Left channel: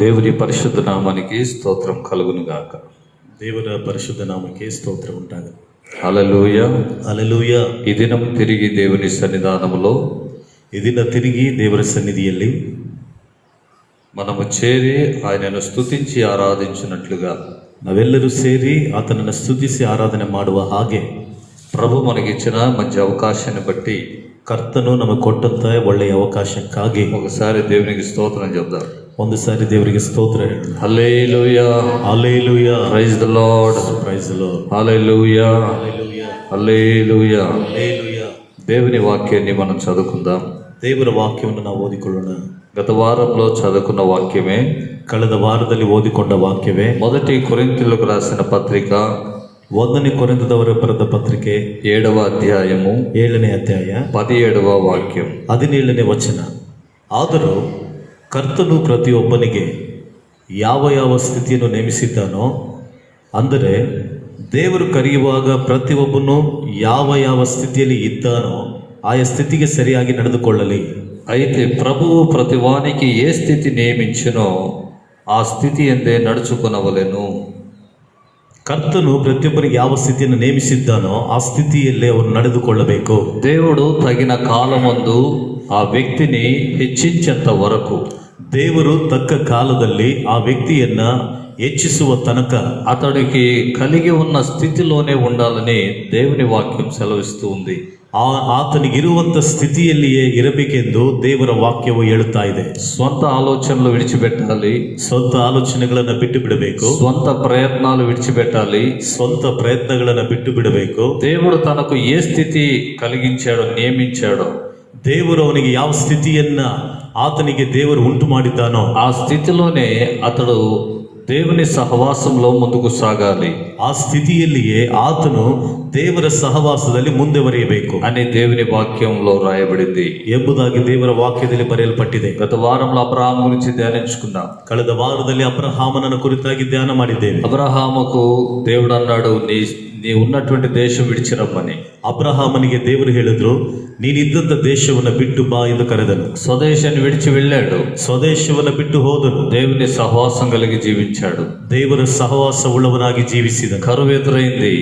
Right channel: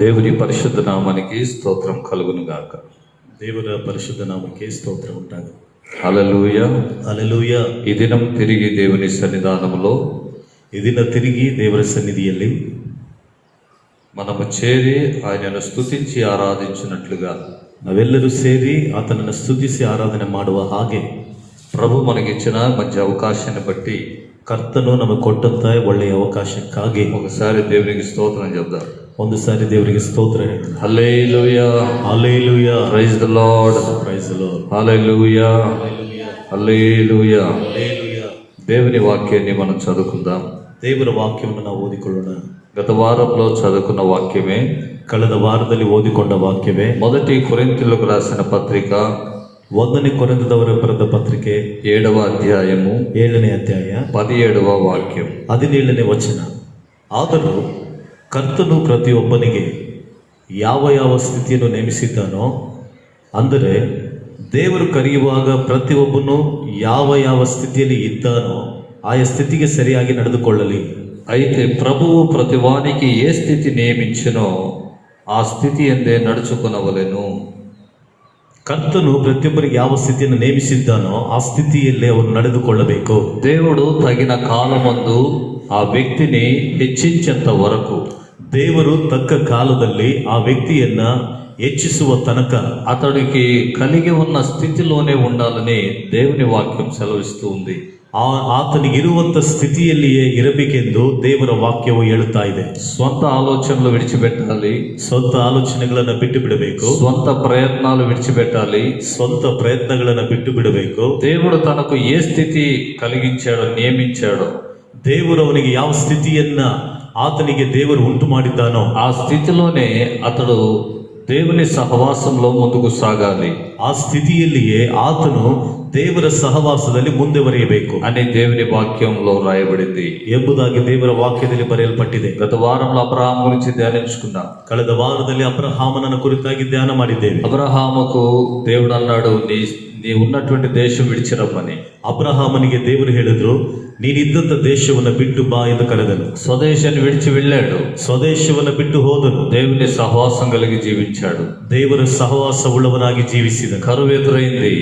దేవుని పరిశుద్ధ నామానికి స్తోత్రం కలుగును గాక. ದೇವರ ಪರಿಶುದ್ಧ ನಾಮಕ್ಕೆ ಸ್ತೋತ್ರ ಉಂಟಾಗಲಿ. హల్లెలూయా. ಹಲ್ಲೆಲೂಯಾ. ఈ దినం తిరిగి దేవుని సన్నిధానములో ಈ ದಿನ ತಿರುಗಿ ದೇವರ ಸನ್ನಿಧಿಯಲ್ಲಿ మనము చేరి ఆయనను స్తుతించి ఆరాధించినట్లుగా ನಾವೆಲ್ಲರೂ ಸೇರಿ ಆತನನ್ನು ಸ್ತುತಿಸಿ ಆರಾಧನೆ ಮಾಡುವ ಹಾಗೆ ప్రభు మనకిచ్చిన మంచి అవకాశాన్ని బట్టి ಕರ್ತನು ನಮಗೆ ಕೊಟ್ಟಂತ ಒಳ್ಳೆಯ ಅವಕಾಶಕ್ಕಾಗಿ ఒకసారి దేవునికి స్తోత్రం చెప్దాం. ಒಂದು ಸಾರಿ ದೇವರಿಗೆ ಸ್ತೋತ್ರ ಹೇಳೋಣ. Hallelujah. Hallelujah. Praise the Lord. Praise the Lord. Hallelujah. Hallelujah. Hallelujah. Hallelujah. దేవుని వాక్యాన్ని మనం చదువుకుందాం. ದೇವರ ವಾಕ್ಯವನ್ನು ನಾವು ಓದಿಕೊಳ್ಳೋಣ. గత వారంలో చదువుకున్న వాక్యమే, ಕಳೆದ ವಾರದಲ್ಲಿ ಓದಿಕೊಂಡ ವಾಕ್ಯವೇ మొదటి కొరింథీయులకు రాసిన పత్రిక 1ನೇ ಕೊರಿಂಥದವರ ಬರೆದ ಪತ್ರಿಕೆ 7వ అధ్యాయము 7ನೇ ಅಧ್ಯಾಯ 17వ వాక్యం. 17ನೇ ವಚನ. ಆದರೂ ಕರ್ತನು ಪ್ರತಿಯೊಬ್ಬನಿಗೆ ಯಾವ ಯಾವ ಸ್ಥಿತಿಯನ್ನು ನೇಮಿಸಿದ್ದಾನೋ, ಅಂದರೆ ದೇವರು ಕರೆಯುವಾಗ ಪ್ರತಿಯೊಬ್ಬನು ಯಾವ ಯಾವ ಸ್ಥಿತಿಯಲ್ಲಿ ಇದ್ದಾನೋ ಆಯಾ ಸ್ಥಿತಿಗೆ ಸರಿಯಾಗಿ ನಡೆದುಕೊಳ್ಳಲಿ. అయితే ప్రభువు ప్రతి వానికి ఏ స్థితి నియమించినో ఆ స్థితి ఎందే నడుచుకొనవలెను. ಕರ್ತನು ಪ್ರತಿಯೊಬ್ಬರಿಗೆ ಯಾವ ಸ್ಥಿತಿಯನ್ನು ನೇಮಿಸಿದ್ದಾನೋ ಆ ಸ್ಥಿತಿಯಲ್ಲೇ ಅವರು ನಡೆದುಕೊಳ್ಳಬೇಕು. దేవుడు తగిన కాలమందు ఆ వ్యక్తిని హెచ్చించేంత వరకు, ದೇವರು ತಕ್ಕ ಕಾಲದಲ್ಲಿ ಆ ವ್ಯಕ್ತಿಯನ್ನ ಹೆಚ್ಚಿಸುವ ತನಕ అతడికి కలిగి ఉన్న స్థితిలోనే ఉండాలని దేవుని వాక్యం సెలవిస్తూ ఉంది. ಆತನಿಗಿರುವಂತ ಸ್ಥಿತಿಯಲ್ಲಿಯೇ ಇರಬೇಕೆಂದು ದೇವರ ವಾಕ್ಯವು ಹೇಳುತ್ತಾ ಇದೆ. స్వంత ఆలోచనలు విడిచిపెట్టాలి, ಸ್ವಂತ ಆಲೋಚನೆಗಳನ್ನ ಬಿಟ್ಟು ಬಿಡಬೇಕು. స్వంత ప్రయత్నాలు విడిచిపెట్టాలి. ಸ್ವಂತ ಪ್ರಯತ್ನಗಳನ್ನ ಬಿಟ್ಟು ಬಿಡಬೇಕು. దేవుడు తనకు ఏ స్థితి కలిగించాడో, నియమించాడో, ದೇವರು ಅವನಿಗೆ ಯಾವ ಸ್ಥಿತಿಯನ್ನ ಆತನಿಗೆ ದೇವರು ಉಂಟು ಮಾಡಿದ್ದಾನೋ ఆ స్థితిలోనే అతడు దేవుని సహవాసంలో ముందుకు సాగాలి. ಆ ಸ್ಥಿತಿಯಲ್ಲಿಯೇ ಆತನು ದೇವರ ಸಹವಾಸದಲ್ಲಿ ಮುಂದೆವರಿಯಬೇಕು అని దేవుని వాక్యంలో రాయబడింది ಎಂಬುದಾಗಿ ದೇವರ ವಾಕ್ಯದಲ್ಲಿ ಬರೆಯಲ್ಪಟ್ಟಿದೆ. గత వారంలో అబ్రహాం గురించి ధ్యానించుకున్నాం. ಕಳೆದ ವಾರದಲ್ಲಿ ಅಬ್ರಹಾಮನನ್ನು ಕುರಿತಾಗಿ ಧ್ಯಾನ ಮಾಡಿದ್ದೇವೆ. అబ్రహాముకు దేవుడు అన్నాడు, నీ ఉన్నటువంటి దేశం విడిచిరమ్మని. ಅಬ್ರಹಾಮನಿಗೆ ದೇವರು ಹೇಳಿದ್ರು, ನೀನಿದ್ದಂತ ದೇಶವನ್ನ ಬಿಟ್ಟು ಬಾ ಎಂದು ಕರೆದನು. స్వదేశాన్ని విడిచి వెళ్ళాడు. ಸ್ವದೇಶವನ್ನ ಬಿಟ್ಟು ಹೋದನು. దేవుని సహవాసం కలిగి జీవించాడు. ದೇವರ ಸಹವಾಸ ಉಳ್ಳವನಾಗಿ ಜೀವಿಸಿದನು. కరువు ఎదురైంది,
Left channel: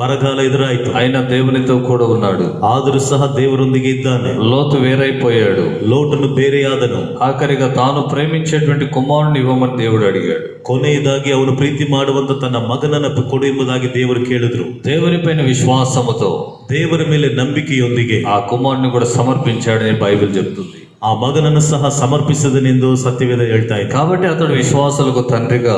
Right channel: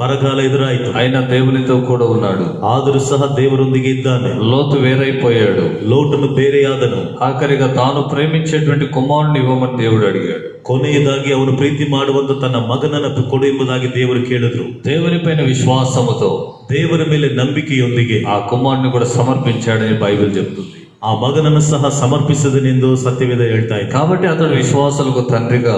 ಬರಗಾಲ ಎದುರಾಯಿತು, ఆయన దేవునితో కూడా ఉన్నాడు. ಆದರೂ ಸಹ ದೇವರೊಂದಿಗೆ ಇದ್ದಾನೆ. లోతు వేరైపోయాడు. ಲೋಟನು ಬೇರೆಯಾದನು. ఆఖరిగా తాను ప్రేమించేటువంటి కుమారుని ఇవ్వమని దేవుడు అడిగాడు. ಕೊನೆಯದಾಗಿ ಅವನು ಪ್ರೀತಿ ಮಾಡುವಂತ ತನ್ನ ಮಗನನ್ನು ಕೊಡು ಎಂಬುದಾಗಿ ದೇವರು ಕೇಳಿದ್ರು. దేవుని పైన విశ్వాసముతో, ದೇವರ ಮೇಲೆ ನಂಬಿಕೆಯೊಂದಿಗೆ ఆ కుమారుని కూడా సమర్పించాడని బైబిల్ చెప్తుంది. ಆ ಮಗನನ್ನು ಸಹ ಸಮರ್ಪಿಸಿದನೆಂದು ಸತ್ಯವೇದ ಹೇಳ್ತಾ ಇದೆ. కాబట్టి అతడు విశ్వాసులకు తండ్రిగా,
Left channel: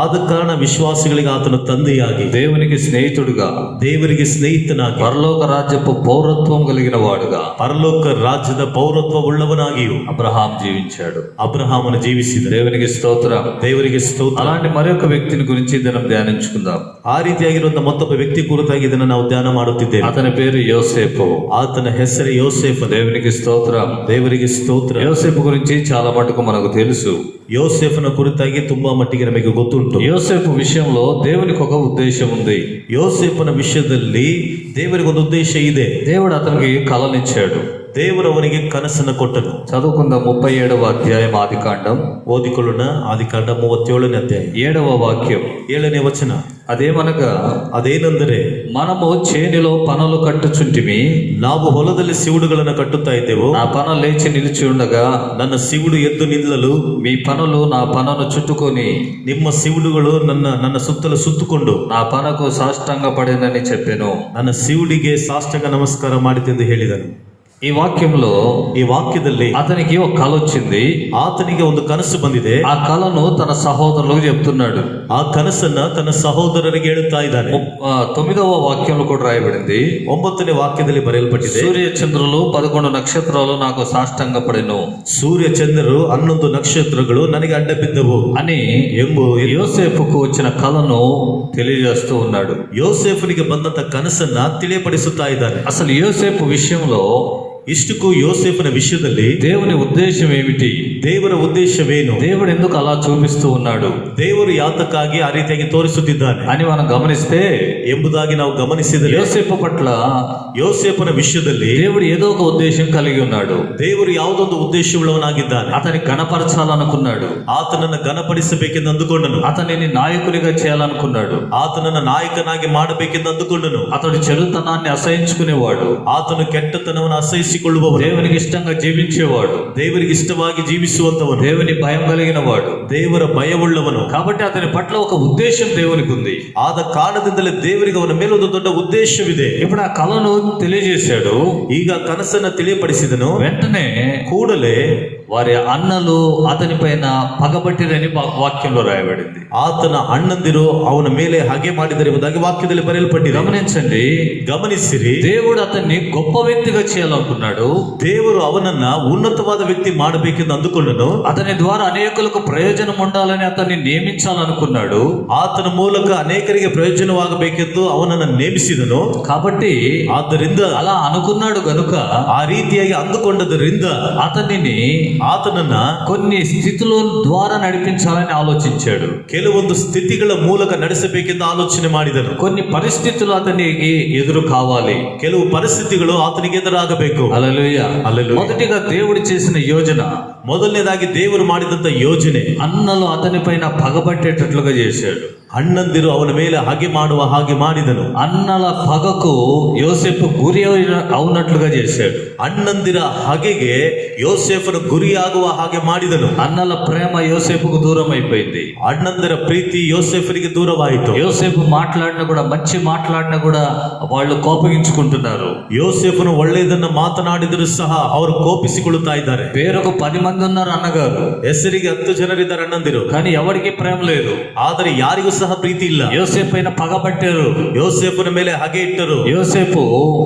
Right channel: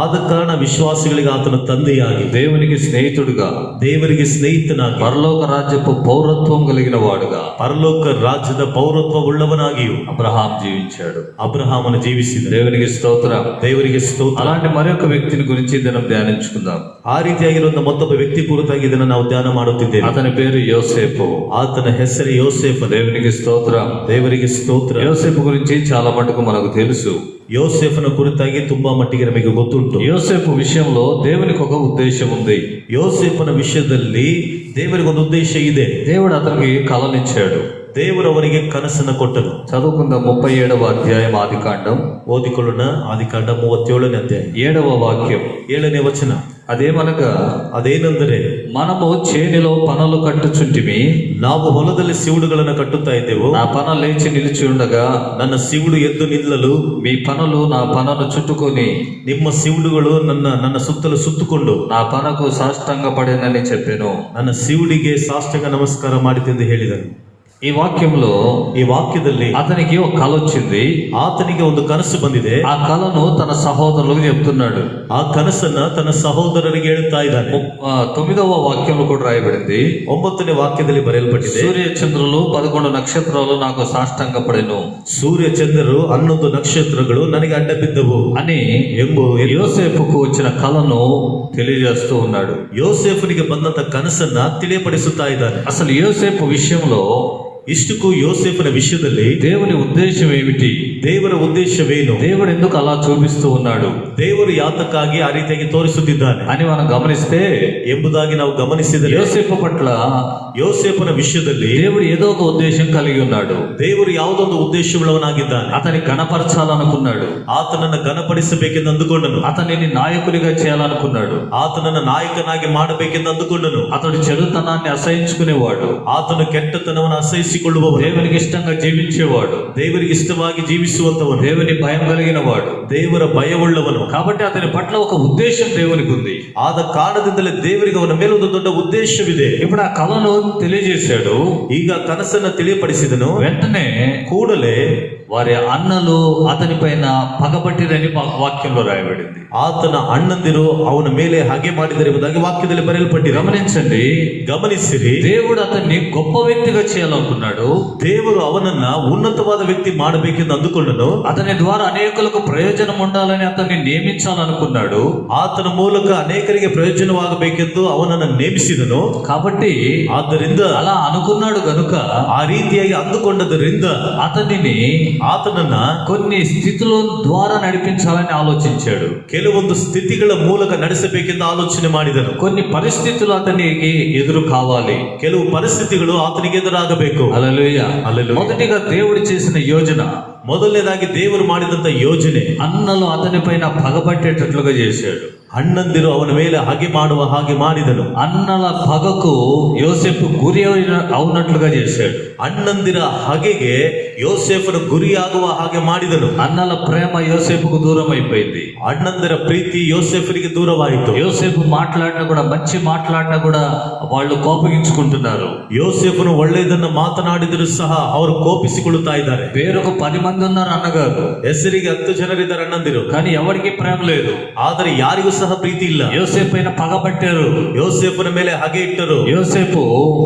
ಆದ ಕಾರಣ ವಿಶ್ವಾಸಿಗಳಿಗೆ ಆತನ ತಂದೆಯಾಗಿ, దేవునికి స్నేహితుడిగా, ದೇವರಿಗೆ ಸ್ನೇಹಿತನಾಗಿ, పరలోక రాజ్యపు పౌరత్వం కలిగిన వాడుగా, ಪರಲೋಕ ರಾಜ್ಯದ ಪೌರತ್ವವುಳ್ಳವನಾಗಿಯೂ అబ్రహాం జీవించాడు. ಅಬ್ರಹಾಮನ ಜೀವಿಸಿದ. దేవునికి స్తోత్రం. ದೇವರಿಗೆ ಸ್ತೋತ್ರ. అలాంటి మరొక వ్యక్తిని గురించి మనం ధ్యానించుకుందాం. ಆ ರೀತಿಯಾಗಿರುವಂತಹ ಮತ್ತೊಬ್ಬ ವ್ಯಕ್ತಿ ಕುರಿತಾಗಿ ಇದನ್ನು ನಾವು ಧ್ಯಾನ ಮಾಡುತ್ತಿದ್ದೇವೆ. అతని పేరు యోసేపు. ಆತನ ಹೆಸರು ಯೋಸೇಫ. దేవునికి స్తోత్రం. ದೇವರಿಗೆ ಸ್ತೋತ್ರ. యోసేపు గురించి చాలా మటుకు మనకు తెలుసు. ಯೋಸೇಫನ ಕುರಿತಾಗಿ ತುಂಬಾ ಮಟ್ಟಿಗೆ ನಮಗೆ ಗೊತ್ತುಂಟು. యోసేపు విషయంలో దేవునికి ఒక ఉద్దేశం ఉంది. ಯೋಸೇಫನ ವಿಷಯದಲ್ಲಿ ದೇವರಿಗೆ ಒಂದು ಉದ್ದೇಶ ಇದೆ. దేవుడు అతనికి కలనిచ్చాడు. ದೇವರು ಅವನಿಗೆ ಕನಸನ್ನು ಕೊಟ್ಟನು. చదువుకుందాం. 37వ అధ్యాయం ఆదికాండం. ಓದಿಕೊಳ್ಳೋಣ. ಆದಿಕಾಂಡ 37ನೇ ಅಧ್ಯಾಯ 7వ వాక్యం. 7ನೇ ವಚನ. అదేమనగా, ಅದೇನೆಂದರೆ, మనము చేనిలో పనలు కట్టుచుంటిమి, ನಾವು ಹೊಲದಲ್ಲಿ ಸಿವುಡುಗಳನ್ನು ಕಟ್ಟುತ್ತಾ ಇದ್ದೆವು. నా పన లేచి నిలిచి ఉండగా, ನನ್ನ ಸಿವುಡು ಎದ್ದು ನಿಲ್ಲಲು మీ పనులు నా పనను చుట్టుకొని, ನಿಮ್ಮ ಸಿವುಡುಗಳು ನನ್ನ ಸುತ್ತಲೂ ಸುತ್ತುಕೊಂಡು నా పనకు సాష్టాంగ పడిందని చెప్పాను. ನನ್ನ ಸಿವುಡಿಗೆ ಸಾಷ್ಟಾಂಗ ನಮಸ್ಕಾರ ಮಾಡಿತೆಂದು ಹೇಳಿದನು. ఈ వాక్యంలో, ಈ ವಾಕ್ಯದಲ್ಲಿ అతనికి ఒక కళ వచ్చింది. ಆತನಿಗೆ ಒಂದು ಕನಸು ಬಂದಿದೆ. ఆ కళను తన సహోదరులకు చెప్తున్నాడు. ಆ ಕನಸನ್ನ ತನ್ನ ಸಹೋದರರಿಗೆ ಹೇಳುತ್ತಾ ಇದ್ದಾನೆ. 9వ వాక్యంలో కూడా రాయబడింది. 9ನೇ ವಾಕ್ಯದಲ್ಲಿ ಬರೆಯಲ್ಪಟ್ಟಿದೆ, సూర్య చంద్రులు 11 నక్షత్రాలు నాకు సాష్టాంగ పడెను. ಸೂರ್ಯ ಚಂದ್ರರು 11 ನಕ್ಷತ್ರಗಳು ನನಗೆ ಅಡ್ಡ ಬಿದ್ದವು అని ಎಂಬ యోసేపుకు వచ్చిన కళను తెలియజేస్తూ ఉన్నాడు. ಯೋಸೇಫನಿಗೆ ಬಂದಂತ ಕನಸನ್ನ ತಿಳಿಯಪಡಿಸುತ್ತಾ ಇದ್ದಾನೆ. అసలు యోసేపు విషయంలో, ಇಷ್ಟಕ್ಕೂ ಯೋಸೇಫನ ವಿಷಯದಲ್ಲಿ దేవుని ఉద్దేశం ఏమిటి, ದೇವರ ಉದ್ದೇಶವೇನು, దేవుడు ఎందుకు అలా చూపిస్తూ ఉన్నాడు ದೇವರು ಯಾತಕ್ಕಾಗಿ ಆ ರೀತಿಯಾಗಿ ತೋರಿಸುತ್ತಿದ್ದಾನೆ అని మనం గమనిస్తే, ಎಂಬುದಾಗಿ ನಾವು ಗಮನಿಸಿದರೆ యోసేపు పట్ల ಯೋಸೇಫನ ವಿಷಯದಲ್ಲಿ దేవుడు ఏదో ఒక ఉద్దేశం కలిగి ఉన్నాడు. ದೇವರು ಯಾವುದೊಂದು ಉದ್ದೇಶವುಳ್ಳವನಾಗಿದ್ದಾನೆ. అతని గణపరచాలనుకున్నాడు, ಆತನನ್ನು ಘನಪಡಿಸಬೇಕೆಂದು ಅಂದುಕೊಂಡನು, అతనిని నాయకునిగా చేయాలనుకున్నాడు, ಆತನನ್ನು ನಾಯಕನಾಗಿ ಮಾಡಬೇಕೆಂದು ಅಂದುಕೊಂಡನು. అతడు చెడుతనాన్ని అసహించుకునేవాడు, ಆತನು ಕೆಟ್ಟತನವನ್ನು ಅಸಹಿಸಿಕೊಳ್ಳುವವನು, దేవునికి ఇష్టంగా జీవించేవాడు, ದೇವರಿಗೆ ಇಷ್ಟವಾಗಿ ಜೀವಿಸುವಂತವನು, దేవుని భయం కలిగిన వాడు. ದೇವರ ಭಯವುಳ್ಳವನು. కాబట్టి అతని పట్ల ఒక ఉద్దేశం దేవునికి ఉంది. ಆದ ಕಾರಣದಿಂದಲೇ ದೇವರಿಗೆ ಅವನ ಮೇಲೆ ಒಂದು ದೊಡ್ಡ ಉದ್ದೇಶವಿದೆ. ఇప్పుడు ఆ కళను తెలియజేశాడు. ಈಗ ಕನಸನ್ನು ತಿಳಿಯಪಡಿಸಿದನು. వెంటనే ಕೂಡಲೇ వారి అన్నలు అతని పైన పగబట్టిరని వాక్యంలో రాయబడింది. ಆತನ ಅಣ್ಣಂದಿರು ಅವನ ಮೇಲೆ ಹಾಗೆ ಮಾಡಿದರೆಂಬುದಾಗಿ ವಾಕ್ಯದಲ್ಲಿ ಬರೆಯಲ್ಪಟ್ಟಿದೆ. గమనించండి, ಗಮನಿಸಿರಿ, దేవుడు అతన్ని గొప్ప వ్యక్తిగా చేయాలనుకున్నాడు. ದೇವರು ಅವನನ್ನ ಉನ್ನತವಾದ ವ್ಯಕ್ತಿ ಮಾಡಬೇಕೆಂದು ಅಂದುಕೊಂಡನು. అతని ద్వారా అనేకులకు ప్రయోజనం ఉండాలని అతన్ని నియమించాలనుకున్నాడు. ಆತನ ಮೂಲಕ ಅನೇಕರಿಗೆ ಪ್ರಯೋಜನವಾಗಬೇಕೆಂದು ಅವನನ್ನು ನೇಮಿಸಿದನು. కాబట్టి ಆದ್ದರಿಂದ అలా అనుకున్నాడు గనుక ಆ ರೀತಿಯಾಗಿ ಅಂದುಕೊಂಡದರಿಂದ ಆತನನ್ನ కొన్ని స్థితుల ద్వారా నడిపించాలని ఆలోచించాడు. ಕೆಲವೊಂದು ಸ್ಥಿತಿಗಳ ಮೂಲಕ ನಡೆಸಬೇಕೆಂದು ಆಲೋಚನೆ ಮಾಡಿದನು. కొన్ని పరిస్థితులు అతనికి ఎదురు కావాలి, ಕೆಲವು ಪರಿಸ್ಥಿತಿಗಳು ಆತನಿಗೆ ಎದುರಾಗಬೇಕು. హల్లెలూయా. మొదటిగా దేవుడు చేసిన యోజన, ಮೊದಲನೇದಾಗಿ ದೇವರು ಮಾಡಿದಂತ ಯೋಜನೆ, అన్నలు అతని పైన పగబట్టేటట్లుగా చేశాడు. ಅಣ್ಣಂದಿರು ಅವನ ಮೇಲೆ ಹಾಗೆ ಮಾಡುವ ಹಾಗೆ ಮಾಡಿದನು. అన్నల పగకు యోసేపు గురి అవునట్లుగా చేశాడు. ಅಣ್ಣಂದಿರ ಹಗೆಗೆ ಯೋಸೇಫನು ಗುರಿಯಾಗುವ ಹಾಗೆ ಮಾಡಿದನು. అన్నల ప్రేమ యోసేపుకు దూరం అయిపోయింది. ಅಣ್ಣಂದಿರ ಪ್ರೀತಿ ಯೋಸೇಫನಿಗೆ ದೂರವಾಯಿತು. యోసేపు మాట్లాడినా కూడా, మంచి మాట్లాడినా కూడా వాళ్ళు కోపగించుకుంటున్నారు. ಯೋಸೇಫನು ಒಳ್ಳೆಯದನ್ನ ಮಾತನಾಡಿದರೂ ಸಹ ಅವರು ಕೋಪಿಸಿಕೊಳ್ಳುತ್ತಾ ಇದ್ದಾರೆ. పేరుకు 10 మంది ఉన్నారు అన్నగారు, ಹೆಸರಿಗೆ 10 ಜನರಿದ್ದಾರೆ ಅಣ್ಣಂದಿರು, కానీ ఎవరికి ప్రేమ లేదు. ಆದರೆ ಯಾರಿಗೂ ಸಹ ಪ್ರೀತಿ ಇಲ್ಲ. యోసేపు పైన పగబట్టారు, ಯೋಸೇಫನ ಮೇಲೆ ಹಾಗೆ ಇಟ್ಟರು.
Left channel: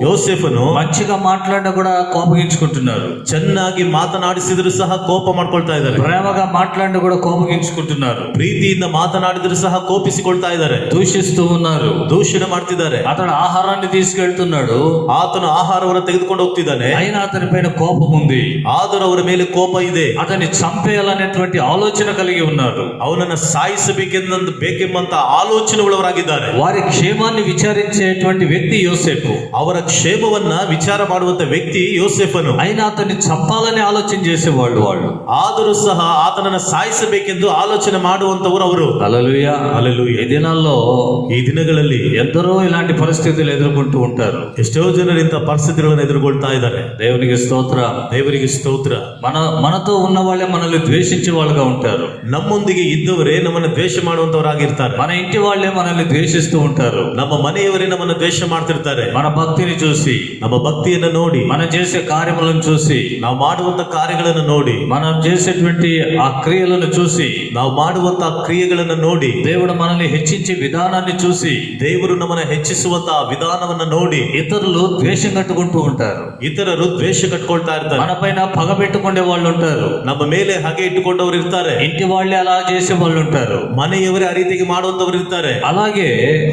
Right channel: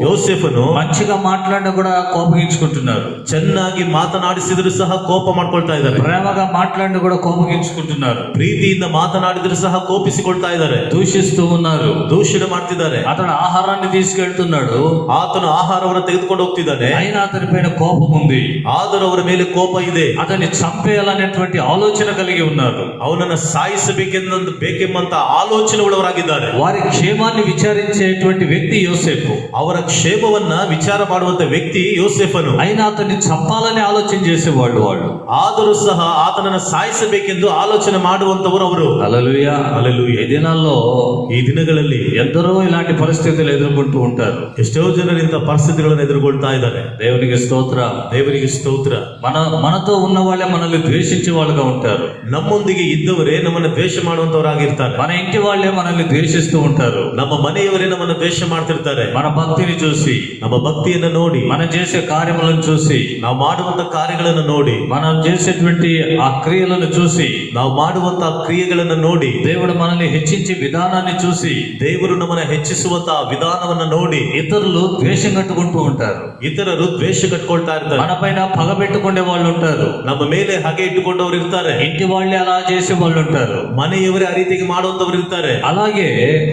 ಯೋಸೇಫನು మంచిగా మాట్లాడినా కూడా కోపగించుకుంటున్నారు. ಚೆನ್ನಾಗಿ ಮಾತನಾಡಿಸಿದ್ರು ಸಹ ಕೋಪ ಮಾಡ್ಕೊಳ್ತಾ ಇದ್ದಾರೆ. ప్రేమగా మాట్లాడినా కూడా కోపగించుకుంటున్నారు. ಪ್ರೀತಿಯಿಂದ ಮಾತನಾಡಿದ್ರು ಸಹ ಕೋಪಿಸಿಕೊಳ್ತಾ ಇದ್ದಾರೆ. దూషిస్తూ ఉన్నారు, ದೂಷಣೆ ಮಾಡ್ತಿದ್ದಾರೆ. అతడు ఆహారాన్ని తీసుకెళ్తున్నాడు, ಆತನು ಆಹಾರವನ್ನು ತೆಗೆದುಕೊಂಡು ಹೋಗ್ತಿದ್ದಾನೆ. అయినా అతని పైన కోపం ఉంది. ಆದರೂ ಅವರ ಮೇಲೆ ಕೋಪ ಇದೆ. అతన్ని చంపేయాలనేటువంటి ఆలోచన కలిగి ఉన్నారు. ಅವನನ್ನು ಬೇಕೆಂಬಂತ ಆಲೋಚನೆ ಉಳ್ಳವರಾಗಿದ್ದಾರೆ. వారి క్షేమాన్ని విచారించేటువంటి వ్యక్తి యోసేపు. ಅವರ ಕ್ಷೇಮವನ್ನ ವಿಚಾರ ಮಾಡುವಂತ ವ್ಯಕ್ತಿ ಯೋಸೇಫನು. అయినా అతన్ని చంపాలని ఆలోచన చేసేవాళ్ళు వాళ్ళు. ಆದರೂ ಸಹ ಆತನನ್ನು ಸಾಯಿಸಬೇಕೆಂದು ಆಲೋಚನೆ ಮಾಡುವಂತವರು ಅವರು. హల్లెలూయా. హల్లెలూయా. ఈ దినాల్లో, ಈ ದಿನಗಳಲ್ಲಿ ఎందరో ఇలాంటి పరిస్థితులు ఎదుర్కొంటూ ఉంటారు. ಎಷ್ಟೋ ಜನರು ಇಂಥ ಪರಿಸ್ಥಿತಿಗಳನ್ನು ಎದುರುಗೊಳ್ತಾ ಇದ್ದಾರೆ. దేవునికి స్తోత్ర. ದೇವರಿಗೆ ಸ್ತೋತ್ರ. మనతో ఉన్న వాళ్ళే మనల్ని ద్వేషించే వాళ్ళుగా ఉంటారు. ನಮ್ಮೊಂದಿಗೆ ಇದ್ದವರೇ ನಮ್ಮನ್ನು ದ್ವೇಷ ಮಾಡುವಂತವರಾಗಿರ್ತಾರೆ. మన ఇంటి వాళ్ళే మనల్ని ద్వేషిస్తూ ఉంటారు. ನಮ್ಮ ಮನೆಯವರೇ ನಮ್ಮನ್ನು ದ್ವೇಷ ಮಾಡ್ತಿರ್ತಾರೆ. మన భక్తిని చూసి, ನಮ್ಮ ಭಕ್ತಿಯನ್ನು ನೋಡಿ, మనం చేసే కార్యములను చూసి, ನಾವು ಮಾಡುವಂತ ಕಾರ್ಯಗಳನ್ನು ನೋಡಿ, మనం చేసేటువంటి ఆ క్రియలను చూసి, ನಾವು ಮಾಡುವಂತ ಕ್ರಿಯೆಗಳನ್ನು ನೋಡಿ, దేవుడు మనల్ని హెచ్చించే విధానాన్ని చూసి, ದೇವರು ನಮ್ಮನ್ನು ಹೆಚ್ಚಿಸುವಂತ ವಿಧಾನವನ್ನು ನೋಡಿ ఇతరులు ద్వేషం కట్టుకుంటూ ఉంటారు. ಇತರರು ದ್ವೇಷ ಕಟ್ಕೊಳ್ತಾ ಇರ್ತಾರೆ. మన పైన పగ పెట్టుకునే వాళ్ళు ఉంటారు. ನಮ್ಮ ಮೇಲೆ ಹಾಗೆ ಇಟ್ಟುಕೊಂಡವರು ಇರ್ತಾರೆ. ఇంటి వాళ్ళే అలా చేసే వాళ్ళు ఉంటారు. ಮನೆಯವರೇ ಆ ರೀತಿಗೆ ಮಾಡುವಂತವರು ಇರ್ತಾರೆ. అలాగే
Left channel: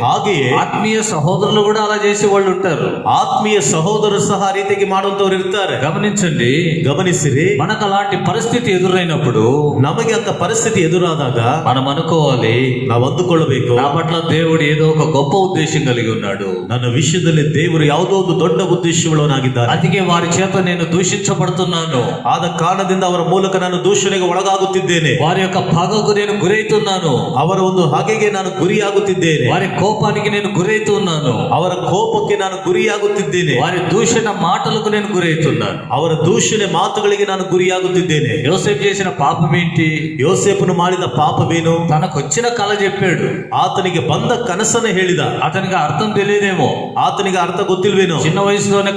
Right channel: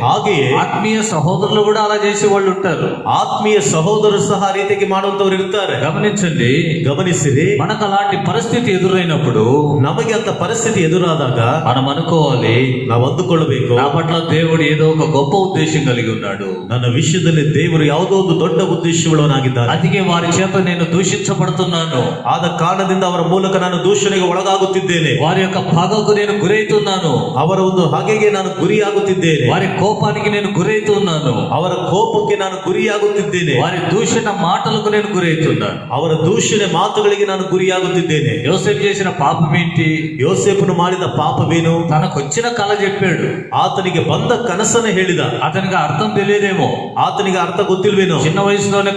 ಹಾಗೆಯೇ ఆత్మీయ సహోదరులు కూడా అలా చేసే వాళ్ళు ఉంటారు. ಆತ್ಮೀಯ ಸಹೋದರರು ಸಹ ಆ ರೀತಿಗೆ ಮಾಡುವಂತವರು ಇರ್ತಾರೆ. గమనించండి, ಗಮನಿಸಿರಿ, మనకు అలాంటి పరిస్థితి ఎదురైనప్పుడు ನಮಗೆ ಅಂತ ಪರಿಸ್ಥಿತಿ ಎದುರಾದಾಗ మనం అనుకోవాలి, ನಾವು ಅಂದುಕೊಳ್ಳಬೇಕು, నా పట్ల దేవుడు ఏదో ఒక గొప్ప ఉద్దేశం కలిగి ఉన్నాడు. ನನ್ನ ವಿಷಯದಲ್ಲಿ ದೇವರು ಯಾವುದೋ ಒಂದು ದೊಡ್ಡ ಉದ್ದೇಶವುಳ್ಳವನಾಗಿದ್ದಾನೆ. అందుకే వారి చేత నేను దూషించబడుతున్నాను. ಆದ ಕಾರಣದಿಂದ ಅವರ ಮೂಲಕ ನಾನು ದೂಷಣೆಗೆ ಒಳಗಾಗುತ್ತಿದ್ದೇನೆ. వారి యొక్క పగకు నేను గురైతున్నాను. ಅವರ ಒಂದು ಹಾಗೆಗೆ ನಾನು ಗುರಿಯಾಗುತ್ತಿದ್ದೇನೆ. వారి కోపానికి నేను గురైతున్నాను. ಅವರ ಕೋಪಕ್ಕೆ ನಾನು ಗುರಿಯಾಗುತ್ತಿದ್ದೇನೆ. వారి దూషణ మాటలకు నేను గురైతున్నాను. ಅವರ ದೂಷಣೆ ಮಾತುಗಳಿಗೆ ನಾನು ಗುರಿಯಾಗುತ್ತಿದ್ದೇನೆ. యోసేపు చేసిన పాపం ఏంటి? ಯೋಸೇಫನು ಮಾಡಿದ ಪಾಪವೇನು? తనకు వచ్చిన కళ చెప్పాడు, ಆತನಿಗೆ ಬಂದ ಕನಸನ್ನು ಹೇಳಿದ. అతనికి అర్థం తెలియదేమో, ಆತನಿಗೆ ಅರ್ಥ ಗೊತ್ತಿಲ್ವೇನೋ. చిన్న వయసులోనే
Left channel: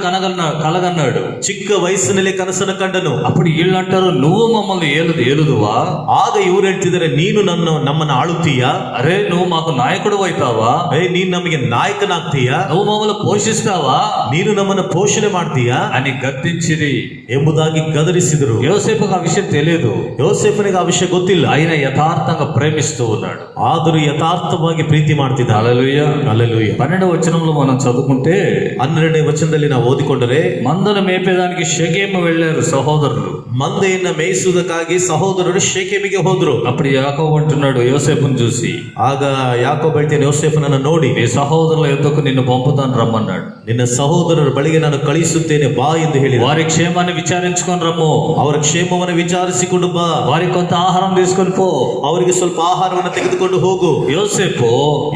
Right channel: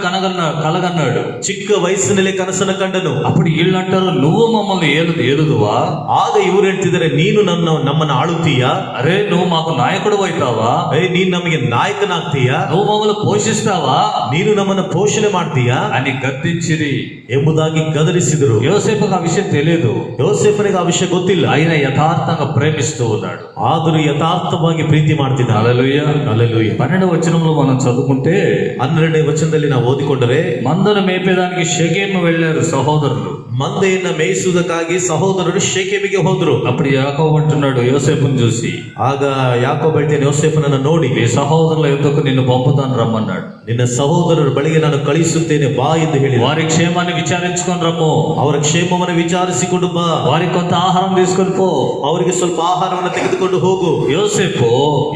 కలగన్నాడు. ಚಿಕ್ಕ ವಯಸ್ಸಿನಲ್ಲಿ ಕನಸನ್ನು ಕಂಡನು. అప్పుడు వీళ్ళు అంటారు, నువ్వు మమ్మల్ని ఏలుదువా? ಆಗ ಇವರು ಹೇಳ್ತಿದ್ದಾರೆ, ನೀನು ನಮ್ಮನ್ನು ಆಳುತ್ತೀಯಾ? అరే, నువ్వు మాకు నాయకుడు అవుతావా? ನೀನು ನಮಗೆ ನಾಯಕನಾಗ್ತೀಯಾ? నువ్వు మమ్మల్ని పోషిస్తావా? ನೀನು ನಮ್ಮನ್ನು ಪೋಷಣೆ ಮಾಡ್ತೀಯಾ అని గద్దించిరి ಎಂಬುದಾಗಿ ಗದರಿಸಿದರು. యోసేపుకు ఆ విషయం తెలియదు. ಯೋಸೇಫನಿಗೆ ಆ ವಿಷಯ ಗೊತ್ತಿಲ್ಲ. ఆయన యథార్థంగా ప్రేమిస్తూ ఉన్నాడు. ಆದರೂ ಯಥಾರ್ಥವಾಗಿ ಪ್ರೀತಿ ಮಾಡ್ತಿದ್ದ. హల్లెలూయా. హల్లెలూయా. 12వ వచనంలో మనం చదువుకుంటే, 12ನೇ ವಚನದಲ್ಲಿ ನಾವು ಓದಿಕೊಂಡರೆ, మందను మేపేదానికి షెకెము వెళ్ళారు సహోదరులు. ಮಂದೆಯನ್ನ ಮೇಯಿಸುವುದಕ್ಕಾಗಿ ಸಹೋದರರು ಶೇಕೆಮಿಗೆ ಹೋದ್ರು. అప్పుడు యాకోబు అంటున్నాడు యోసేపును చూసి, ಆಗ ಯಾಕೋಬ ಹೇಳ್ತಾನೆ ಯೋಸೇಫನನ್ನು ನೋಡಿ, నీ సహోదరుల యొద్దకు నిన్ను పంపుతాను రమ్మన్నాడు. ನಿನ್ನ ಸಹೋದರರ ಬಳಿಗೆ ನಾನು ಕಳಿಸುತ್ತೇನೆ ಬಾ ಎಂದು ಹೇಳಿದ. వారి క్షేమాన్ని విచారించుకొని రమ్ము, ಅವರ ಕ್ಷೇಮವನ್ನು ವಿಚಾರಿಸಿಕೊಂಡು ಬಾ, వారికి కొంత ఆహారం తీసుకొని పో. ಅವರಿಗೆ ಸ್ವಲ್ಪ ಆಹಾರವನ್ನು ತೆಗೆದುಕೊಂಡು ಹೋಗು.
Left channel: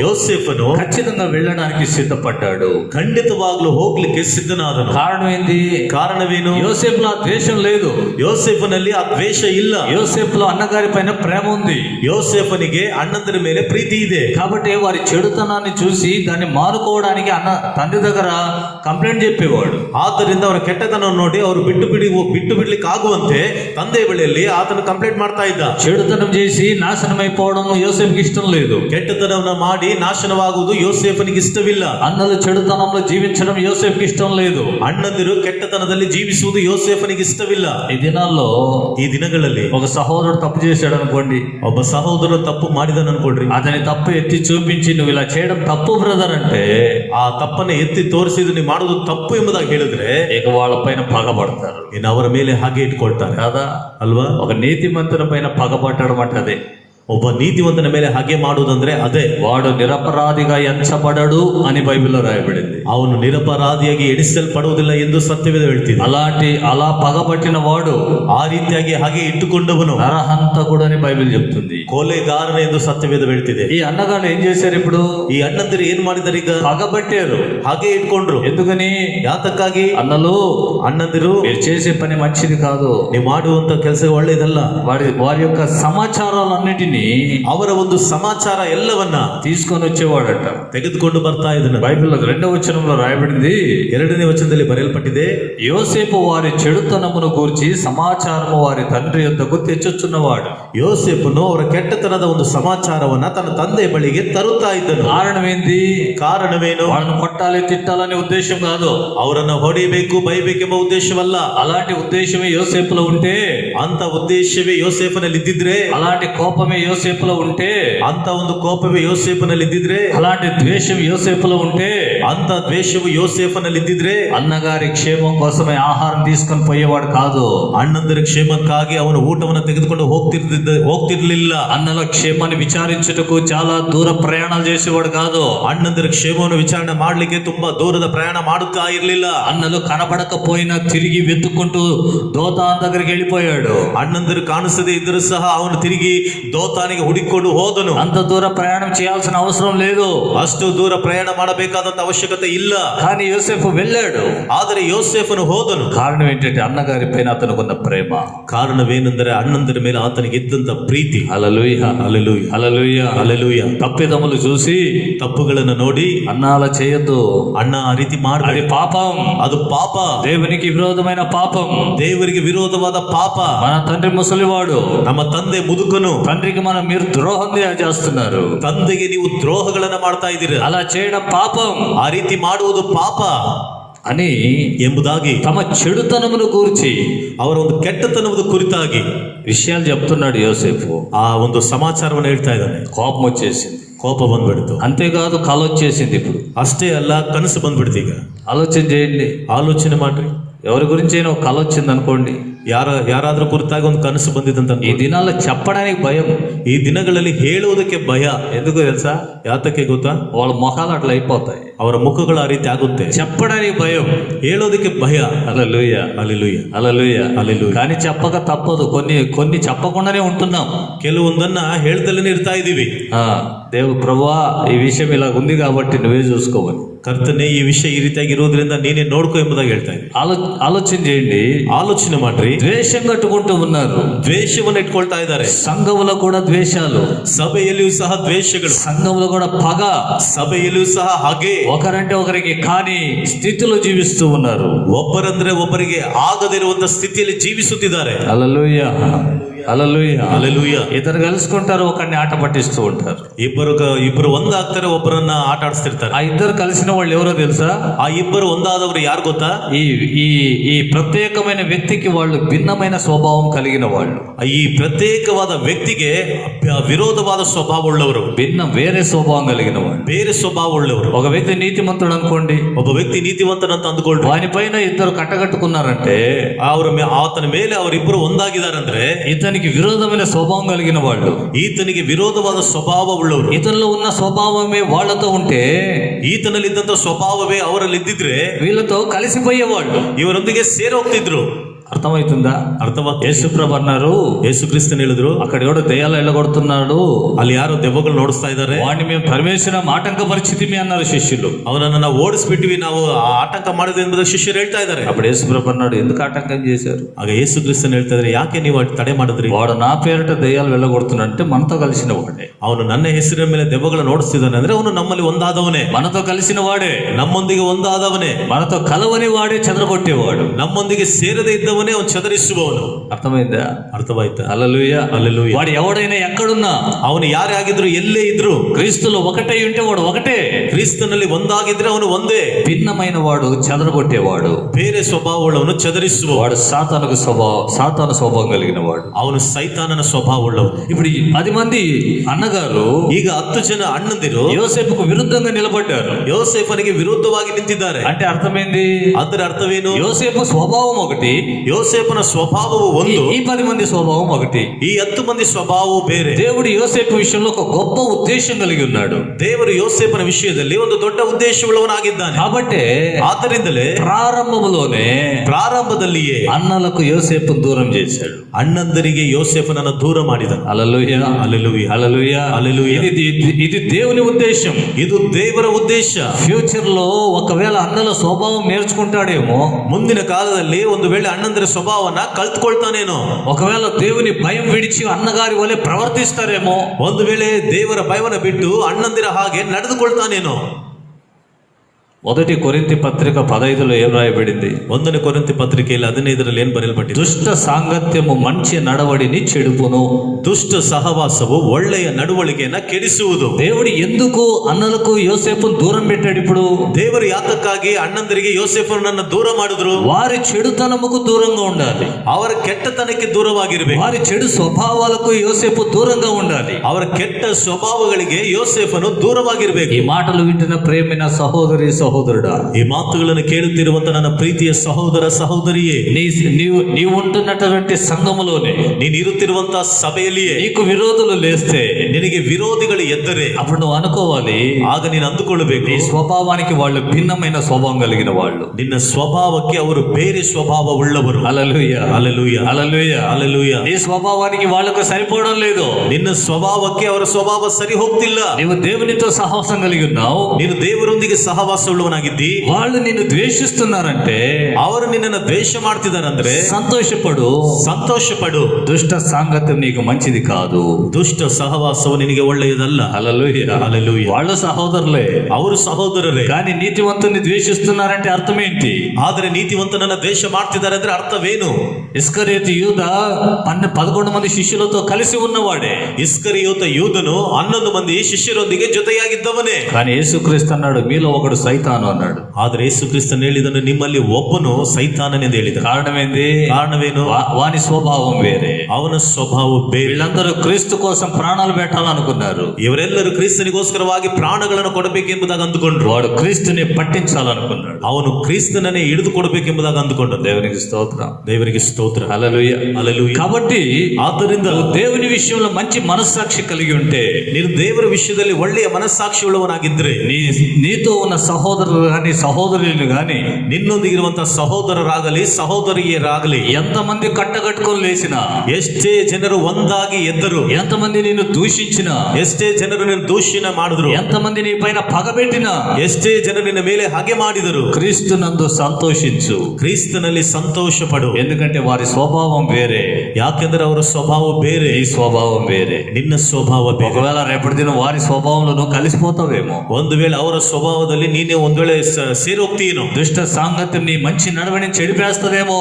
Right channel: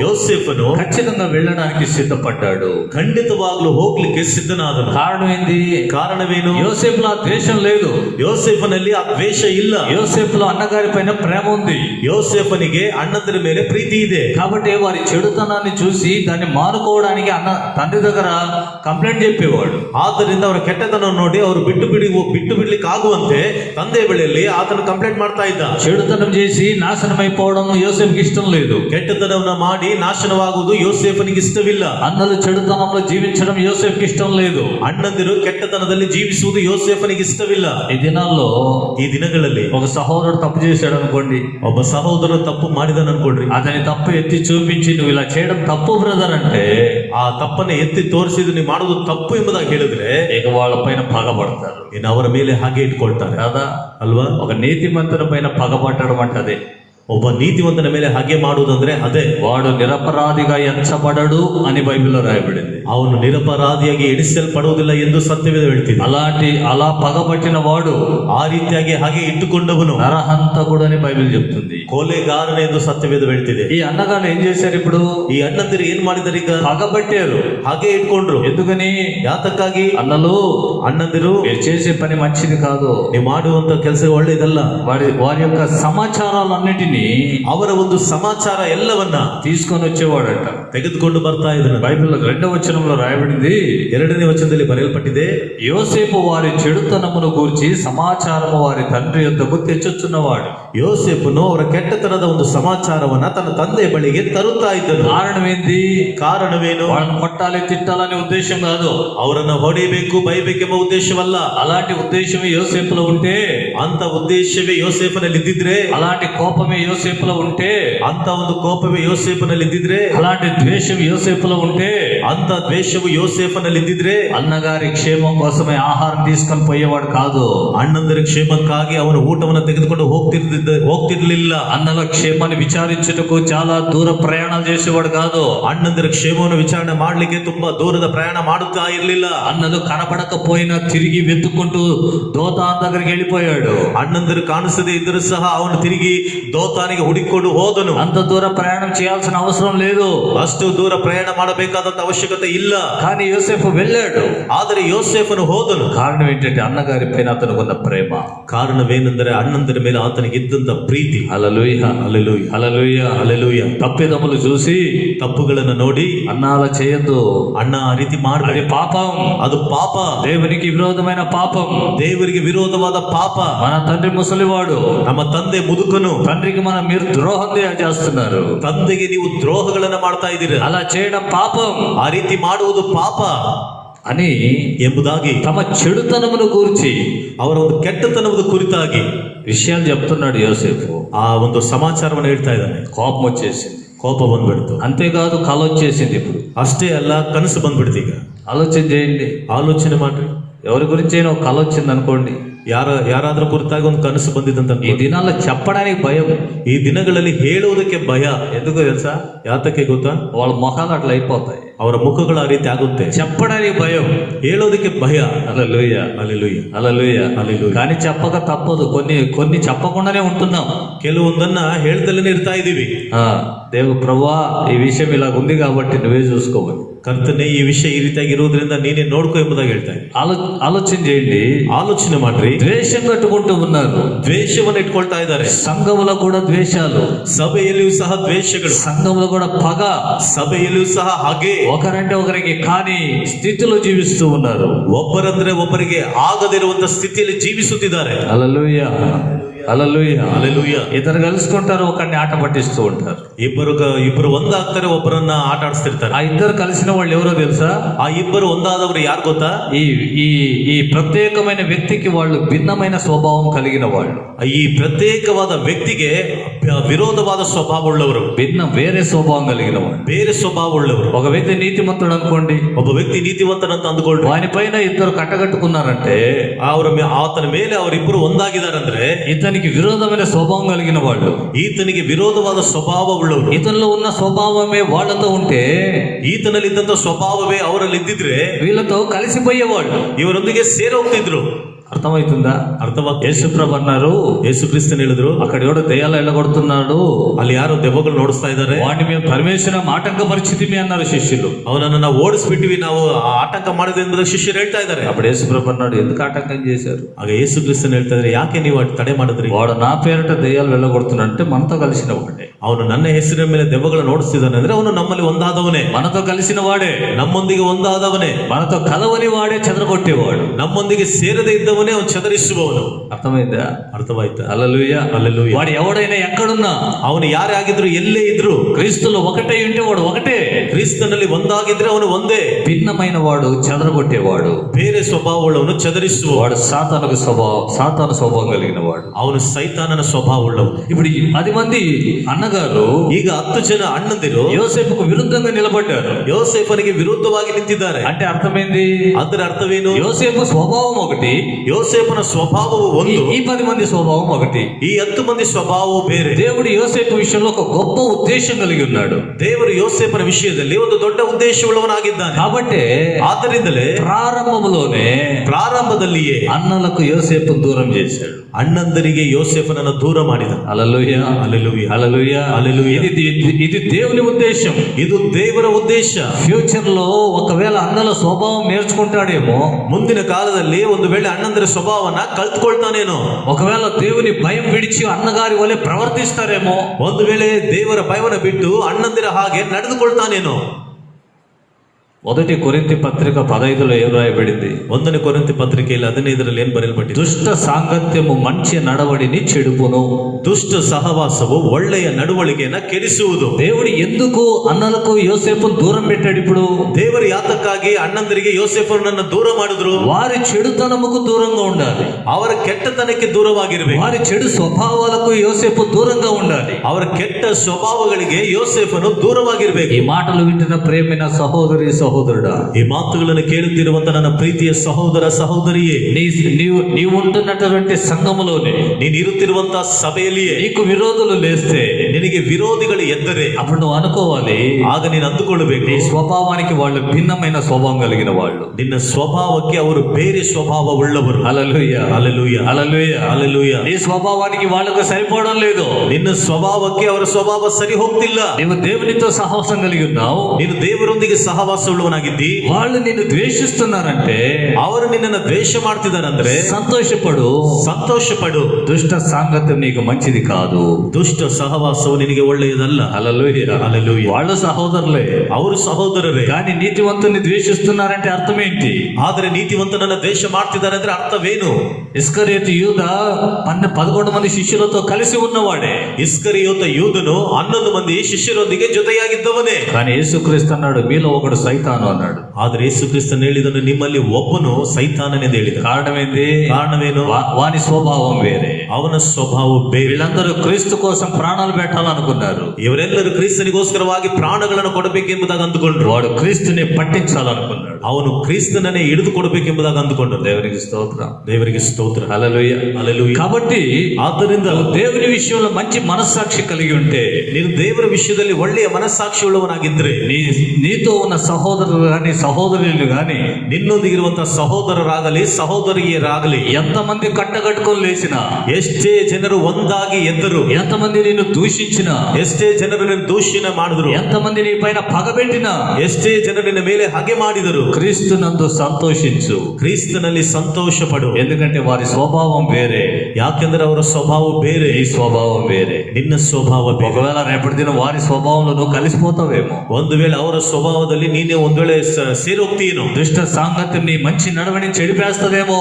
ಯೋಸೇಫನು ఖచ్చితంగా వెళ్ళడానికి సిద్ధపడ్డాడు. ಖಂಡಿತವಾಗ್ಲೂ ಹೋಗ್ಲಿಕ್ಕೆ ಸಿದ್ಧನಾದನು. కారణం ఏంది? ಕಾರಣವೇನು? యోసేపులో ఆ ద్వేషం లేదు. ಯೋಸೇಫನಲ್ಲಿ ಆ ದ್ವೇಷ ಇಲ್ಲ. యోసేపులో అన్నగారి పైన ప్రేమ ఉంది. ಯೋಸೇಫನಿಗೆ ಅಣ್ಣಂದರ ಮೇಲೆ ಪ್ರೀತಿ ಇದೆ. కాబట్టి వారి చెడుతనాన్ని చూసి దాన్ని మానుకోవడానికి అన్న తండ్రి దగ్గర కంప్లైంట్ చెప్పేవాడు. ಆದ್ದರಿಂದ ಅವರ ಕೆಟ್ಟತನ ನೋಡಿ ಅವರು ಬಿಟ್ಟು ಬಿಡ್ಲಿಕ್ಕೆ ಆಗುವಂತೆ ತಂದೆ ಬಳಿಯಲ್ಲಿ ಆತನು ಕಂಪ್ಲೇಂಟ್ ಮಾಡ್ತಾ ಇದ್ದ. చెడుతనం చేసి నాశనం అయిపోవడం యోసేపుకి ఇష్టం లేదు. ಕೆಟ್ಟತನವನ್ನು ಮಾಡಿ ನಾಶನವಾಗುವುದು ಯೋಸೇಫನಿಗೆ ಇಷ್ಟವಿಲ್ಲ. అన్నలు చెడుతనంలో జీవించడం యోసేపుకి ఇష్టం లేదు. ಅಣ್ಣಂದಿರು ಕೆಟ್ಟತನದಲ್ಲಿ ಜೀವಿಸುವುದು ಯೋಸೇಫನಿಗೆ ಇಷ್ಟವಿಲ್ಲ. ఈ ದಿನಗಳಲ್ಲಿ ఒక సహోదరుడు తప్పు చేశాడు అనుకోండి, ಒಬ್ಬ ಸಹೋದರ ತಪ್ಪು ಮಾಡಿದನು ಅನ್ಕೊಡ್ರಿ, అతని తప్పు ఎత్తి చూపించి నువ్వు ఇలా చేయడం తప్పు బ్రదర్ అంటే ಆ ತಪ್ಪನ್ನ ಎತ್ತಿ ತೋರಿಸಿದ್ರು ನೀವು ಮಾಡುವುದು ತಪ್ಪು ಎಂಬುದಾಗಿ ಹೇಳಿದ್ರೆ ఇక వాళ్ళ పైన పగబడతారు. ಇನ್ನು ಅವರ ಮೇಲೆ ಹಾಗೆ ಇಟ್ಕೊಳ್ತಾರೆ కదా ಅಲ್ವಾ? ఒక నీతిమంతుల పైన పగబట్టడం అంటే అదే. ಒಬ್ಬ ನೀತಿವಂತನ ಮೇಲೆ ಹಾಗೆ ಮಾಡುವುದಂದ್ರೆ ಅದೇ. వాడు నిరపరాధిగా ఎంచబడడు అని బైబిల్లో రాయబడింది. ಅವನು ನಿರಪರಾಧಿಯಾಗಿ ಎಣಿಸಲ್ಪಡುವುದಿಲ್ಲ ಎಂದು ಸತ್ಯವೇದ ಹೇಳ್ತಿದೆ. అలా పగబట్టిన వాడు ಆ ರೀತಿಯಾಗಿ ಹಾಗೆ ಇಟ್ಟುಕೊಂಡವನು నరహంతకుడు అని బైబిల్ చెప్తుంది. ಕೊಲೆಗಾರನ ಎಂದು ಸತ್ಯವೇದ ಹೇಳ್ತಿದೆ. ఈ అన్నగారు ఏం చేశారు? ఇప్పుడు ಈ ಅಣ್ಣಂದಿರು ಏನ್ ಮಾಡಿದಾರೆ? ಈಗ పగబట్టారు. ಹಾಗೆ ఇಟ್ಕೊಂಡ್ರು. ఎందుకని? ಯಾತಕ್ಕಾಗಿ? అన్నందిరు మీరు చేసే పని మంచిది కాదు, ನೀವು ಮಾಡುವಂತ ಕೆಲಸ ಒಳ್ಳೆಯದಲ್ಲ. వారి యొక్క సమాచారాలన్నిటినీ ಅವರ ಒಂದು ಸಮಾಚಾರ ಎಲ್ಲವನ್ನ తీసుకొని వచ్చేవాడట, ತೆಗೆದುಕೊಂಡು ಬರ್ತಾ ಇದ್ದಾನೆ. బైబిల్లో 2వ వచనంలో రాయబడింది, 2ನೇ ವಚನದಲ್ಲಿ ಬರೆಯಲ್ಪಟ್ಟಿದೆ, యోసేపు వారి చెడుతనమును గూర్చి సమాచారము వారి తండ్రి యొద్దకు తెచ్చుచున్నవాడు. ಯೋಸೇಫನು ಅವರ ಕೆಟ್ಟತನದ ಒಂದು ಸಮಾಚಾರವನ್ನ ತನ್ನ ತಂದೆ ಬಳಿಗೆ ತರುತ್ತಾ ಇದ್ದನು. కారణం ఏంది? ಕಾರಣವೇನು? వాళ్ళని కొట్టాలి తిట్టాలనే ఉద్దేశం కాదు, ಅವರನ್ನ ಹೊಡಿಬೇಕು ಬೈಬೇಕೆಂಬ ಉದ್ದೇಶವಲ್ಲ. అలాంటి ఉద్దేశమే యోసేపులో ఉంటే, ಅಂತ ಉದ್ದೇಶವೇ ಯೋಸೇಫನಲ್ಲಿ ಇದ್ದಿದ್ರೆ, అలాంటి కోపమే యోసేపులో ఉంటే, ಅಂತ ಒಂದು ಕೋಪವೇ ಯೋಸೇಫನಲ್ಲಿ ಇದ್ದಿದ್ರೆ, అలాంటి ద్వేషం యోసేపులో ఉంటే, ಅಂತ ದ್ವೇಷವು ಯೋಸೇಫನಲ್ಲಿ ಇದ್ದಿದ್ರೆ అన్నగారి క్షేమం కోసమే ఆహారం తీసుకొని పోయేవాడు కాదు. ಅಣ್ಣಂದರ ಕ್ಷೇಮಕ್ಕಾಗಿ ಅವನು ಊಟವನ್ನು ತೆಗೆದುಕೊಂಡು ಹೋಗ್ತಿರ್ಲಿಲ್ಲ. అన్నల క్షేమాన్ని విచారించుటకు చాలా దూర ప్రయాణాలు చేసేవాడు కాదు. ಅಣ್ಣಂದರ ಕ್ಷೇಮವನ್ನು ವಿಚಾರಣೆ ಮಾಡ್ಲಿಕ್ಕೆ ತುಂಬಾ ದೂರದ ಪ್ರಯಾಣ ಮಾಡುತ್ತಾ ಇರಲಿಲ್ಲ. అన్నలు కనబడకపోయినా తిరిగి వెతుక్కుంటూ దోతాన్ దగ్గరికి వెళ్ళిపోయాడు. ಅಣ್ಣಂದರು ಕಾಣಿಸದೇ ಇದ್ದರೂ ಸಹ ಅವನು ತಿರುಗಿ ದೋತಾನಿಗೆ ಹುಡುಕಿಕೊಂಡು ಹೋದನು. అంత దూర ప్రయాణం చేయాల్సిన అవసరం లేదు, ಅಷ್ಟು ದೂರ ಪ್ರಯಾಣ ಮಾಡಬೇಕಾದಂತ ಅವಶ್ಯಕತೆ ಇಲ್ಲ. కానీ యోసేపు వెళ్ళాడు. ಆದರೆ ಯೋಸೇಫನು ಹೋದನು. కారణం ఏంటంటే అన్నగారి పైన అతనుకున్న ప్రేమ. ಕಾರಣವೇನೆಂದರೆ ಅಣ್ಣಂದರ ಮೇಲೆ ಆತನಿಗೆ ಇದ್ದಂತ ಪ್ರೀತಿ. హల్లెలూయా, హల్లెలూయా, హల్లెలూయా, హల్లెలూయా. తప్పిదములు చూసి ತಪ್ಪುಗಳನ್ನು ನೋಡಿ అన్న అలా చేయొద్దు, ಅಣ್ಣ ಆ ರೀತಿ అది ಮಾಡಬೇಡಿ, పాపం, ಅದು ಪಾಪ, దేవునికి విరోధమైన పాపం. ದೇವರಿಗೆ ವಿರೋಧವಾದ ಪಾಪ. మన తండ్రి ముసలివాడు, ನಮ್ಮ ತಂದೆ ಮುದುಕನು, తండ్రికి మీరు ద్రోహం చేస్తున్నారు, ತಂದೆಗೆ ನೀವು ದ್ರೋಹಗಳನ್ನ ಮಾಡ್ತಾ ಇದ್ದೀರಾ, అలా చేయడం పాపం, ಆ ರೀತಿ ಮಾಡುವುದು ಪಾಪ అని ಎಂಬುದಾಗಿ తమ చెడుతనమును గూర్చి ಅವರ ಒಂದು ಕೆಟ್ಟತನದ ಕುರಿತಾಗಿ విషయాలు చెప్తున్నాడు యోసేపు. ಆ ಒಂದು ಸಮಾಚಾರವನ್ನು ಹೇಳ್ತಾ ಇದ್ದಾನೆ. కోపం వచ్చేసింది, ಕೋಪ ಬಂದ್ಬಿಡ್ತು. అంతేకాదు కళ వచ్చేసింది. ఇప్పుడు ಅಷ್ಟೇ ಅಲ್ಲ, ಕನಸು ಬಂದ್ಬಿಡ್ತು. ಈಗ ఆలోచన చేయండి, ಆಲೋಚನೆ ಮಾಡ್ರಿ. ఎవరి గురించి అయినా ఒక కళ వచ్చింది అనుకోండి, ಯಾರಾದ್ರೂ ಕುರಿತಾಗಿ ಒಂದು ಕನಸು ಬಂದಿದ್ದಂತ ఈ దినాల్లో చెప్పడానికి భయం, ಈ ದಿನಗಳಲ್ಲಿ ಹೇಳುವುದಕ್ಕೆ ಭಯ. ఎందుకు తెలుసా? ಯಾತಕ್ಕೆ ಗೊತ್ತಾ? వాళ్ళ ముఖాలు అట్లా అయిపోతాయి, ಅವರ ಮುಖಗಳು ಆ ರೀತಿ ಆಗುತ್ತೆ. చెప్పడానికి భయం, ಹೇಳೋದಕ್ಕೆ ಭಯ. హల్లెలూయా, ಹಲ್ಲೆಲೂಯಾ, హల్లెలూయా, హల్లెలూయా. కానీ చెప్పక తప్పదు, కొన్ని చెప్పకుండానే ఉంటున్నాం. ಕೆಲವೊಂದನ್ನ ಹೇಳ್ದಲ್ಲೇ ಇರ್ತಾ ಇದೀವಿ. దేవుడు ప్రభువా ఈ విషయం ఇలా ఉంది కాబట్టి నువ్వే చూసుకోవాలి, ಕರ್ತನೆ ಈ ವಿಷಯ ಈ ರೀತಿಯಾಗಿ ಇರೋದ್ರಿಂದ ನೀನೇ ನೋಡ್ಕೋ ಎಂಬುದಾಗಿ ಹೇಳ್ತಾ ಇದ್ದೀನಿ. ఆలోచన చేయండి, ಆಲೋಚನೆ ಮಾಡ್ರಿ. ద్వేషం కట్టుకుంటూ ఉన్నారు, ದ್ವೇಷವನ್ನು ಇಟ್ಕೊಳ್ತಾ ಇದ್ದಾರೆ. సంఘములో కూడా ద్వేషాలు, ಸಭೆಯಲ್ಲಿಯೂ ಸಹ ದ್ವೇಷಗಳು, సంఘములో కూడా పగ, ಸಭೆಯಲ್ಲಿಯೂ ಸಹ ಹಾಗೆ ఒకరంటే ఒకరికి కాని స్థితిలో జీవిస్తూ ఉన్నారు. ಒಬ್ಬರಂದ್ರೆ ಒಬ್ಬರಿಗೆ ಆಗದಿರುವಂತ ಸ್ಥಿತಿಯಲ್ಲಿ ಜೀವಿಸುತ್ತಿದ್ದಾರೆ. హల్లెలూయా, హల్లెలూయా, ಹಲ್ಲೆಲೂಯಾ. ఇద్దరు కలుసుకుంటారు, ఒకరిని ఆట పట్టిస్తూ ఉంటారు. ಇಬ್ಬರು ಒಂದಾಗ್ತಾರೆ, ಒಬ್ಬರನ್ನ ಆಟ ಆಡಿಸ್ತಿರ್ತಾರೆ. ఆ ఇద్దరు కలిసిన వాళ్ళు ఎవరో తెలుసా? ಆ ಇಬ್ಬರು ಒಂದಾದವರು ಯಾರು ಗೊತ್ತಾ? ఈ ప్రత్యేకమైన వ్యక్తికి వాళ్ళు భిన్నమైన స్వభావం కలిగిన వాళ్ళు. ಈ ಪ್ರತ್ಯೇಕವಾದ ವ್ಯಕ್ತಿಗೆ ವಿರೋಧವಾದ ಸ್ವಭಾವವುಳ್ಳವರು, వేరే స్వభావం కలిగిన వాడు. ಬೇರೆ ಸ್ವಭಾವವುಳ್ಳವರು. ఒక వ్యక్తి నీతిమంతుడు అనుకోండి, ಒಬ್ಬ ವ್ಯಕ್ತಿ ನೀತಿವಂತನಂತ ಅಂದುಕೊಳ್ಳಿ, వాని పైన ఇద్దరు కట్టగట్టుకున్నారంటే ಆತನ ಮೇಲೆ ಅವರಿಬ್ಬರು ಒಂದಾಗಿದ್ದಾರಂದ್ರೆ ఇతనికి విరోధమైన స్వభావం కలిగిన వాళ్ళు, ಈತನಿಗೆ ವಿರೋಧವಾದ ಸ್ವಭಾವವುಳ್ಳವರು, ఇతనిలో ఉన్న స్వభావమే వాళ్ళతో ఉంటే ಈತನಲ್ಲಿದ್ದಂತ ಸ್ವಭಾವವೇ ಅವರಲ್ಲಿ ಇದ್ದಿದ್ರೆ వీళ్ళతో కలిసిపోయేవాళ్ళు. ಇವರೊಂದಿಗೆ ಸೇರೋಗ್ತಿದ್ರು. అర్థమవుతుందా? ಅರ್ಥವಾಗ್ತದೆ. యేసుప్రభు అన్నారు, ಯೇಸು ಕ್ರಿಸ್ತನ್ ಹೇಳಿದ್ರು, అక్కడ ఎవడో దెయ్యాలు ఎల్లగొడుతున్నాడు, ಅಲ್ಲಿ ಯಾರೋ ದೆವ್ವಗಳು ನೋಡಿಸ್ತಾ ಇದ್ದಾರೆ, వాడిని మేము పరమేశ్వరం ఆటంక పరిస్థితి అన్నారు శిష్యులు. ಅವನನ್ನ ನಾವು ಓಡಿಸ್ಬಿಟ್ವಿ, ನಾವು ಆಟಂಕ ಮಾಡಿದ್ವಿ ಎಂಬುದು ಶಿಷ್ಯರು ಹೇಳ್ತಾ ಇದ್ದಾರೆ. అప్పుడు యేసుప్రభు అన్నాడు, ఎందుకు ఆటంకం చేశారు? ಆಗ ಯೇಸು ಕ್ರಿಸ್ತನ್ ಹೇಳ್ತಾ ಇದ್ದಾರೆ, ಯಾಕೆ ನೀವು ತಡೆ ಮಾಡಿದ್ರಿ? వాడు నా పేరిట దెయ్యాలు వెళ్ళగొడుతున్నాడు అంటే మనతో కలిసిన వాడే. ಅವನು ನನ್ನ ಹೆಸರಿನ ಮೇಲೆ ದೆವ್ವಗಳು ನೋಡಿಸ್ತಿದ್ದಾನೆ ಅಂದ್ರೆ ಅವನು ನಮ್ಮಲ್ಲಿ ಒಂದಾದವನೇ, మనతో కలిసిన వాడే, ನಮ್ಮೊಂದಿಗೆ ಒಂದಾದವನೇ, మనతో కలవని వాడే చెదరగొట్టేవాడు, ನಮ್ಮೊಂದಿಗೆ ಸೇರದೇ ಇದ್ದವನೇ ಅವನು ಚದರಿಸುವವನು. అర్థమైందా? ಅರ್ಥವಾಯ್ತಾ? హల్లెలూయా. హల్లెలూయా. వాడు ఎవడైనా ఎక్కడున్నా ಅವನು ಯಾರೇ ಆಗಿದ್ರು, ಎಲ್ಲೇ ಇದ್ರು, క్రీస్తులో ఒకటే ఉంటే వాడు ఒకటే. ಕ್ರಿಸ್ತನಲ್ಲಿ ಒಂದಾಗಿದ್ರೆ ಅವನು ಒಂದೇ. భిన్నమైన వాడు చెదరగొట్టేవాడు, ಬೇರೆ ಸ್ವಭಾವವುಳ್ಳವನು ಚದರಿಸುವ, వాడు సాతాను స్వభావం కలిగిన వాడు. ಅವನು ಸೈತಾನನ ಸ್ವಭಾವವುಳ್ಳವನು. ఇప్పుడు ఈ 10 మంది అన్నగారు ಈಗ 10 ಜನ ಅಣ್ಣಂದಿರು యోసేపుకు విరుద్ధంగా నిలబడ్డారు. ಯೋಸೇಫನಿಗೆ ವಿರುದ್ಧವಾಗಿ ನಿಂತಿದ್ದಾರೆ. అంటే అర్థమైంది, ಅದರ ಅರ್ಥವೇನು? యోసేపు స్వభావం ఒకటి, ಯೋಸೇಫನ ಸ್ವಭಾವವು ಒಂದು, ఈ 10 మంది స్వభావం ఒకటి. ಈ 10 ಮಂದಿ ಸ್ವಭಾವವು ಬೇರೆ. దేవుడు యోసేపు విషయంలో ఒక గొప్ప ఉద్దేశం కలిగి ఉన్నాడు. ದೇವರು ಯೋಸೇಫನ ವಿಷಯದಲ್ಲಿ ಒಂದು ದೊಡ್ಡ ಉದ್ದೇಶವುಳ್ಳವನಾಗಿದ್ದಾನೆ. కాబట్టి ಆದ್ದರಿಂದಲೇ ಪ್ರಾರಂಭದಲ್ಲಿಯೇ అన్నలకు యోసేపు దూరం చేశాడు, ಅಣ್ಣಂದರಿಗೆ ಯೋಸೇಫನನ್ನು ದೂರ ಮಾಡಿದ. హల్లెలూయా, హల్లెలూయా, హల్లెలూయా, హల్లెలూయా. ఇది దేవుని ఉద్దేశం. ಇದು ದೇವರ ಉದ್ದೇಶ. ఫ్యూచర్ లో ఒకవేళ అన్నల స్వభావం నేర్చుకుంటాడేమో, ಮುಂದಿನ ಕಾಲದಲ್ಲಿ ಒಂದು ವೇಳೆ ಅಣ್ಣಂದರ ಸ್ವಭಾವನ ಕಲ್ತ್ಕೊಳ್ತಾನೇನೋ, ఒకవేళ దేవుని భయం విడిచి అన్నగారి వలె ప్రవర్తిస్తారేమో, ಒಂದು ವೇಳೆ ದೇವರ ಭಯವನ್ನು ಬಿಟ್ಟು ಅಣ್ಣಂದಿರ ಹಾಗೆ ನಡೆದುಕೊಳ್ತಾನೇನೋ. 1 కొరింథీ పత్రిక 15లో ఏం రాయబడింది? 1 కొరింథీ పత్రిಕೆಯಲ್ಲಿ 15ರಲ್ಲಿ ಏನು ಬರೆಯಲ್ಪಟ್ಟಿದೆ? దుష్ట సాంగత్యము మంచి నడవడిని చెడుపును. ದುಷ್ಟ ಸಹವಾಸವು ಒಳ್ಳೆಯ ನಡವಳಿಕೆಯನ್ನ ಕೆಡಿಸುವುದು. దేవుడు ఎందుకు అన్నలకు యోసేపును దూరం పెట్టాడు? ఇప్పుడు ದೇವರು ಯಾತಕ್ಕಾಗಿ ಅಣ್ಣಂದರಿಗೆ ಯೋಸೇಫನನ್ನು ದೂರ ಮಾಡಿದ್ರು? వారి చెడుతనముకు దూరంగా ఉండాలి, ಅವರ ಕೆಟ್ಟತನಕ್ಕೆ ದೂರವಾಗಿರಬೇಕು. వారి చెడు స్వభావాలకు యోసేపు దూరంగా ఉండాలి, ಅವರ ಕೆಟ್ಟ ಸ್ವಭಾವಗಳಿಗೆ ಯೋಸೇಫನು ದೂರವಾಗಿರಬೇಕು. ఈ మాటలు వింటున్న ప్రేమైన సహోదరి సహోదరుడా, ಈ ಮಾತುಗಳನ್ನು ಕೇಳುತ್ತಿರುವಂತ ನನ್ನ ಪ್ರೀತಿಯ ಸಹೋದರ ಸಹೋದರಿಯೇ, నీవు ఉంటున్నటువంటి సంఘములోనే, ನೀನು ಇರುತ್ತಿರುವಂತಹ ಸಭೆಯಲ್ಲಿಯೇ నీకు విరోధులు లేస్తే, ನಿನಗೆ ವಿರೋಧಿಗಳು ಎದ್ದರೆ అప్పుడు నువ్వు అనుకోవాలి, ಆಗ ನೀನು ಅಂದುಕೊಳ್ಳಬೇಕು, నీ స్వభావానికి వాళ్ళు భిన్నమైన స్వభావం కలిగిన వాళ్ళు, ನಿನ್ನ ಸ್ವಭಾವಕ್ಕೆ ಅವರು ಬೇರೆ ಸ್ವಭಾವ ಉಳ್ಳವರು. హల్లెలూయా, హల్లెలూయా, హల్లెలూయా, హల్లెలూయా. నీ స్వభావానికి వాళ్ళకు సరిపోవడం లేదు, ನಿನ್ನ ಸ್ವಭಾವಕ್ಕೆ ಅವರ ಸ್ವಭಾವ ಸರಿ ಹೋಗ್ತಿಲ್ಲ. నీవు దేవునితో సహవాసం కలిగి ఉన్నావు, ನೀನು ದೇವರೊಂದಿಗೆ ಸಹವಾಸ ಉಳ್ಳವನಾಗಿದ್ದಿ, వాళ్ళు నిన్ను ద్వేషిస్తున్నారంటే, ಅವರು ನಿನ್ನನ್ನು ದ್ವೇಷ ಮಾಡ್ತಿದ್ದಾರಂದ್ರೆ ಸಂತೋಷಪಡು. దుష్ట సాంగత్యం నీకు మంచిది కాదు, ದುಷ್ಟ ಸಹವಾಸವು ನಿನಗೆ ಒಳ್ಳೆಯದಲ್ಲ. హల్లెలూయా, హల్లెలూయా. వాళ్ళు సహోదరులే, ಅವರು ಸಹೋದರರೇ. కానీ నీతివంతుని ద్వేషిస్తున్నారంటే అర్థం ఏంటి? ಆದರೆ ನೀತಿವಂತನನ್ನ ದ್ವೇಷ ಮಾಡ್ತಿದ್ದಾರೆ ಅಂದ್ರೆ ಅರ್ಥವೇನು? ఇస్కరియోతు యూదా 11 మంది శిష్యులతో కలిసి ఉన్నవాడే, ಇಸ್ಕರಿಯೋತ ಯೂದನು 11 ಮಂದಿ ಶಿಷ್ಯರೊಂದಿಗೆ ಜೊತೆಯಾಗಿದ್ದವನೇ. కానీ యేసుక్రీస్తు అన్నాడు, మీలో ఒకడు సైతాను అన్నాడు. ಆದ್ರೆ ಯೇಸು ಕ್ರಿಸ್ತನು ಹೇಳಿದನು, ನಿಮ್ಮಲ್ಲಿ ಒಬ್ಬನು ಸೈತಾನನೆಂದು ಹೇಳಿದ. ಕಾರಣವೇನು? వాని స్వభావం వేరే, ಅವನ ಸ್ವಭಾವ ಬೇರೆ. వీళ్ళందరూ క్రీస్తు కోసం ప్రాణాలు పెట్టాలనుకున్నారు, ಇವರೆಲ್ಲರೂ ಕ್ರಿಸ್ತನಿಗೋಸ್ಕರವಾಗಿ ಪ್ರಾಣಗಳನ್ನು ಕೊಡಬೇಕೆಂಬುದಾಗಿ ಅಂದುಕೊಂಡ್ರು. వాడు క్రీస్తుని పట్టించాలనుకున్నాడు, ಅವನು ಕ್ರಿಸ್ತನನ್ನೇ ಹಿಡಿದು ಕೊಡಬೇಕೆಂಬುದಾಗಿ ಅಂದುಕೊಂಡರು. దేవునికి స్తోత్రం, ದೇವರಿಗೆ ಸ್ತೋತ್ರ. హల్లెలూయా, హల్లెలూయా. కాబట్టి ಆದ್ದರಿಂದ దేవుని విషయంలో మంచి మనస్సాక్షి కలిగి ఉంటే, ನೀನು ದೇವರ ವಿಷಯದಲ್ಲಿ ಒಳ್ಳೆಯ ಮನಸ್ಸಾಕ್ಷಿ ಉಳ್ಳವನಾಗಿದ್ರೆ, నీతో ఉన్న సహోదరులు గాని సహోదరులు గాని, ನಿನ್ನೊಂದಿಗಿರುವಂತಹ ಸಹೋದರರಾಗಲಿ ಸಹೋದರಿಯರಾಗಲಿ, ఎంతమంది కట్టగట్టుకొని లేచినా, ಎಷ್ಟೇ ಜನರು ಒಂದಾಗಿ ಎದ್ದರು, ఎంతమంది నిన్ను దూషించినా, ಎಷ್ಟೇ ಜನರು ನಿನ್ನ ದೂಷಣೆ ಮಾಡಿದ್ರು, ఎంతమంది నీ పైన పగబెట్టినా, ಎಷ್ಟೇ ಜನರು ನಿನ್ನ ಮೇಲೆ ಹಾಗೆ ಮಾಡಿದರು, క్రీస్తునందు సంతోషించు, ಕ್ರಿಸ್ತನಲ್ಲಿ ಸಂತೋಷ ಪಡು. ఎందుకంటే వారి స్వభావం వేరే, ಯಾಕೆಂದ್ರೆ ಅವರ ಸ್ವಭಾವ ಬೇರೆ, ఈ స్వభావం వేరే. ನಿನ್ನ ಸ್ವಭಾವ ಬೇರೆ. ఒకవేళ రేపటి దినం వారి స్వభావంలో నువ్వు కలిసిపోతావేమో, ಒಂದು ವೇಳೆ ಅವರ ಸ್ವಭಾವದಲ್ಲಿ ನೀನೇ ಒಂದು ವೇಳೆ ಸೇರೋಗ್ತೀನೋ, దుష్ట సాంగత్యం నీ మంచి నడవడిని చెడిపేస్తదేమో,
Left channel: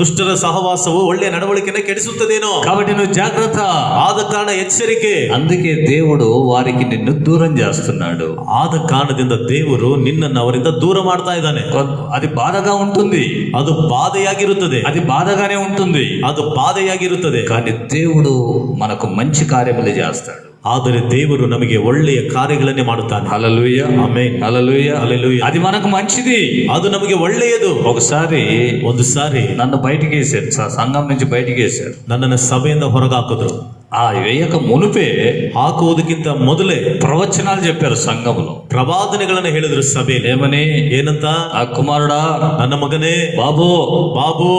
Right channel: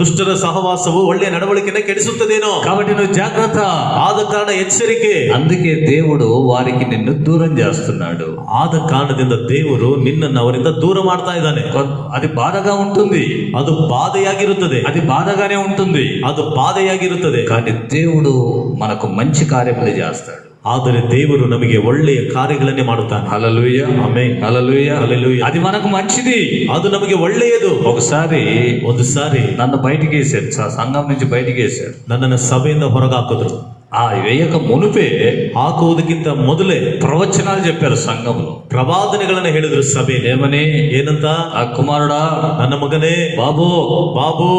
ದುಷ್ಟರ ಸಹವಾಸವು ಒಳ್ಳೆಯ ನಡವಳಿಕೆನ ಕೆಡಿಸುತ್ತದೇನೋ. కాబట్టి నువ్వు జాగ్రత్త. ಆದ ಕಾರಣ ఎచ్చరికే. అందుకే దేవుడు వారికి నిన్ను దూరం చేస్తున్నాడు. ಆದ ಕಾರಣದಿಂದ ದೇವರು ನಿನ್ನನ್ನು ಅವರಿಂದ ದೂರ ಮಾಡ್ತಾ ಇದ್ದಾನೆ. అది బాధగా ఉంటుంది, ಅದು ಬಾಧೆಯಾಗಿರುತ್ತದೆ, అది బాధగానే ఉంటుంది. ಅದು ಬಾಧೆಯಾಗಿರುತ್ತದೆ. కానీ దేవుడు మనకు మంచి కార్యములు చేస్తాడు. ಆದರೆ ದೇವರು ನಮಗೆ ಒಳ್ಳೆಯ ಕಾರ್ಯಗಳನ್ನೇ ಮಾಡುತ್ತಾನೆ. హల్లెలూయా, ಆಮೆನ್, హల్లెలూయా, హల్లెలూయా. అది మనకు మంచిది. ಅದು ನಮಗೆ ಒಳ್ಳೆಯದು. ಒಂದು సారి నన్ను బయటికి వేసాడు, సంఘం నుంచి బయటికి వేశాడు. ನನ್ನನ್ನು ಸಭೆಯಿಂದ ಹೊರಗಾಕಿದ್ರು. ఆ వేయక మునిపే ಹಾಕುವುದಕ್ಕಿಂತ ಮೊದಲೇ ప్రవచనాలు చెప్పారు సంఘంలో. ಪ್ರವಾದನೆಗಳನ್ನು ಹೇಳಿದ್ರು ಸಭೆ. ఏమని? ಏನಂತ? ఆ కుమారుడా, ನನ್ನ ಮಗನೇ, బాబు ಬಾಬು,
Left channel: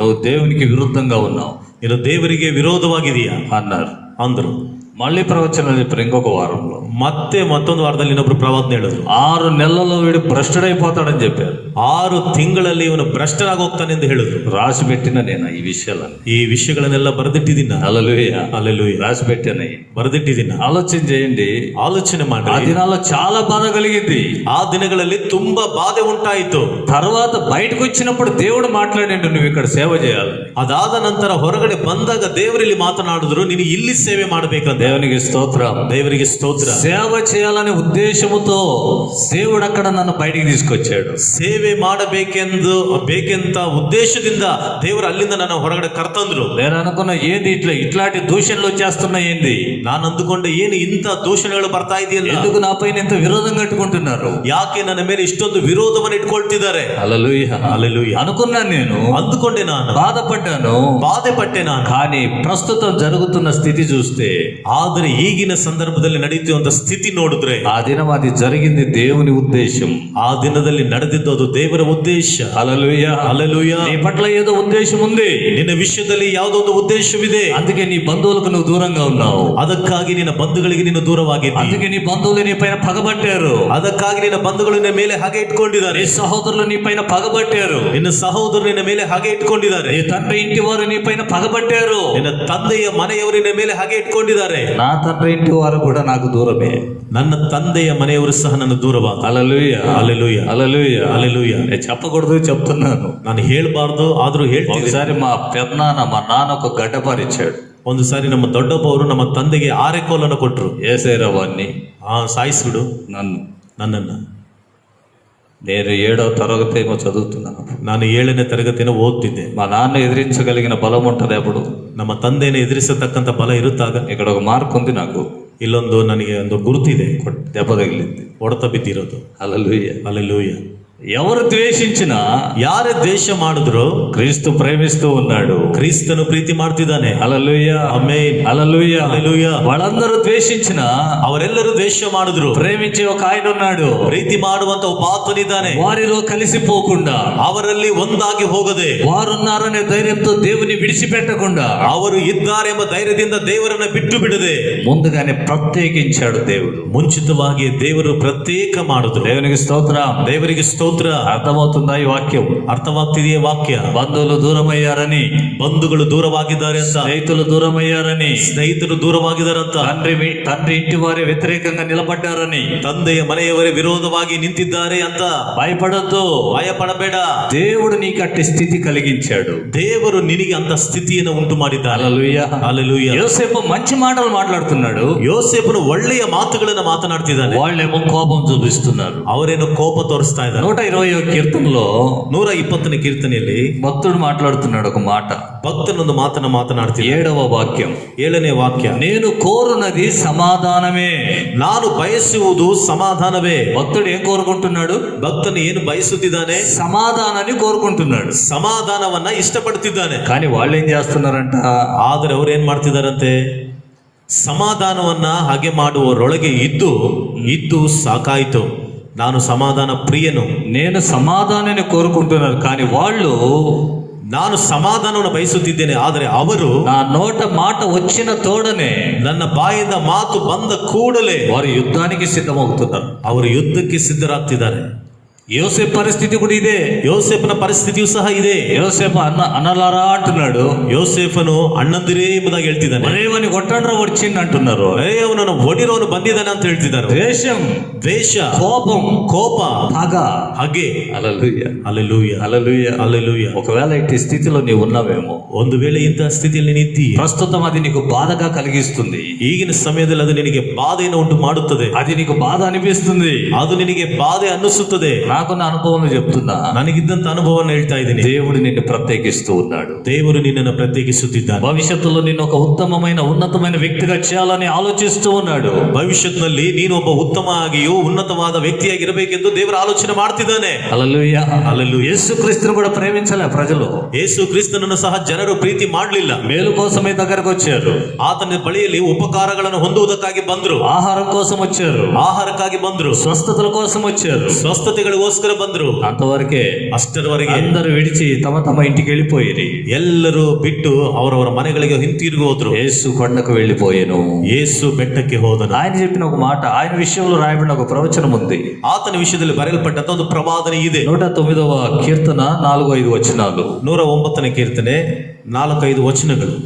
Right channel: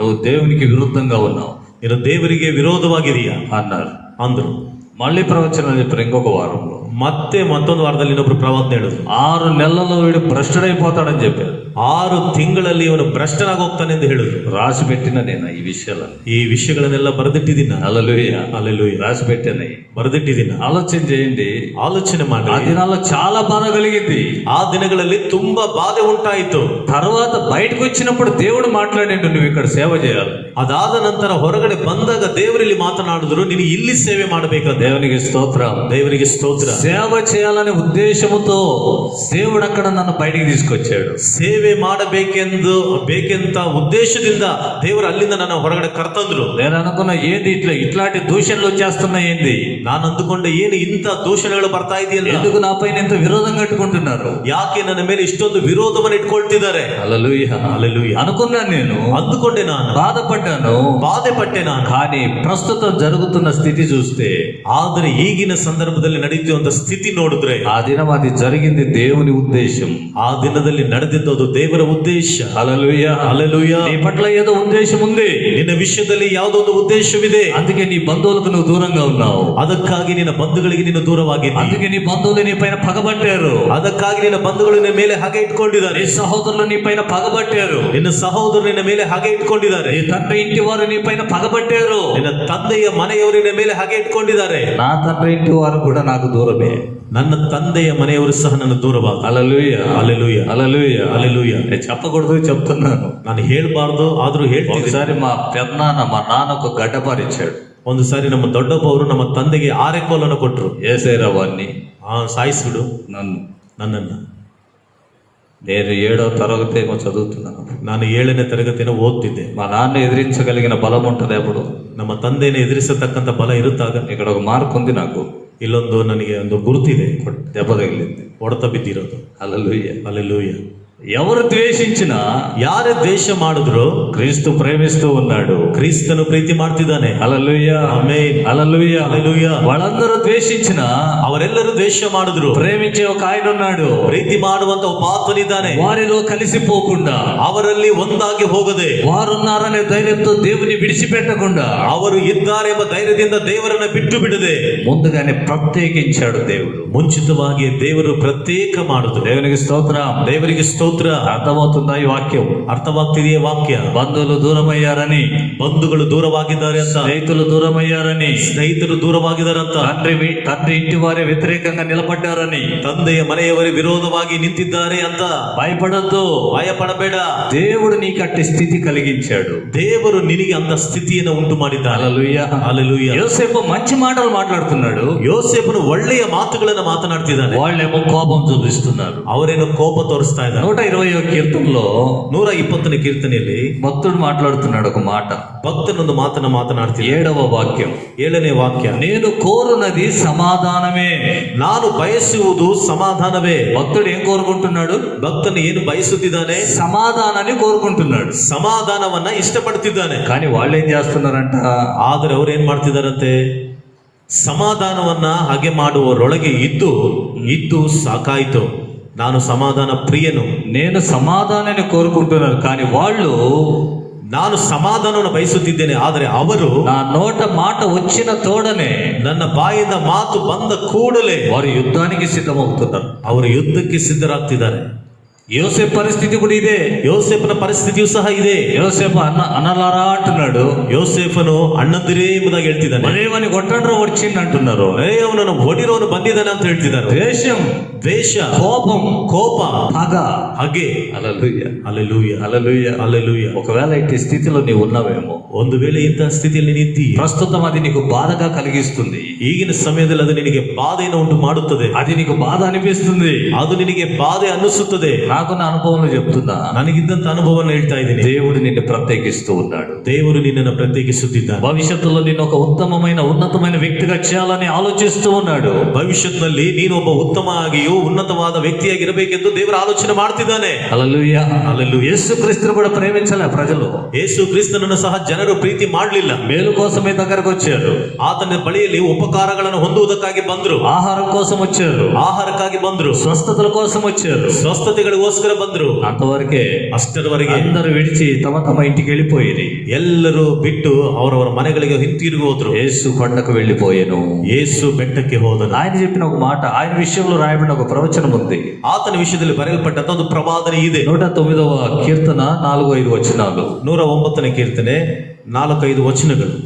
నువ్వు దేవునికి విరుద్ధంగా ఉన్నావు, ನೀನು ದೇವರಿಗೆ ವಿರೋಧವಾಗಿದೆಯಾ అన్నారు. ಅಂದ್ರು. మళ్ళీ ప్రవచనాలు చెప్పారు ఇంకొక వారంలో. ಮತ್ತೆ ಮತ್ತೊಂದು ವಾರದಲ್ಲಿ ಇನ್ನೊಬ್ರು ಪ್ರವಾದನೆ ಹೇಳಿದ್ರು. 6 నెలల్లో వీడు భ్రష్టుడైపోతాడని చెప్పారు. 6 ತಿಂಗಳಲ್ಲಿ ಇವನು ಭ್ರಷ್ಟನಾಗಿ ಹೋಗ್ತಾನೆ ಎಂದು ಹೇಳಿದ್ರು. రాసి పెట్టిన నేను ఈ విషయాలను, ಈ ವಿಷಯಗಳನ್ನೆಲ್ಲ ಬರೆದಿಟ್ಟಿದ್ದೀನ. హల్లెలూయా, హల్లెలూయా. రాసి పెట్టాను, ಬರೆದಿಟ್ಟಿದ್ದೀನ. ఆలోచన చేయండి. ಆಲೋಚನೆ ఆ ಮಾಡಿ. దినాల్లో చాలా బాధ కలిగింది. ಆ ದಿನಗಳಲ್ಲಿ ತುಂಬಾ ಬಾಧೆ ಉಂಟಾಯಿತು. తర్వాత బయటకు వచ్చినప్పుడు దేవుడు మాట్లాడండి, నువ్వు ఇక్కడ సేవ చేయాలి. ಅದಾದ ನಂತರ ಹೊರಗಡೆ ಬಂದಾಗ ದೇವರಲ್ಲಿ ಮಾತನಾಡಿದ್ರು, ನೀನು ಇಲ್ಲಿ ಸೇವೆ ಮಾಡಬೇಕಂತ. దేవునికి స్తోత్రం, ದೇವರಿಗೆ ಸ್ತೋತ್ರ. సేవ చేయాలనే ఉద్దేశముతో దేవుడు అక్కడ నన్ను బయటికి తీసుకొచ్చాడు. ಸೇವೆ ಬೇಕೆಂತ ಉದ್ದೇಶದಿಂದ ದೇವರು ಅಲ್ಲಿಂದ ನನ್ನ ಹೊರಗಡೆ ಕರ್ತಂದ್ರು. నేను అనుకున్నా, ఏంటి ఇట్లాంటి దూషణలు వచ్చేస్తున్నాయి ఏంటి? ನಾನು ಅಂದುಕೊಂಡೆ, ಏನು ಇಂಥ ದೂಷಣೆಗಳು ಬರ್ತಾ ಇದೆಯಲ್ಲ, ఎందుకు నా పైన ఇంత విరోధం కట్టుకుంటున్నారు, ಯಾಕೆ ನನ್ನ ಮೇಲೆ ಇಷ್ಟೊಂದು ವಿರೋಧವನ್ನು ಇಟ್ಕೊಳ್ತಿದ್ದಾರೆ. హల్లెలూయా, హల్లెలూయా. అనుకున్నాను, నేను ಅಂದುಕೊಂಡೆ, ನಾನು బాధపడ్డాను. ಬಾಧೆ ಪಟ್ಟೆ ನಾನು. కానీ ప్రస్తుతం జరుగుతున్న స్థితి చూస్తే, ಆದರೆ ಈಗಿನ ಸಂದರ್ಭದಲ್ಲಿ ನಡೆಯುತ್ತಿರುವಂತ ಸ್ಥಿತಿ ನೋಡಿದ್ರೆ, ఆ దినం అది జరిగింది దేవుని ఉద్దేశం. ಆ ದಿನದಲ್ಲಿ ನಡೆದಿದ್ದು ಅದು ದೇವರ ಉದ್ದೇಶ. హల్లెలూయా, హల్లెలూయా. నీ పట్ల ఏదో ఉద్దేశం ఉంది, ನಿನ್ನ ವಿಷಯದಲ್ಲಿ ಯಾವುದೋ ಒಂದು ಉದ್ದೇಶವಿದೆ. అందుకే నీ బంధువులకు నువ్వు దూరంగా ఉన్నావు. ಅದಕ್ಕಾಗಿ ನಿನ್ನ ಬಂಧುಗಳಿಗೆ ನೀನು ದೂರವಾಗಿದ್ದಿ. అందుకే నీ బంధువులు నీ పైన పగబట్టారు. ಅದಕ್ಕಾಗಿ ನಿನ್ನ ಬಂಧುಗಳು ನಿನ್ನ ಮೇಲೆ ಹಾಗೆ ಇಟ್ಕೊಂಡಿದ್ದಾರೆ. నీ సహోదరులు నీ పైన పగబట్టారు. ನಿನ್ನ ಸಹೋದರರು ನಿನ್ನ ಮೇಲೆ ಹಾಗೆ ಇಟ್ಕೊಂಡಿದ್ದಾರೆ. నీ తండ్రి ఇంటి వారు నీ పైన పగబట్టారు. ನಿನ್ನ ತಂದೆಯ ಮನೆಯವರು ನಿನ್ನ ಮೇಲೆ ಹಾಗೆ ಇಟ್ಕೊಂಡಿದ್ದಾರೆ. నా తండ్రి ఇంటి వారు కూడా నాకు దూరమే. ನನ್ನ ತಂದೆಯ ಮನೆಯವರು ಸಹ ನನ್ನ ದೂರವಾಗ. హల్లెలూయా, హల్లెలూయా, హల్లెలూయా, హల్లెలూయా. నేను చెప్పకూడదు, చెప్తున్నాను. ನಾನು ಹೇಳ್ಬಾರ್ದು, ಆದ್ರೂ ಹೇಳ್ತೀನಿ. ఒకసారి మా పెద్దనాన్న మా నాన్నకు గడ్డపారిచ్చాడు. ಒಂದು ಸಾರಿ ನಮ್ಮ ದೊಡ್ಡಪ್ಪ ಅವರು ನಮ್ಮ ತಂದೆಗೆ ಆರೆಕೋಲನ್ನು ಕೊಟ್ಟರು. ఏసేరా వాడిని, ಸಾಯಿಸ್ಬಿಡು నన్నನ್ನು. నేను 7వ తరగతి ఏమో చదువుతున్నాను. ನಾನು 7ನೇ ತರಗತಿಯನ್ನು ಓದ್ತಿದ್ದೆ. మా నాన్న ఎదిరించగలిగిన బలం ఉంటుంది అప్పుడు. ನಮ್ಮ ತಂದೆಯನ್ನು ಎದುರಿಸತಕ್ಕಂಥ ಬಲ ಇರುತ್ತಾಗ. ఇక్కడ ఒక మార్క్ ఉంది నాకు, ಇಲ್ಲೊಂದು ನನಗೆ ಒಂದು ಗುರುತಿದೆ. దెబ్బ తగిలింది, ಹೊಡೆತ ಬಿದ್ದಿರೋದು. హల్లెలూయా, హల్లెలూయా. ఎవరు ద్వేషించినా, ಯಾರೇ ದ್ವೇಷ ಮಾಡಿದ್ರು, క్రీస్తు ప్రేమిస్తూ ఉన్నాడు. ಕ್ರಿಸ್ತನು ಪ್ರೀತಿ ಮಾಡ್ತಿದ್ದಾನೆ. హల్లెలూయా, ಆಮೆನ್, హల్లెలూయా, హల్లెలూయా. వాళ్ళందరూ ద్వేషించినా ಅವರೆಲ್ಲರೂ ದ್ವೇಷ ಮಾಡಿದ್ರು, ప్రేమించే ఒక ఆయన ఉన్నాడు. ಪ್ರೀತಿ ಮಾಡುವಂತ ಒಬ್ಬ ಆತ್ಮನಿದ್ದಾನೆ. వారిలో కలిసిపోకుండా, ಅವರಲ್ಲಿ ಒಂದಾಗಿ ಹೋಗದೆ, వారున్నారనే ధైర్యంతో దేవుని విడిచిపెట్టకుండా, ಅವರು ಇದ್ದಾರೆ ಎಂಬ ಧೈರ್ಯದಿಂದ ದೇವರನ್ನ ಬಿಟ್ಟು ಬಿಡದೆ, ముందుగానే ప్రత్యేకించాడు దేవుడు. ಮುಂಚಿತವಾಗಿ ದೇವರು ಪ್ರತ್ಯೇಕ ಮಾಡುದು. దేవునికి స్తోత్రం, ದೇವರಿಗೆ ಸ್ತೋತ್ರ. అర్థమవుతుందా ఈ వాక్యం? ಅರ್ಥವಾಗ್ತಿದೆಯೇ ವಾಕ್ಯ? బంధువులు దూరమయ్యారని, ಬಂಧುಗಳು ದೂರವಾಗಿದ್ದಾರೆ ಅಂತ, స్నేహితులు దూరమయ్యారని, ಸ್ನೇಹಿತರು ದೂರವಾಗಿದ್ದಾರೆ ಅಂತ, తండ్రి ఇంటి వారే వ్యతిరేకంగా నిలబడ్డారని, ತಂದೆಯ ಮನೆಯವರೇ ವಿರೋಧವಾಗಿ ನಿಂತಿದ್ದಾರೆ ಅಂತ భయపడద్దు, ಭಯಪಡಬೇಡ. దేవుడు నీకు అట్టి స్థితి కలిగించాడు. ದೇವರು ನಿನಗೆ ಅಂತ ಸ್ಥಿತಿಯನ್ನು ಉಂಟು ಮಾಡಿದ್ದಾನೆ. హల్లెలూయా, హల్లెలూయా. యోసేపు మంచి మాటలు మాట్లాడుతున్నాడు, ಯೋಸೇಫನು ಒಳ್ಳೆಯ ಮಾತುಗಳನ್ನು ಮಾತನಾಡ್ತಿದ್ದಾನೆ. వాళ్ళేమో కోపం చూపిస్తున్నారు. ಅವರೇನು ಕೋಪ ತೋರಿಸ್ತಾ ಇದ್ದಾರೆ. 120వ కీర్తనలో 120ನೇ ಕೀರ್ತನೆಯಲ್ಲಿ భక్తుడు మాట్లాడుతున్నాడు ఒక మాట. ಭಕ್ತನೊಂದು ಮಾತನ್ನು ಮಾತನಾಡ್ತಿದ್ದ. 7వ వాక్యం, 7ನೇ ವಾಕ್ಯ. నేను కోరునది సమాధానమే. ನಾನು ಬಯಸುವುದು ಸಮಾಧಾನವೇ. భక్తుడు ఏం కోరుకుంటున్నాడు? ಭಕ್ತನು ಏನು ಬಯಸುತ್ತಿದ್ದಾನೆ? సమాధానాన్ని కోరుకుంటున్నాడు. ಸಮಾಧಾನವನ್ನ ಇಷ್ಟಪಡ್ತಿದ್ದಾನೆ. కానీ వాళ్ళు ఏం చేస్తున్నారంట? ಆದ್ರೆ ಅವ್ರು ಏನ್ ಮಾಡ್ತಿದಾರಂತೆ? ಸಮಾಧಾನವನ್ನ ಹಾಗೆ ಮಾಡುವವರೊಳಗೆ ಇದ್ದು ಸಾಕಾಯ್ತು, ನಾನು ಸಮಾಧಾನ ಪ್ರಿಯನು, నేను సమాధానాన్ని కోరుకుంటున్నారు, కానీ వాళ్ళు ನಾನು ಸಮಾಧಾನವನ್ನು ಬಯಸುತ್ತಿದ್ದೇನೆ. ಆದರೆ ಅವರು నా నోట మాట వచ్చిన తోడనే, ನನ್ನ ಬಾಯಿಂದ ಮಾತು ಬಂದ ಕೂಡಲೇ వారు యుద్ధానికి సిద్ధమవుతున్నారు. ಅವರು ಯುದ್ಧಕ್ಕೆ ಸಿದ್ಧರಾಗ್ತಿದ್ದಾರೆ. యోసేపు పరిస్థితి కూడా ఇదే. ಯೋಸೇಫನ ಪರಿಸ್ಥಿತಿಯೂ ಸಹ ಇದೆ. యోసేపు అన్నలారా అంటున్నాడు. ಯೋಸೇಫನು ಅಣ್ಣಂದಿರೇ ಎಂಬುದಾಗಿ ಹೇಳ್ತಿದ್ದಾನೆ. మరేవని కొట్టండ్ర వచ్చింది అంటున్నారు. ಅವನನ್ನು ಹೊಡಿರೋನು ಬಂದಿದ್ದಾನೆ ಅಂತ ಹೇಳ್ತಿದ್ದಾರೆ. ద్వేషం, ದ್ವೇಷ, కోపం, ಕೋಪ, పగ. ಹಾಗೆ. హల్లెలూయా, ಹಲ್ಲೆಲೂಯ, హల్లెలూయా. ಹಲ್ಲೆಲೂಯ. ఒకవేళ ఇట్టి స్థితిలో నీవు ఉన్నావేమో, ಒಂದು ವೇಳೆ ಇಂತಹ ಸ್ಥಿತಿಯಲ್ಲಿ ನಿಂತೀಯ, ప్రస్తుతం అది నీకు బాధగా కలిగిస్తుంది, ಈಗಿನ ಸಮಯದಲ್ಲಿ ಅದು ನಿನಗೆ ಬಾಧೆಯನ್ನು ಉಂಟು ಮಾಡುತ್ತದೆ, అది నీకు బాధ అనిపిస్తుంది. ಅದು ನಿನಗೆ ಬಾಧೆ ಅನ್ನಿಸುತ್ತದೆ. నాకున్న అనుభవం చెప్తున్నా, ನನಗಿದ್ದಂತ ಅನುಭವವನ್ನು ಹೇಳ್ತಾ ಇದ್ದೀನಿ. దేవుడు నిన్ను ప్రత్యేకిస్తూ ఉన్నాడు. ದೇವರು ನಿನ್ನನ್ನು ಪ್ರತ್ಯೇಕಿಸುತ್ತಿದ್ದಾನೆ. భవిష్యత్తులో నిన్ను ఒక ఉన్నతమైన వ్యక్తిగా చేయాలని ఆలోచిస్తూ ఉన్నాడు. ಭವಿಷ್ಯತ್ನಲ್ಲಿ ನೀನು ಒಬ್ಬ ಉತ್ತಮವಾಗಿಯೂ ಉನ್ನತವಾದ ವ್ಯಕ್ತಿಯಾಗಿರಬೇಕೆಂದು ದೇವರು ಆಲೋಚನೆ ಮಾಡ್ತಿದ್ದಾನೆ. హల్లెలూయా, హల్లెలూయ. యేసు క్రీస్తును కూడా ప్రేమించలే ప్రజలు. ಯೇಸು ಕ್ರಿಸ್ತನನ್ನು ಸಹ ಜನರು ಪ್ರೀತಿ ಮಾಡಲಿಲ್ಲ. మేలు కోసమే దగ్గరకు వచ్చారు, ಆತನ ಬಳಿಯಲ್ಲಿ ಉಪಕಾರಗಳನ್ನು ಹೊಂದುವುದಕ್ಕಾಗಿ ಬಂದ್ರು, ఆహారం కోసం వచ్చారు, ಆಹಾರಕ್ಕಾಗಿ ಬಂದ್ರು, స్వస్థతల కోసం వచ్చారు. ಸ್ವಸ್ಥತೆಗಳಿಗೋಸ್ಕರ ಬಂದ್ರು. అంతవరకే ಅಷ್ಟರವರೆಗೆ అందరూ విడిచి తమ తమ ఇంటికి వెళ్ళిపోయి ಎಲ್ಲರೂ ಬಿಟ್ಟು ಅವರವರ ಮನೆಗಳಿಗೆ ಹಿಂತಿರುಗಿ ಹೋದ್ರು. యేసు కొండకు వెళ్ళిపోయాను. ಯೇಸು ಬೆಟ್ಟಕ್ಕೆ ಹೋದನು. ఆయన చెప్పిన ఒక మాట, ఆయన విషయంలో రాయబడిన ఒక ప్రవచనం ఉంది. ಆತನ ವಿಷಯದಲ್ಲಿ ಬರೆಯಲ್ಪಟ್ಟಂತ ಒಂದು ಪ್ರವಾದನೆ ಇದೆ. 109వ కీర్తన 4-5 వచనాలు. 109ನೇ ಕೀರ್ತನೆ 4-5 ವಚನಗಳು.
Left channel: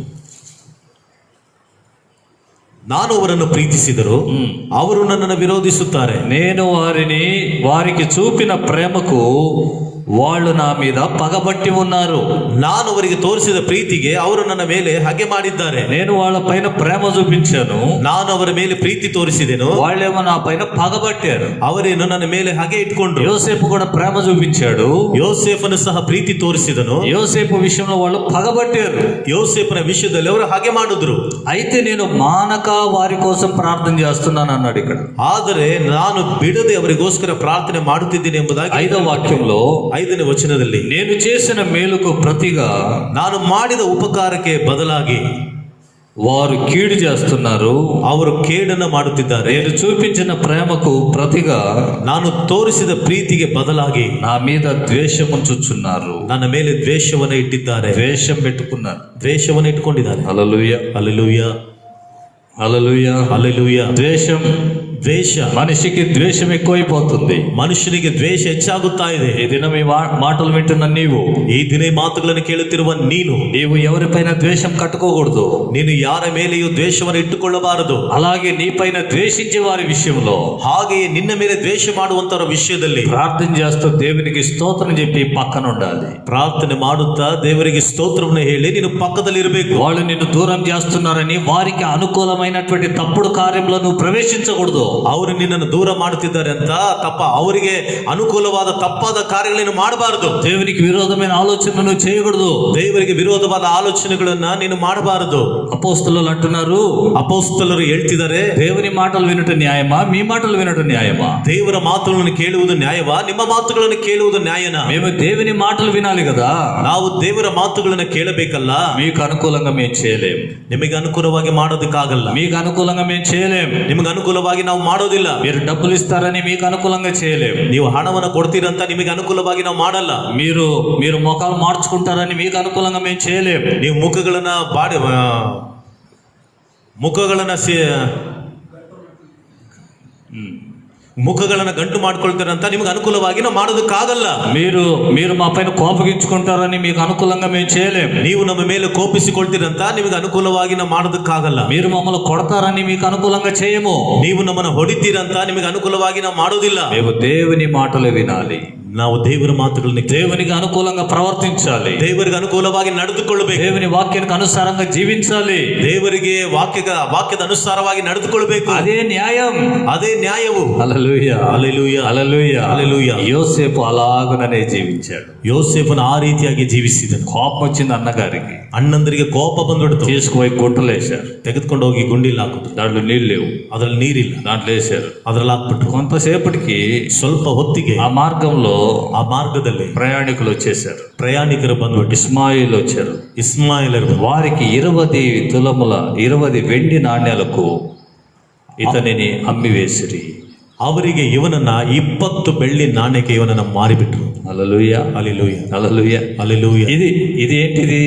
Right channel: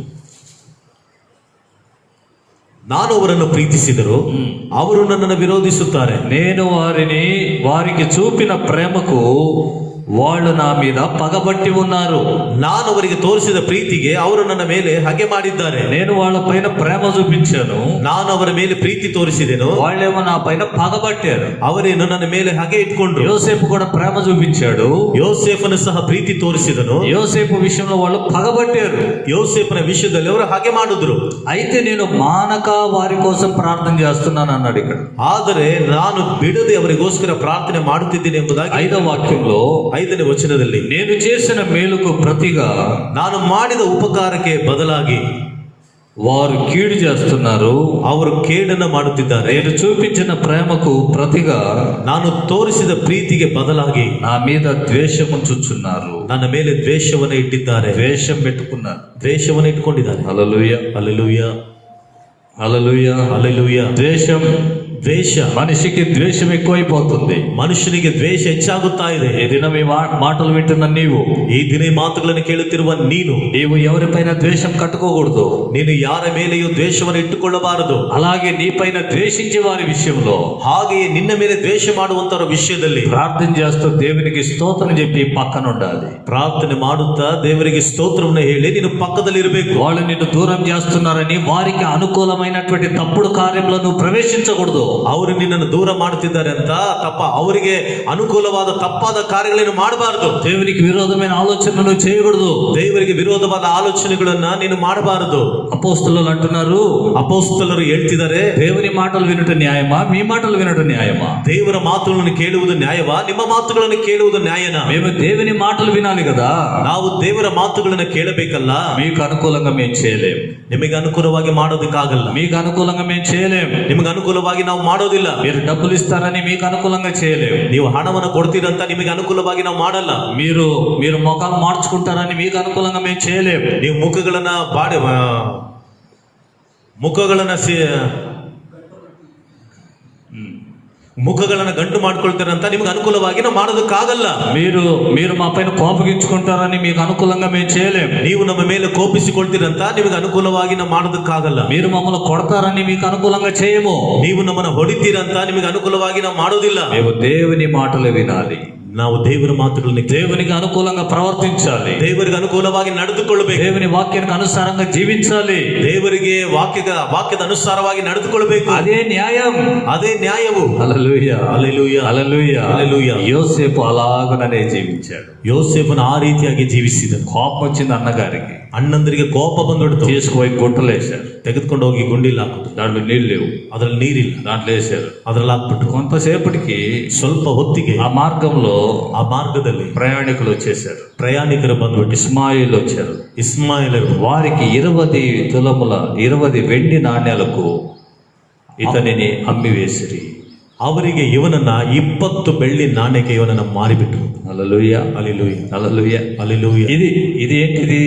ನಾನು ಅವರನ್ನು ಪ್ರೀತಿಸಿದರು, ಅವರು ನನ್ನನ್ನು ವಿರೋಧಿಸುತ್ತಾರೆ. నేను వారికి చూపిన ప్రేమకు వాళ్ళు నా మీద పగబట్టి ఉన్నారు. ನಾನು ಅವರಿಗೆ ತೋರಿಸಿದ ಪ್ರೀತಿಗೆ ಅವರು ನನ್ನ ಮೇಲೆ ಹಗೆ ಮಾಡಿದ್ದಾರೆ. నేను వాళ్ళ పైన ప్రేమ చూపించాను, ನಾನು ಅವರ ಮೇಲೆ ಪ್ರೀತಿ ತೋರಿಸಿದೆನು, వాళ్ళేమో నా పైన పగబట్టారు. ಅವರೇನು ನನ್ನ ಮೇಲೆ ಹಗೆ ಇಟ್ಕೊಂಡ್ರು. యోసేపు కూడా ప్రేమ చూపించాడు, ಯೋಸೇಫನು ಸಹ ಪ್ರೀತಿ ತೋರಿಸಿದನು. యోసేపు విషయంలో వాళ్ళు పగబట్టారు. ಯೋಸೇಫನ ವಿಷಯದಲ್ಲಿ ಅವರು ಹಾಗೆ ಮಾಡಿದ್ರು. అయితే నేను మానక వారి కోసం ప్రార్థన చేస్తున్నాను అన్నాడు ఇక్కడ. ಆದರೆ ನಾನು ಬಿಡದೆ ಅವರಿಗೋಸ್ಕರ ಪ್ರಾರ್ಥನೆ ಮಾಡುತ್ತಿದ್ದೇನೆ ಎಂಬುದಾಗಿ 5వ వాక్యంలో 5ನೇ ವಚನದಲ್ಲಿ, నేను చేసిన మేలుకు ప్రతిగా ನಾನು ಮಾಡಿದ ಉಪಕಾರಕ್ಕೆ ಬದಲಾಗಿ వారు కీడు చేస్తున్నారు, ಅವರು ಕೇಡನ್ನು ಮಾಡುತ್ತಿದ್ದಾರೆ. నేను చూపించిన ప్రేమకు ప్రతిగా ನಾನು ತೋರಿಸಿದ ಪ್ರೀತಿಗೆ ಬದಲಾಗಿ నా మీద ద్వేషం ఉంచుచున్నారు. ನನ್ನ ಮೇಲೆ ದ್ವೇಷವನ್ನು ಇಟ್ಟಿದ್ದಾರೆ. ద్వేషం పెట్టుకున్నారు. ದ್ವೇಷವನ್ನು ಇಟ್ಕೊಂಡಿದ್ದಾರೆ. హల్లెలూయా, ಹಲ್ಲೆಲೂಯ, హల్లెలూయా. ಹಲ್ಲೆಲೂಯ. ద్వేషం, ದ್ವೇಷ, మనిషికి ద్వేషం ఎక్కువైపోతుంది. ಮನುಷ್ಯನಿಗೆ ದ್ವೇಷ ಹೆಚ್ಚಾಗುತ್ತಾ ಇದೆ. ఈ దినం ఈ మాటలు వింటున్న నీవు, ಈ ದಿನ ಈ ಮಾತುಗಳನ್ನು ಕೇಳುತ್ತಿರುವ నీవు ఎవరిపైన ద్వేషం కట్టుకోకూడదు. ನೀನು ಯಾರ ಮೇಲೆಯೂ ದ್ವೇಷವನ್ನು ಇಟ್ಟುಕೊಳ್ಳಬಾರದು. అలాగే నీ పైన ద్వేషించే వారి విషయంలో, ಹಾಗೆಯೇ ನಿನ್ನ ಮೇಲೆ ದ್ವೇಷ ಮಾಡುವಂತವರ ವಿಷಯದಲ್ಲಿ ప్రార్థన చేస్తూ దేవునికి స్తోత్రం చెప్పి పక్కన ఉండాలి. ಪ್ರಾರ್ಥನೆ ಮಾಡುತ್ತಾ ದೇವರಿಗೆ ಸ್ತೋತ್ರವನ್ನು ಹೇಳಿ ನೀನು ಪಕ್ಕದಲ್ಲಿ ಇರಬೇಕು. వాళ్ళు నిన్ను దూరం చేస్తున్నారని వారికి అనుకూలమైనటువంటి తప్పుడు కార్యంలో నువ్వు ప్రవేశించకూడదు. ಅವರು ನಿನ್ನನ್ನು ದೂರ ಮಾಡುತ್ತಿದ್ದಾರೆ ಅಂತ ಅವರಿಗೆ ಅನುಕೂಲವಾದ ತಪ್ಪಾದ ಕಾರ್ಯಗಳನ್ನು ಮಾಡಬಾರದು. దేవునికి విరోధమైన ఆలోచనలు చేయకూడదు. ದೇವರಿಗೆ ವಿರೋಧವಾದ ಆಲೋಚನೆಗಳನ್ನ ನೀನು ಮಾಡಬಾರದು. అపోస్తలులు అంటున్నారు, ಅಪೊಸ್ತಲರು ಹೇಳ್ತಿದ್ದಾರೆ, దేవుని మాటలు వినట న్యాయమా, మీ మాటలు వినట న్యాయమా? ದೇವರ ಮಾತುಗಳನ್ನು ಕೇಳುವುದು ನ್ಯಾಯವಾ, ನಿಮ್ಮ ಮಾತುಗಳನ್ನು ಕೇಳುವುದು ನ್ಯಾಯನಾ? మేము దేవుని మాటలు వినాలి కదా. ನಾವು ದೇವರ ಮಾತುಗಳನ್ನು ಕೇಳಬೇಕಲ್ಲ. మీకు అనుకూలంగా మేము చేయలేం, ನಿಮಗೆ ಅನುಕೂಲವಾಗಿ ಮಾಡೋದಕ್ಕಾಗಲ್ಲ. మీకు అనుకూలంగా మేము చేయలేం. ನಿಮಗೆ ಅನುಕೂಲವಾಗಿ ನಾವು ಮಾಡೋದಿಲ್ಲ. మీరు డబ్బులు ఇస్తారని మీకు అనుకూలంగా చేయలేం. ನೀವು ಹಣವನ್ನು ಕೊಡ್ತೀರಂತ ನಿಮಗೆ ಅನುಕೂಲವಾಗಿ ನಾವು ಮಾಡಲ್ಲ. మీరు ముఖాలు మార్చుకుంటారని మీకు అనుకూలంగా మేము చేయలేం. ನೀವು ಮುಖಗಳನ್ನ ಗಂಟು ಮಾಡ್ಕೊಳ್ತಾರಂತ ನಿಮ್ಗೆ ಅನುಕೂಲವಾಗಿ ನಾವು ಮಾಡೋದಕ್ಕಾಗಲ್ಲ. మీరు మా పైన కోపగించుకుంటారని మీకు అనుకూలంగా మేము చేయలేం. ನೀವು ನಮ್ಮ ಮೇಲೆ ಕೋಪಿಸಿಕೊಳ್ತೀರಂತ ನಿಮಗೆ ಅನುಕೂಲವಾಗಿ ನಾವು ಮಾಡೋದಕ್ಕಾಗಲ್ಲ. మీరు మమ్మల్ని కొడతారని మీకు అనుకూలంగా చేయము. ನೀವು ನಮ್ಮನ್ನು ಹೊಡಿತೀರಂತ ನಿಮಗೆ ಅನುಕೂಲವಾಗಿ ನಾವು ಮಾಡೋದಿಲ್ಲ. మేము దేవుని మాటలు వినాలి. ನಾವು ದೇವರ ಮಾತುಗಳನ್ನು దేవునికి అనుకూలంగా ప్రవర్తించాలి. ದೇವರಿಗೆ ಅನುಕೂಲವಾಗಿ ನಡೆದುಕೊಳ್ಳಬೇಕು. దేవుని వాక్యానికి అనుసారంగా జీవించాలి. ದೇವರಿಗೆ ವಾಕ್ಯದ ಅನುಸಾರವಾಗಿ ನಡೆದುಕೊಳ್ಳಬೇಕು. అదే న్యాయం, ಅದೇ ನ್ಯಾಯವು. హల్లెలూయా, ಹಲ್ಲೆಲೂಯ, హల్లెలూయా, ಹಲ್ಲೆಲೂಯ. యోసేపు అలాగనే జీవించాడు. ಯೋಸೇಫನ ಆ ರೀತಿಯಾಗಿ ಜೀವಿಸಿದನು. కోపం వచ్చింది అన్నగారికి, ಅಣ್ಣಂದರಿಗೆ ಕೋಪ ಬಂದ್ಬಿಡ್ತು. తీసుకుపోయి గుంటలేశారు. ತೆಗೆದುಕೊಂಡು ಹೋಗಿ ಗುಂಡಿಲ್ ಹಾಕುದು. దాంట్లో నీళ్ళు లేవు, ಅದ್ರಲ್ಲಿ ನೀರಿಲ್ಲ, దాంట్లో వేశారు. ಅದ್ರಲ್ಲಿ ಹಾಕ್ಬಿಟ್ರು. కొంతసేపటికి ಸ್ವಲ್ಪ ಹೊತ್ತಿಗೆ ఆ మార్గంలో ಆ ಮಾರ್ಗದಲ್ಲಿ ప్రయాణికులు వచ్చేసారు. ಪ್ರಯಾಣಿಕರು ಬಂದ್ಬಿಟ್ಟು ఇస్మాయిల్ వచ్చారు. ಇಸ್ಮಾಯಿಲರು వారికి 20 వెండి నాణ్యాలకు ఇతనిని అమ్మివేసిరి. ಅವರಿಗೆ ಇವನನ್ನ 20 ಬೆಳ್ಳಿ ನಾಣ್ಯಕ್ಕೆ ಇವನನ್ನ ಮಾರಿಬಿಟ್ರು. హల్లెలూయా, ಹಲ್ಲೆಲೂಯ, హల్లెలూయా. ಹಲ್ಲೆಲೂಯ. ఇది ఏంటిది?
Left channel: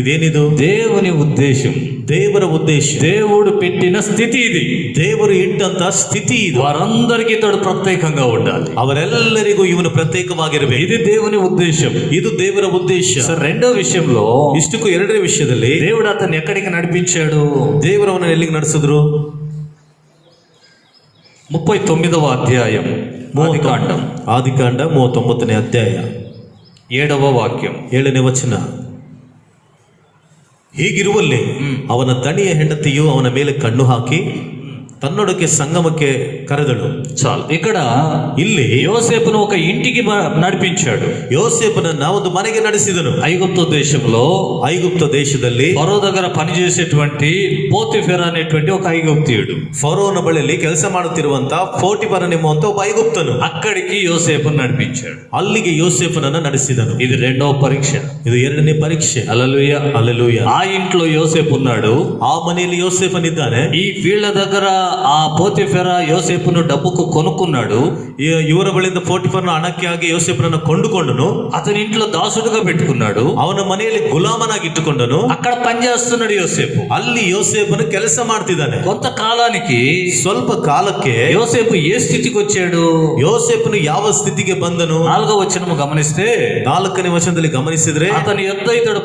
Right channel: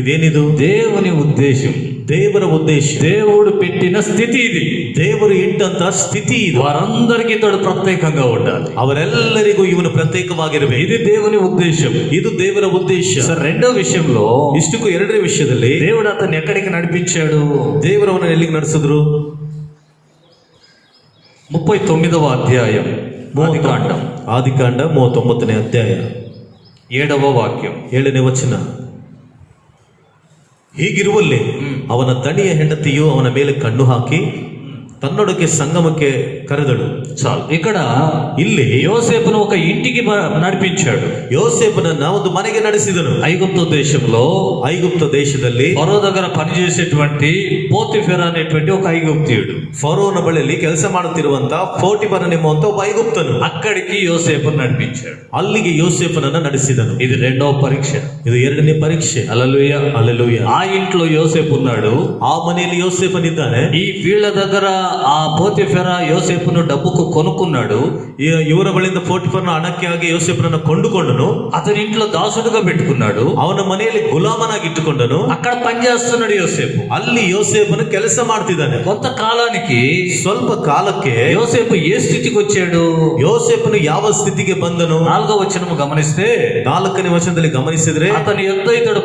ಇದೇನಿದು? దేవుని ఉద్దేశం, ದೇವರ ಉದ್ದೇಶ, దేవుడు పెట్టిన స్థితి ఇది. ದೇವರು ಇಟ್ಟಂತ ಸ್ಥಿತಿ ಇದು. వారందరికీ తోడు ప్రత్యేకంగా ఉండాలి. ಅವರೆಲ್ಲರಿಗೂ ಇವನು ಪ್ರತ್ಯೇಕವಾಗಿರಬೇಕು. ఇది దేవుని ఉద్దేశం, ಇದು ದೇವರ ಉದ್ದೇಶ. సరే, రెండో విషయంలో ಇಷ್ಟಕ್ಕೂ ಎರಡನೇ ವಿಷಯದಲ್ಲಿ దేవుడు అతన్ని ఎక్కడికి నడిపించాడు? ದೇವರವನ್ನ ಎಲ್ಲಿಗೆ ನಡೆಸಿದ್ರು? 39వ అధ్యాయం ఆదికాండం ಆದಿಕಾಂಡ 39ನೇ ಅಧ್ಯಾಯ 7వ ವಾಕ್యం. 7ನೇ ವಚನ. ಹೀಗಿರುವಲ್ಲಿ ಅವನ ದಣಿಯ ಹೆಂಡತಿಯು ಅವನ ಮೇಲೆ ಕಣ್ಣು ಹಾಕಿ ತನ್ನೊಡಕ್ಕೆ ಸಂಗಮಕ್ಕೆ ಕರೆದಳು. చాలు. ఇక్కడ ಇಲ್ಲಿ యోసేపును ఒక ఇంటికి నడిపించాడు. ಯೋಸೇಫನನ್ನ ಒಂದು ಮನೆಗೆ ನಡೆಸಿದನು. ఐగుప్తు దేశంలో ಐಗುಪ್ತ ದೇಶದಲ್ಲಿ ఫరో దగ్గర పనిచేసేటువంటి పోతిఫెర అనేటువంటి ఒక ఐగుప్తీయుడు ಫರೋನ ಬಳಿಯಲ್ಲಿ ಕೆಲಸ ಮಾಡುತ್ತಿರುವಂತ ಪೋಟಿಫರನ್ ಎಂಬುವಂತ ಒಬ್ಬ ಐಗುಪ್ತನು అక్కడికి యోసేపును నడిపించాడు. ಅಲ್ಲಿಗೆ ಯೋಸೇಫನನ್ನ ನಡೆಸಿದನು. ఇది రెండవ పరీక్ష. ಇದು ಎರಡನೇ ಪರೀಕ್ಷೆ. హల్లెలూయా. ಹಲ್ಲೆಲೂಯಾ. ఆ ఇంట్లో యోసేపు ఉన్నాడు. ಆ ಮನೆಯಲ್ಲಿ ಯೋಸೇಫನಿದ್ದಾನೆ. ఈ వీళ్ళ దగ్గర ఆ పోతిఫెర యోసేపును డబ్బుకు కొనుక్కున్నాడు. ಇವರ ಬಳಿಯಿಂದ ಪೋಟಿಫರನ ಹಣಕ್ಕೆ ಆಗಿ ಯೋಸೇಫನನ್ನ ಕೊಂಡುಕೊಂಡನು. అతని ఇంట్లో దాసుడుగా పెట్టుకున్నాడు. ಅವನ ಮನೆಯಲ್ಲಿ ಗುಲಾಮನಾಗಿ ಇಟ್ಟುಕೊಂಡನು. అక్కడ పనిచేస్తున్నాడు యోసేపు. ಅಲ್ಲಿ ಯೋಸೇಫನು ಕೆಲಸ ಮಾಡ್ತಿದ್ದಾನೆ. కొంతకాలానికి ಸ್ವಲ್ಪ ಕಾಲಕ್ಕೆ యోసేపు ఏ స్థితికి వచ్చాడు? ಯೋಸೇಫನು ಯಾವ ಸ್ಥಿತಿಗೆ ಬಂದನು? 4వ వచనం గమనిస్తే 4ನೇ ವಚನದಲ್ಲಿ ಗಮನಿಸಿದ್ರೆ అతని యొద్ద ఇతడు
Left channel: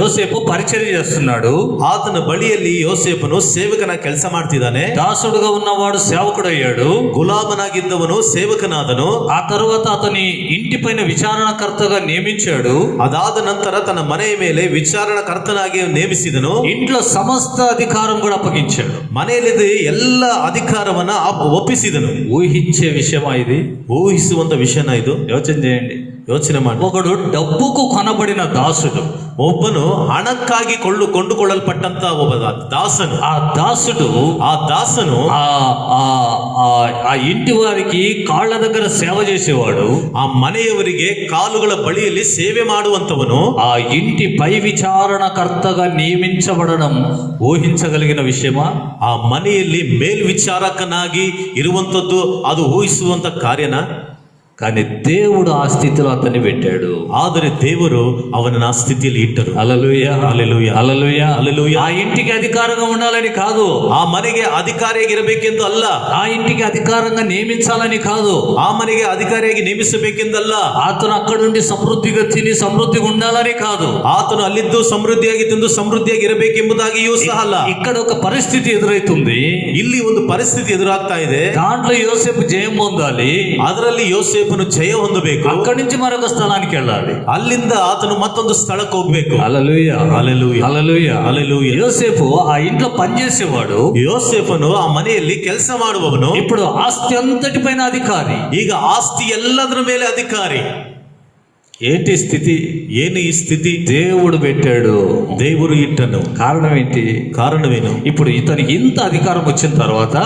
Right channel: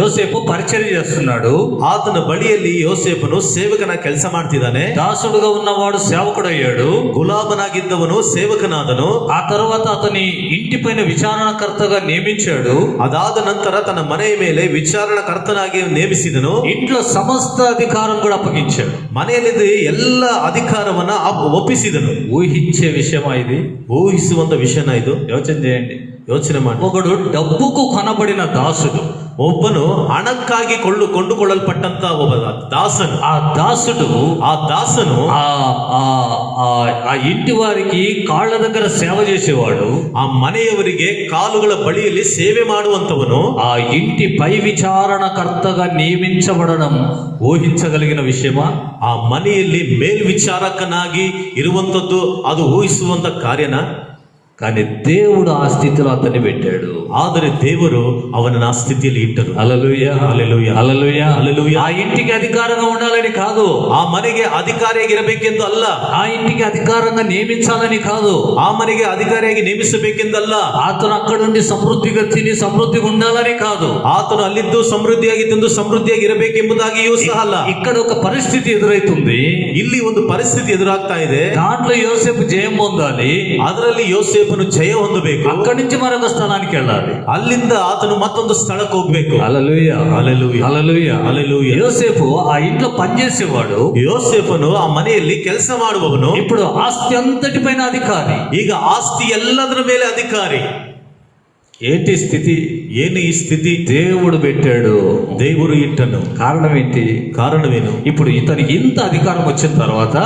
యోసేపు పరిచర్య చేస్తున్నాడు. ಆತನ ಬಳಿಯಲ್ಲಿ ಯೋಸೇಫನು ಸೇವಕನ ಕೆಲಸ ಮಾಡ್ತಿದ್ದಾನೆ. దాసుడుగా ఉన్నవాడు సేవకుడయ్యాడు. ಗುಲಾಮನಾಗಿದ್ದವನು ಸೇವಕನಾದನು. ఆ తర్వాత అతని ఇంటిపైన విచారణకర్తగా నియమించాడు. ಅದಾದ ನಂತರ ತನ್ನ ಮನೆಯ ಮೇಲೆ ವಿಚಾರಣಕರ್ತನಾಗಿ ನೇಮಿಸಿದನು. ఇంట్లో సమస్త అధికారం కూడా అప్పగించాడు. ಮನೆಯಲ್ಲಿದ್ದ ಎಲ್ಲ ಅಧಿಕಾರವನ್ನ ಒಪ್ಪಿಸಿದನು. ఊహించే విషయమా ఇది? ಊಹಿಸುವಂತ ವಿಷಯನ ಇದು? యోచన చేయండి. ಯೋಚನೆ ಮಾಡಿ. ఒకడు డబ్బుకు కొనబడిన దాసుడు, ಒಬ್ಬನು ಹಣಕ್ಕಾಗಿ ಕೊಂಡುಕೊಳ್ಳಲ್ಪಟ್ಟಂತ ಒಬ್ಬ ದಾಸನು. ఆ దాసుడు ఆ ఇంటి వారికి కాళ్ళ దగ్గర సేవ చేసేవాడు. ಆ ಮನೆಯವರಿಗೆ ಕಾಲುಗಳ ಬಳಿಯಲ್ಲಿ ಸೇವೆ ಮಾಡುವಂತವನು. ఆ ఇంటి పై విచారణకర్తగా నియమించబడడం ఊహించగలిగిన విషయమా? ಆ ಮನೆಯಲ್ಲಿ ಮೇಲ್ವಿಚಾರಕನಾಗಿ ಇರುವಂತದ್ದು ಅದು ಊಹಿಸುವಂತ ಕಾರ್ಯನ? కానీ దేవుడు ಆ స్థితిలో అతన్ని పెట్టాడు. ಆದರೆ ದೇವರು ಅವನನ್ನ ಆ ಸ್ಥಿತಿಯಲ್ಲಿ ಇಟ್ಟರು. హల్లెలూయా. ಹಲ್ಲೆಲೂಯಾ. హల్లెలూయా. ಹಲ್ಲೆಲೂಯಾ. ఆ ఇంటికి అధికారంగా ఉండాలని కాదు. ಆ ಮನೆಗೆ ಅಧಿಕಾರಿಯಾಗಿರಬೇಕೆಂದು ಅಲ್ಲ. ఆ ఇంటికి అధికారంగా నియమించాలని కాదు. ಆ ಮನೆಗೆ ಅಧಿಕಾರಿಯಾಗಿ ನೇಮಿಸಬೇಕೆಂದಲ್ಲ. అతను అక్కడ నుండి సమృద్ధిగా తిని సమృద్ధిగా ఉండాలని కాదు. ಆತನು ಅಲ್ಲಿದ್ದು ಸಮೃದ್ಧಿಯಾಗಿ ತಿಂದು ಸಮೃದ್ಧಿಯಾಗಿ ಇರಬೇಕೆಂಬುದಾಗಿಯೂ ಸಹ ಅಲ್ಲ. ఇక్కడ ఒక పరిస్థితి ఎదురైతుంది. ಇಲ್ಲಿ ಒಂದು ಪರಿಸ್ಥಿತಿ ಎದುರಾಗ್ತಾ ಇದೆ. దాంట్లో యోసేపు జయం పొందాలి. ಅದರಲ್ಲಿ ಯೋಸೇಫನು ಜಯ ಹೊಂದಬೇಕು. అక్కడి నుంచి మరొక స్థలానికి వెళ్ళాలి. ಅಲ್ಲಿಂದ ಆತನು ಮತ್ತೊಂದು ಸ್ಥಳಕ್ಕೆ ಹೋಗ್ಬೇಕು. హల్లెలూయా. హల్లెలూయా. హల్లెలూయా. హల్లెలూయా. యోసేపు ఆ ఇంట్లో పనిచేసేవాడు. ಯೋಸೇಫನು ಆ ಮನೆಯಲ್ಲಿ ಕೆಲಸ ಮಾಡುವವನು. ఇప్పుడు ఆస్తి అంతటి పైన అధికారి. ಈಗ ಆಸ್ತಿ ಎಲ್ಲದರ ಮೇಲೆ ಅಧಿಕಾರಿ. ఏంటి స్థితి? ಏನು ಈ ಸ್ಥಿತಿ? దేవుడు పెట్టాడు. ದೇವರು ಇಟ್ಟನು. కారణం ఏంటి? ಕಾರಣವೇನು? ఇప్పుడు ఇతనికి ఇంత అధికారం వచ్చిన తర్వాత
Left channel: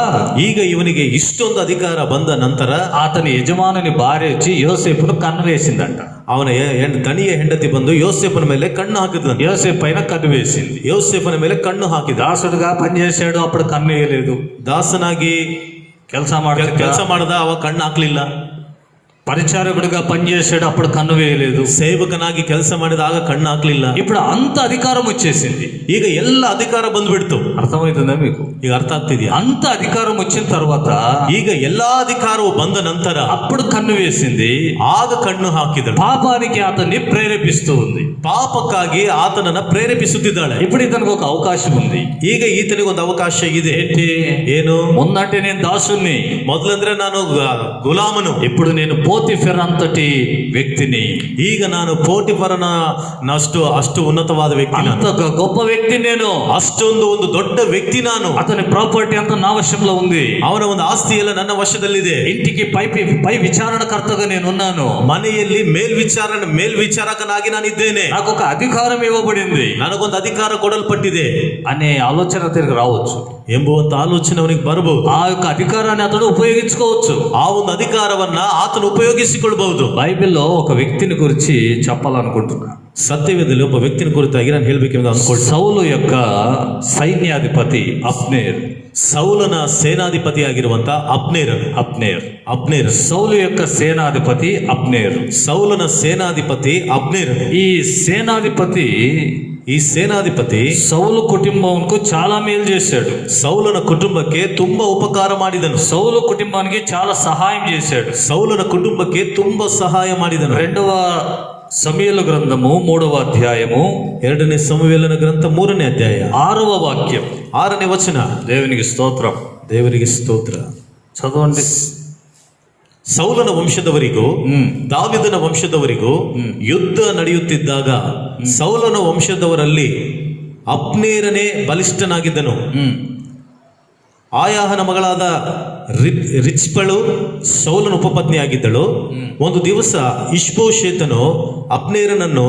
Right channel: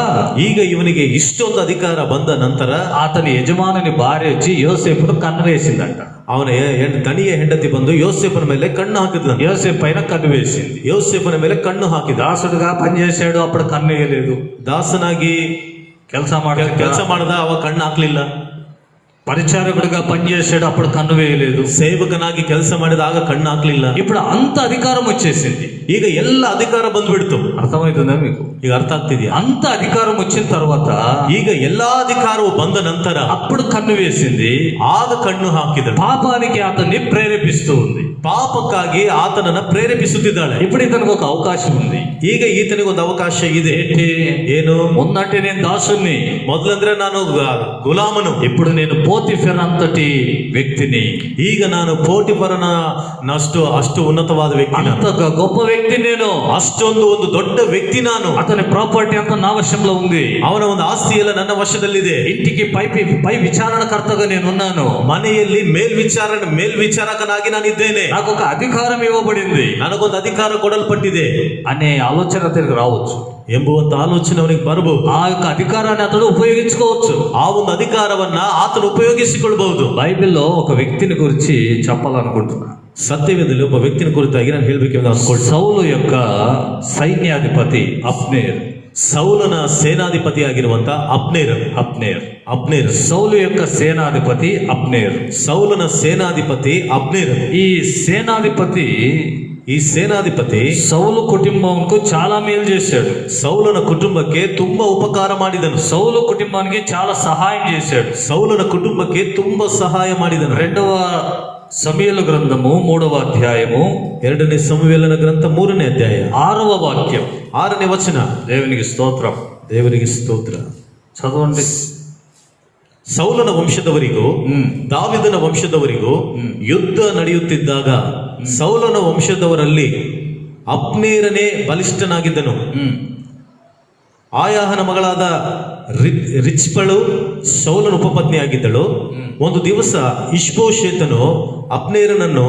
ಈಗ ಇವನಿಗೆ ಇಷ್ಟೊಂದು ಅಧಿಕಾರ ಬಂದ ನಂತರ అతని యజమానుని భార్య వచ్చి యోసేపును కన్ను వేసిందంట. ಅವನ ದಣಿಯ ಹೆಂಡತಿ ಬಂದು ಯೋಸೇಫನ ಮೇಲೆ ಕಣ್ಣು ಹಾಕಿದ್ನು. యోసేపు పైన కన్ను వేసింది. ಯೋಸೇಫನ ಮೇಲೆ ಕಣ್ಣು ಹಾಕಿದ. దాసుడుగా పనిచేశాడు, అప్పుడు కన్ను వేయలేదు. ದಾಸನಾಗಿ ಕೆಲಸ ಮಾಡದ ಅವ ಕಣ್ಣು ಹಾಕ್ಲಿಲ್ಲ. పరిచారకుడిగా పనిచేసాడు, అప్పుడు కన్ను వేయలేదు. ಸೇವಕನಾಗಿ ಕೆಲಸ ಮಾಡಿದಾಗ ಕಣ್ಣು ಹಾಕ್ಲಿಲ್ಲ. ఇప్పుడు అంత అధికారం వచ్చేసింది. ಈಗ ಎಲ್ಲ ಅಧಿಕಾರ ಬಂದ್ಬಿಡ್ತು. అర్థమవుతుందా మీకు? ಈಗ ಅರ್ಥ ಆಗ್ತಿದ್ಯಾ? అంత అధికారం వచ్చిన తర్వాత ಈಗ ಎಲ್ಲಾ అధికారವು ಬಂದ ನಂತರ అప్పుడు కన్ను వేసింది. ಆಗ ಕಣ್ಣು ಹಾಕಿದಳು. పాపానికి అతన్ని ప్రేరేపిస్తూ ఉంది. ಪಾಪಕ್ಕಾಗಿ ಆತನನ್ನ ಪ್ರೇರೇಪಿಸುತ್ತಿದ್ದಾಳೆ. ఇప్పుడు ఇతనికి ఒక అవకాశం ఉంది. ಈಗ ಈತನಿಗೆ ಒಂದು ಅವಕಾಶ ಇದೆ. ఏంటి? ಏನು? ముందంటే నేను దాసుని, ಮೊದಲಂದ್ರೆ ನಾನು ಗುಲಾಮನು. ఇప్పుడు నేను పోతిఫెర అంతటి వ్యక్తిని. ಈಗ ನಾನು ಪೋಟಿಫರನ ಅಷ್ಟು ಉನ್ನತವಾದ ವ್ಯಕ್ತಿ. అంత గొప్ప వ్యక్తి నేను. ಅಷ್ಟೊಂದು ಒಂದು ದೊಡ್ಡ ವ್ಯಕ್ತಿ ನಾನು. అతని ప్రాపర్టీ అంతా నా వశంలో ఉంది. ಅವನ ಒಂದು ಆಸ್ತಿ ಎಲ್ಲ ನನ್ನ ವಶದಲ್ಲಿದೆ. ఇంటికి పై విచారణకర్తగా నేనున్నాను. ಮನೆಯಲ್ಲಿ ಮೇಲ್ವಿಚಾರಕನಾಗಿ ನಾನಿದ್ದೇನೆ. నాకు ఒక అధికారం ఇవ్వబడింది, ನನಗೊಂದು ಅಧಿಕಾರ ಕೊಡಲ್ಪಟ್ಟಿದೆ అనే ఆలోచన అతనికి రావచ్చు. ಎಂಬುವಂತ ಆಲೋಚನೆ ಅವನಿಗೆ ಬರಬಹುದು. ఆ యొక్క అధికారాన్ని అతడు ఉపయోగించుకోవచ్చు. ಆ ಒಂದು ಅಧಿಕಾರವನ್ನ ಆತನು ಉಪಯೋಗಿಸಿಕೊಳ್ಳಬಹುದು. బైబిల్లో ఒక వ్యక్తిని గురించి చెప్పాలనుకుంటున్నా. ಸತ್ಯವೇದದಲ್ಲಿ ಒಬ್ಬ ವ್ಯಕ್ತಿನ ಕುರಿತಾಗಿ ನಾನು ಹೇಳಬೇಕೆಂದು ಅನ್ಕೊಳ್ತೀನಿ. సౌలు యొక్క సైన్యాధిపతి అబ్నేర్. ಸೌಲನ ಸೇನಾಧಿಪತಿಯಾಗಿರುವಂತ ಅಬ್ನೇರ್. సౌలు యొక్క సేనాధిపతి అబ్నేర్. ಸೌಲನ ಸೇನಾಧಿಪತಿ ಅಬ್ನೇರ್. ಈ ಸೇನಾಧಿಪತಿ సౌలు కుటుంబంకు చాలా మేలు చేశాడు. ಸೌಲನ ಕುಟುಂಬಕ್ಕೆ ತುಂಬಾ ಉಪಕಾರ ಮಾಡಿದನು. సౌలు కుటుంబానికి చాలా సహాయం చేశాడు. ಸೌಲನ ಕುಟುಂಬಕ್ಕೆ ತುಂಬಾ ಸಹಾಯ ಮಾಡಿದನು. 2వ సమూయేలు గ్రంథము 3వ అధ్యాయము 2ನೇ ಸಮುವೇಲನ ಗ್ರಂಥ 3ನೇ ಅಧ್ಯಾಯ 6వ వాక్యం 6ನೇ ವಚನ. దేవునికి స్తోత్రం. ದೇವರಿಗೆ ಸ್ತೋತ್ರ. చదవండి. ಸೌಲನ ವಂಶದವರಿಗೂ ದಾವಿದನ ವಂಶದವರಿಗೂ ಯುದ್ಧ ನಡೆಯುತ್ತಿದ್ದಾಗ ಸೌಲನ ವಂಶದವರಲ್ಲಿ ಅಬ್ನೇರನೇ ಬಲಿಷ್ಠನಾಗಿದ್ದನು. ಆಯಾಹನ ಮಗಳಾದ ರಿಚ್ಪಳು ಸೌಲನ ಉಪಪತ್ನಿಯಾಗಿದ್ದಳು. ಒಂದು ದಿವಸ ಇಷ್ಬೋಶೇತನು ಅಬ್ನೇರನನ್ನು,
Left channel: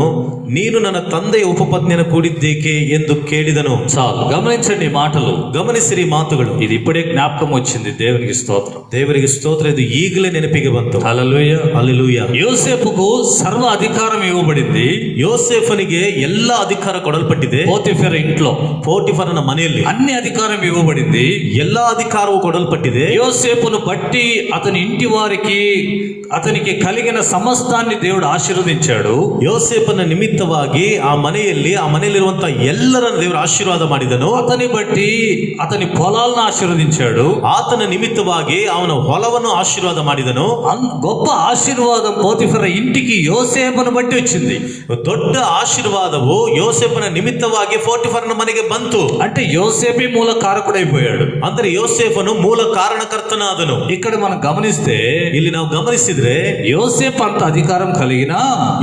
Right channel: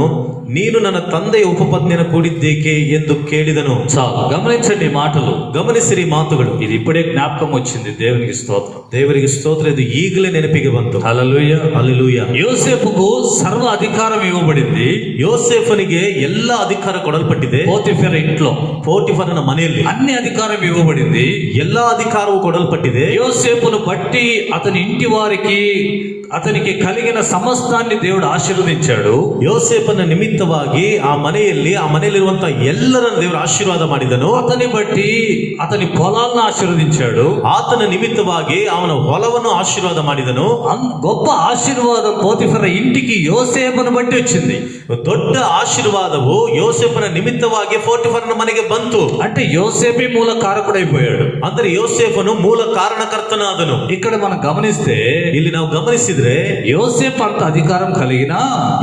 ನೀನು ನನ್ನ ತಂದೆಯ ಉಪಪತ್ನಿಯನ್ನು ಕೂಡಿದ್ದೇಕೆ ಎಂದು ಕೇಳಿದನು. చాలు గమనించండి ఈ మాటలు, ಗಮನಿಸಿರಿ ಮಾತುಗಳು. ఇది ఇప్పుడే జ్ఞాపకం వచ్చింది. దేవునికి స్తోత్రం. ದೇವರಿಗೆ ಸ್ತೋತ್ರ. ಇದು ಈಗಲೇ ನೆನಪಿಗೆ ಬಂತು. హల్లెలూయా. ಹಲ್ಲೆಲೂಯಾ. యోసేపుకు సర్వ అధికారం ఇవ్వబడింది. ಯೋಸೇಫನಿಗೆ ಎಲ್ಲ ಅಧಿಕಾರ ಕೊಡಲ್ಪಟ್ಟಿದೆ. పోతిఫెర ఇంట్లో ಪೋಟಿಫರನ ಮನೆಯಲ್ಲಿ అన్ని అధికారం ఇవ్వబడింది. ಎಲ್ಲ ಅಧಿಕಾರವು ಕೊಡಲ್ಪಟ್ಟಿದೆ. యోసేపును బట్టి అతని ఇంటి వారికి అతనికి కలిగిన సమస్తాన్ని దేవుడు ఆశీర్వదించాడు. ಯೋಸೇಫನ ನಿಮಿತ್ತವಾಗಿ ಆ ಮನೆಯಲ್ಲಿರುವಂತಹ ಎಲ್ಲರನ್ನು ದೇವರು ಆಶೀರ್ವಾದ ಮಾಡಿದನು. అతని బట్టి అతని పొలాలను ఆశీర్వదించాడు. ಆತನ ನಿಮಿತ್ತವಾಗಿ ಅವನ ಹೊಲವನ್ನು ಆಶೀರ್ವಾದ ಮಾಡಿದನು. గొప్ప ఆశీర్వాదం పోతిఫెర ఇంటికి యోసేపును బట్టి వచ్చింది. ದೊಡ್ಡ ಆಶೀರ್ವಾದವು ಯೋಸೇಫನ ನಿಮಿತ್ತವಾಗಿ ಪೋಟಿಫರನ ಮನೆಗೆ ಬಂತು. అంటే యోసేపే మూల కారకుడైపోయాడు. ಅಂದ್ರೆ ಯೋಸೇಫನು ಮೂಲ ಕಾರಣಕರ್ತನಾದನು. ఇక్కడ మనం గమనిస్తే ಇಲ್ಲಿ ನಾವು ಗಮನಿಸಿದ್ರೆ యోసేపు అంత అధికారం కలిగినా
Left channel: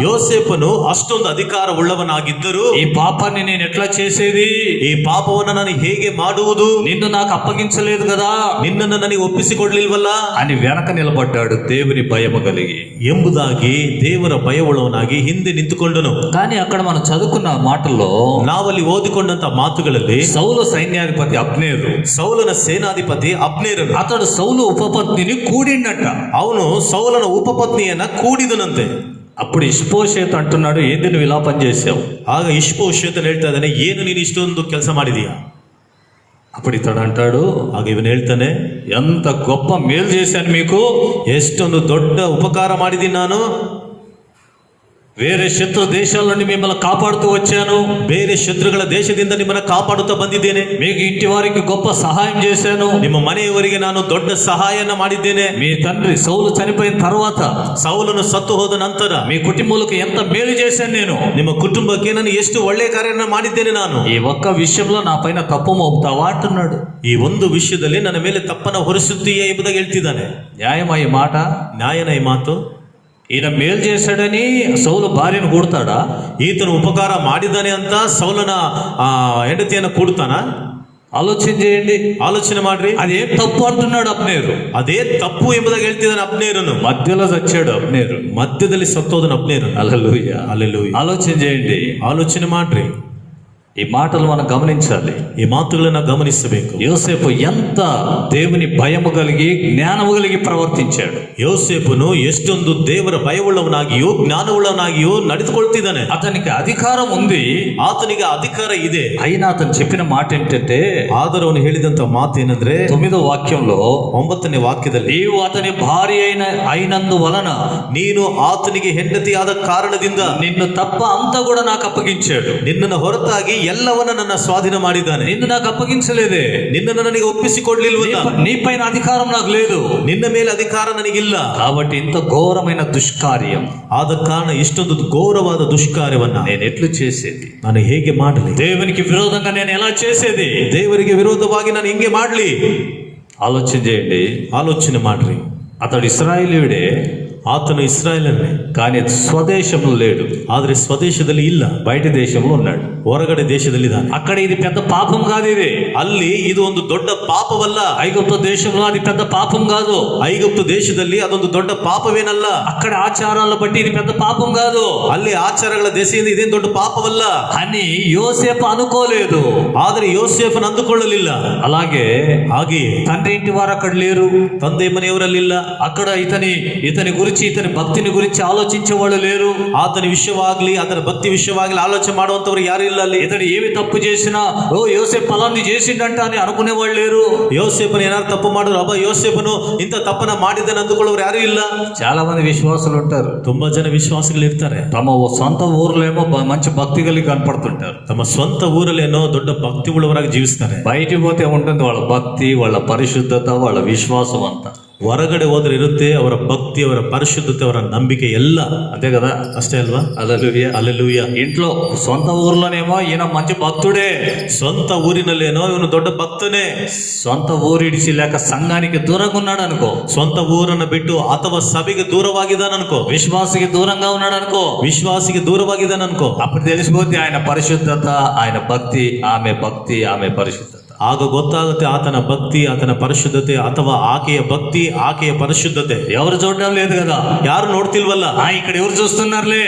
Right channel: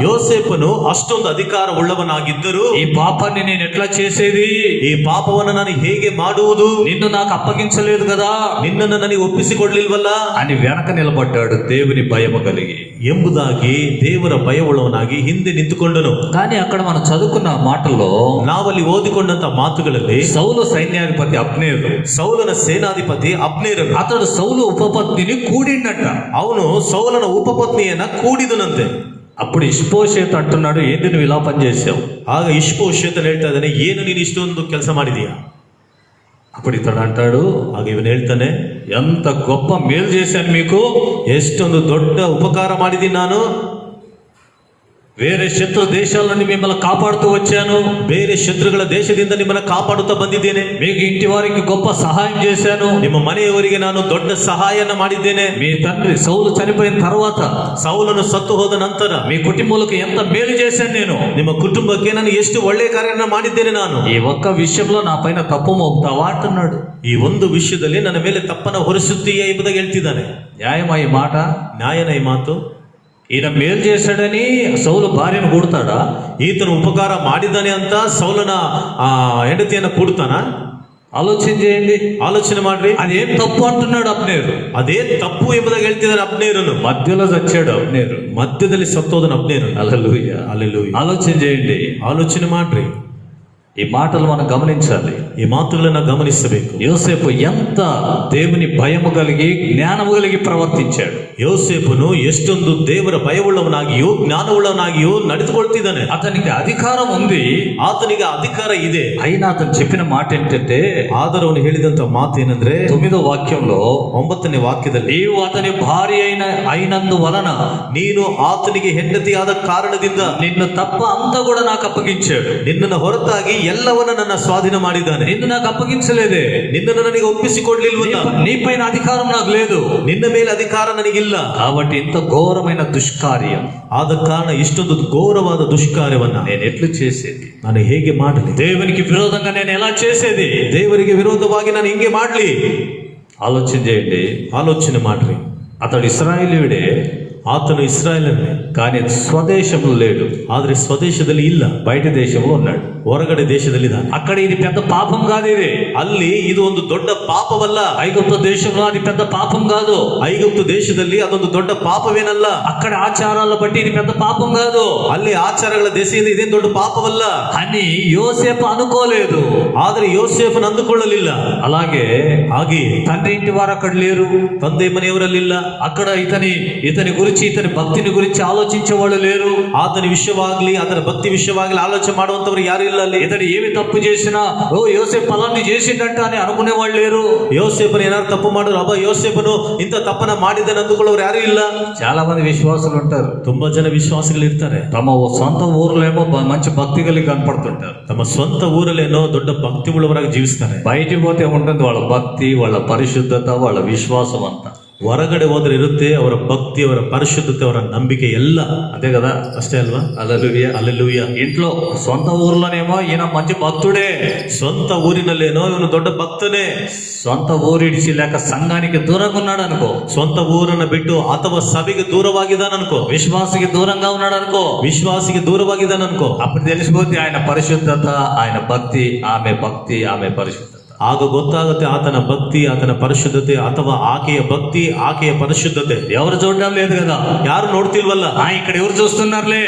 ಯೋಸೇಫನು ಅಷ್ಟೊಂದು ಅಧಿಕಾರ ಉಳ್ಳವನಾಗಿದ್ದರೂ ఈ పాపాన్ని నేను ఎట్లా చేసేది, ಈ ಪಾಪವನ್ನು ನಾನು ಹೇಗೆ ಮಾಡುವುದು, నిన్ను నాకు అప్పగించలేదు కదా ನಿನ್ನನ್ನು ನನಗೆ ಒಪ್ಪಿಸಿಕೊಡ್ಲಿಲ್ವಲ್ಲ అని వెనక నిలబడ్డాడు దేవుని భయము కలిగి ಎಂಬುದಾಗಿ ದೇವರ ಭಯವುಳ್ಳವನಾಗಿ ಹಿಂದೆ ನಿಂತುಕೊಂಡನು. కానీ అక్కడ మనం చదువుకున్న మాటల్లో ನಾವಲ್ಲಿ ಓದಿಕೊಂಡಂತ ಮಾತುಗಳಲ್ಲಿ సౌలు సైన్యాధిపతి అబ్నేరు, ಸೌಲನ ಸೇನಾಧಿಪತಿ ಅಬ್ನೇರನು, అతడు సౌలు ఉపపత్నిని కూడిండట. ಅವನು ಸೌಲನ ಉಪಪತ್ನಿಯನ್ನ ಕೂಡಿದನಂತೆ. అప్పుడు ఇష్బోషేతు అంటున్నాడు, ఏంది నువ్వు ఇలా పనిచేసావు? ಆಗ ಇಷ್ಬೋಶೇತನು ಹೇಳ್ತಾ ಇದ್ದಾನೆ, ಏನು ನೀನು ಇಷ್ಟೊಂದು ಕೆಲಸ ಮಾಡಿದೀಯಾ? అప్పుడు ఇతడు అంటాడు, ಆಗ ಇವನು ಹೇಳ್ತಾನೆ, ఎంత గొప్ప మేలు చేశాను మీకు, ಎಷ್ಟೊಂದು ದೊಡ್ಡ ಉಪಕಾರ ಮಾಡಿದ್ದೀನಿ ನಾನು. వేరే శత్రు దేశాల నుండి మిమ్మల్ని కాపాడుతూ వచ్చాను. ಬೇರೆ ಶತ್ರುಗಳ ದೇಶದಿಂದ ನಿಮ್ಮನ್ನ ಕಾಪಾಡುತ್ತಾ ಬಂದಿದ್ದೇನೆ. మీకు ఇంటి వారికి గొప్ప సహాయం చేశాను. ನಿಮ್ಮ ಮನೆಯವರಿಗೆ ನಾನು ದೊಡ್ಡ ಸಹಾಯನ ಮಾಡಿದ್ದೇನೆ. మీ తండ్రి సౌలు చనిపోయిన తర్వాత ಸೌಲನು ಸತ್ತು ಹೋದ ನಂತರ మీ కుటుంబాలకు ఎంత మేలు చేశాను నేను. ನಿಮ್ಮ ಕುಟುಂಬಕ್ಕೆ ನಾನು ಎಷ್ಟು ಒಳ್ಳೆಯ ಕಾರ್ಯವನ್ನು ಮಾಡಿದ್ದೇನೆ ನಾನು. ఈ ఒక్క విషయంలో నా పైన తప్పు మోపుతావా అంటున్నాడు. ಈ ಒಂದು ವಿಷಯದಲ್ಲಿ ನನ್ನ ಮೇಲೆ ತಪ್ಪನ್ನ ಹೊರಿಸುತ್ತೀಯಾ ಎಂಬುದಾಗಿ ಹೇಳ್ತಿದ್ದಾನೆ. న్యాయమా ఈ మాట? ನ್ಯಾಯನ ಈ ಮಾತು. ఈయన మేలు చేశాడని సౌలు భార్యను కొడతాడా? ಈತನು ಉಪಕಾರ ಮಾಡಿದ್ದಾನೆ ಅಂತ ಸೌಲನ ಹೆಂಡತಿಯನ್ನ ಕೂಡ್ತಾನ? ఆలోచన చేయండి, ಆಲೋಚನೆ ಮಾಡ್ರಿ. అదేం తప్పు అంటున్నాడు అబ్నేరు. ಅದೇ ತಪ್ಪು ಎಂಬುದಾಗಿ ಹೇಳ್ತಿದ್ದಾನೆ ಅಬ್ನೇರನು. మధ్యలో చచ్చాడు అబ్నేరు. ಮಧ್ಯದಲ್ಲಿ ಸತ್ತೋದನ ಅಬ್ನೇರನು. హల్లెలూయా. ಹಲ್ಲೆಲೂಯಾ. ఆలోచన చేయండి, ಆಲೋಚನೆ ಮಾಡ್ರಿ. ఈ మాటలు మనం గమనించాలి. ಈ ಮಾತುಗಳನ್ನ ಗಮನಿಸಬೇಕು. యోసేపు ఎంత దేవుని భయము కలిగి జ్ఞానము కలిగి ప్రవర్తించాడు. ಯೋಸೇಫನು ಎಷ್ಟೊಂದು ದೇವರ ಭಯವುಳ್ಳವನಾಗಿಯೂ ಜ್ಞಾನವುಳ್ಳವನಾಗಿಯೂ ನಡೆದುಕೊಳ್ತಿದ್ದಾನೆ. అతనికి అధికారం ఉంది, ಆತನಿಗೆ ಅಧಿಕಾರ ಇದೆ. అయినా అతను చెప్పిన మాట ఏంటంటే, ಆದರೂ ಅವನು ಹೇಳಿದಂತ ಮಾತು ಏನಂದ್ರೆ 9వ వాక్యంలో, 9ನೇ ವಾಕ್ಯದಲ್ಲಿ, నీవు అతని భార్య అయినందువలన ನೀನು ಆತನಿಗೆ ಹೆಂಡತಿಯಾದ ಕಾರಣದಿಂದ నిన్ను తప్ప అంతా కూడా నాకు అప్పగించాడు. ನಿನ್ನನ್ನು ಹೊರತಾಗಿ ಎಲ್ಲವನ್ನ ನನ್ನ ಸ್ವಾಧೀನ ಮಾಡಿದ್ದಾನೆ. నిన్ను నాకు అప్పగించలేదే, ನಿನ್ನನ್ನು ನನಗೆ ಒಪ್ಪಿಸಿಕೊಡ್ಲಿಲ್ವಲ್ಲ, నీ పైన అధికారం నాకు లేదు. ನಿನ್ನ ಮೇಲೆ ಅಧಿಕಾರ ನನಗಿಲ್ಲ. కాబట్టి ఇంత ఘోరమైన దుష్కార్యం ಆದ ಕಾರಣ ಇಷ್ಟೊಂದು ಘೋರವಾದ ದುಷ್ಕಾರ್ಯವನ್ನ నేను ఎట్లు చేసేది? ನಾನು ಹೇಗೆ ಮಾಡಲಿ? దేవునికి విరోధంగా నేను ఎలా చేసేది? ದೇವರಿಗೆ ವಿರೋಧವಾಗಿ ನಾನು ಹಿಂಗೆ ಮಾಡ್ಲಿ? ఆలోచన చేయండి. ಆಲೋಚನೆ ಮಾಡ್ರಿ. అతడు ఇశ్రాయేలీయుడే, ಆತನು ಇಸ್ರಾಯೇಲನೇ, కానీ స్వదేశంలో లేడు. ಆದ್ರೆ ಸ್ವದೇಶದಲ್ಲಿ ಇಲ್ಲ, బయట దేశంలో ఉన్నాడు. ಹೊರಗಡೆ ದೇಶದಲ್ಲಿದ್ದಾನೆ. అక్కడ ఇది పెద్ద పాపం కాదు. ఇది ಅಲ್ಲಿ ಇದು ಒಂದು ದೊಡ್ಡ ಪಾಪವಲ್ಲ. ఐగుప్తు దేశంలో అది పెద్ద పాపం కాదు. ಐಗುಪ್ತು ದೇಶದಲ್ಲಿ ಅದೊಂದು ದೊಡ್ಡ ಪಾಪವೇನಲ್ಲ. అక్కడ ఆచారాల బట్టి ఇది పెద్ద పాపం కాదు. ಅಲ್ಲಿ ಆಚಾರಗಳ ದೆಸೆಯಿಂದ ಇದೇನು ದೊಡ್ಡ ಪಾಪವಲ್ಲ. అని యోసేపు అనుకోలేదు. ಆದ್ರೆ ಯೋಸೇಫನು ಅಂದುಕೊಳ್ಳಲಿಲ್ಲ. అలాగే ಹಾಗೆಯೇ తండ్రి ఇంటి వారు అక్కడ లేరు, ತಂದೆ ಮನೆಯವರಲ್ಲಿಲ್ಲ. అక్కడ ఇతని గురించి ఇతని భక్తిని గురించి ఆలోచించే వాళ్ళు లేరు. ಆತನ ವಿಷಯವಾಗ್ಲಿ ಆತನ ಭಕ್ತಿ ವಿಷಯವಾಗ್ಲಿ ಆಲೋಚನೆ ಮಾಡುವಂತವ್ರು ಯಾರು ಇಲ್ಲ ಅಲ್ಲಿ. ఇతడు ఏమి తప్పు చేసినా, ఓ యోసేపు ఫలాన్ని చేసిండంట అని అనుకునే వాళ్ళు లేరు. ಯೋಸೇಫನು ಏನಾದ್ರು ತಪ್ಪು ಮಾಡಿದ್ರು, ಅಬ್ಬ ಯೋಸೇಫನು ಇಂಥ ತಪ್ಪನ್ನ ಮಾಡಿದ್ದಾನೆ ಅಂದುಕೊಳ್ಳೋರು ಯಾರು ಇಲ್ಲ. చాలా మంది విశ్వాసులు ఉంటారు, ತುಂಬಾ ಜನ ವಿಶ್ವಾಸಿಗಳು ಇರ್ತಾರೆ. తమ సొంత ఊర్లేమో మంచి భక్తి కలిగి కనపడుతుంటారు. ತಮ್ಮ ಸ್ವಂತ ಊರಲ್ಲೇನೋ ದೊಡ್ಡ ಭಕ್ತಿ ಉಳ್ಳವರಾಗಿ ಜೀವಿಸ್ತಾರೆ. బయటికి పోతే ఉంటుంది వాళ్ళ భక్తి, వాళ్ళ పరిశుద్ధత, వాళ్ళ విశ్వాసం అంతా. ಹೊರಗಡೆ ಹೋದ್ರೆ ಇರುತ್ತೆ ಅವರ ಭಕ್ತಿ, ಅವರ ಪರಿಶುದ್ಧತೆ, ಅವರ ನಂಬಿಕೆ ಎಲ್ಲ. అంతే కదా. ಅಷ್ಟೇ ಅಲ್ವಾ? హల్లెలూయా. ಹಲ್ಲೆಲೂಯಾ. ఇంట్లో సొంత ఊర్లోనేమో ఈయన మంచి భక్తుడే, ಸ್ವಂತ ಊರಿನಲ್ಲೇನೋ ಇವನು ದೊಡ್ಡ ಭಕ್ತನೇ, సొంత ఊరిడిచి లేక సంఘానికి దూరంగా ఉన్నాడు అనుకో, ಸ್ವಂತ ಊರನ್ನ ಬಿಟ್ಟು ಅಥವಾ ಸಭೆಗೆ ದೂರವಾಗಿದ್ದಾನ ಅನ್ಕೋ, విశ్వాసికి దూరంగా ఉన్నాడు అనుకో, ವಿಶ್ವಾಸಿಗೆ ದೂರವಾಗಿದ್ದಾನ ಅನ್ಕೋ. అప్పుడు తెలిసిపోతే ఆయన పరిశుద్ధత, ఆయన భక్తి, ఆమె పరిశుద్ధత. ಆಗ ಗೊತ್ತಾಗುತ್ತೆ ಆತನ ಭಕ್ತಿ, ಆತನ ಪರಿಶುದ್ಧತೆ, ಅಥವಾ ಆಕೆಯ ಭಕ್ತಿ, ಆಕೆಯ ಪರಿಶುದ್ಧತೆ. ఎవరు చూడడం లేదు కదా, ಯಾರು ನೋಡ್ತಿಲ್ವಲ್ಲ. ఇక్కడ ఎవరు చూస్తున్నారులే,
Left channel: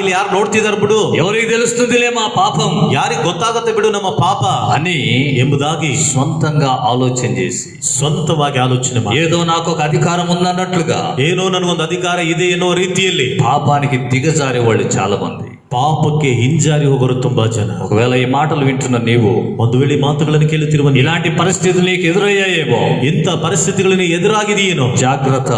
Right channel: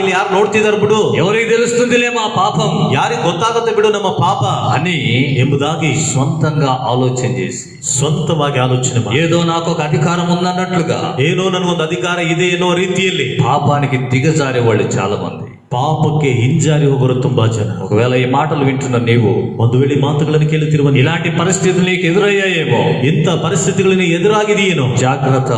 ಇಲ್ಲಿ ಯಾರು ನೋಡ್ತಿದಾರ ಬಿಡು, ఎవరికి తెలుస్తుందిలే మా పాపం, ಯಾರಿಗೆ ಗೊತ್ತಾಗುತ್ತೆ ಬಿಡು ನಮ್ಮ ಪಾಪ అని ಎಂಬುದಾಗಿ సొంతంగా ఆలోచన చేసి, ಸ್ವಂತವಾಗಿ ಆಲೋಚನೆ ಮಾಡಿ, ఏదో నాకు ఒక అధికారం ఉందన్నట్లుగా ಏನೋ ನನಗೊಂದು ಅಧಿಕಾರ ಇದೆ ಎನ್ನುವ ರೀತಿಯಲ್ಲಿ పాపానికి దిగజారే వాళ్ళు చాలా మంది. ಪಾಪಕ್ಕೆ ಹಿಂಜಾರಿ ಹೋಗೋರು ತುಂಬಾ ಜನ. ఒకవేళ ఈ మాటలు వింటున్న నీవు ಒಂದು ವೇಳೆ ಮಾತುಗಳನ್ನು ಕೇಳುತ್ತಿರುವ ఇలాంటి పరిస్థితులు నీకు ఎదురయ్యాయేమో, ಇಂಥ ಪರಿಸ್ಥಿತಿಗಳನ್ನು ಎದುರಾಗಿದೆಯೇನೋ, జాగ్రత్త,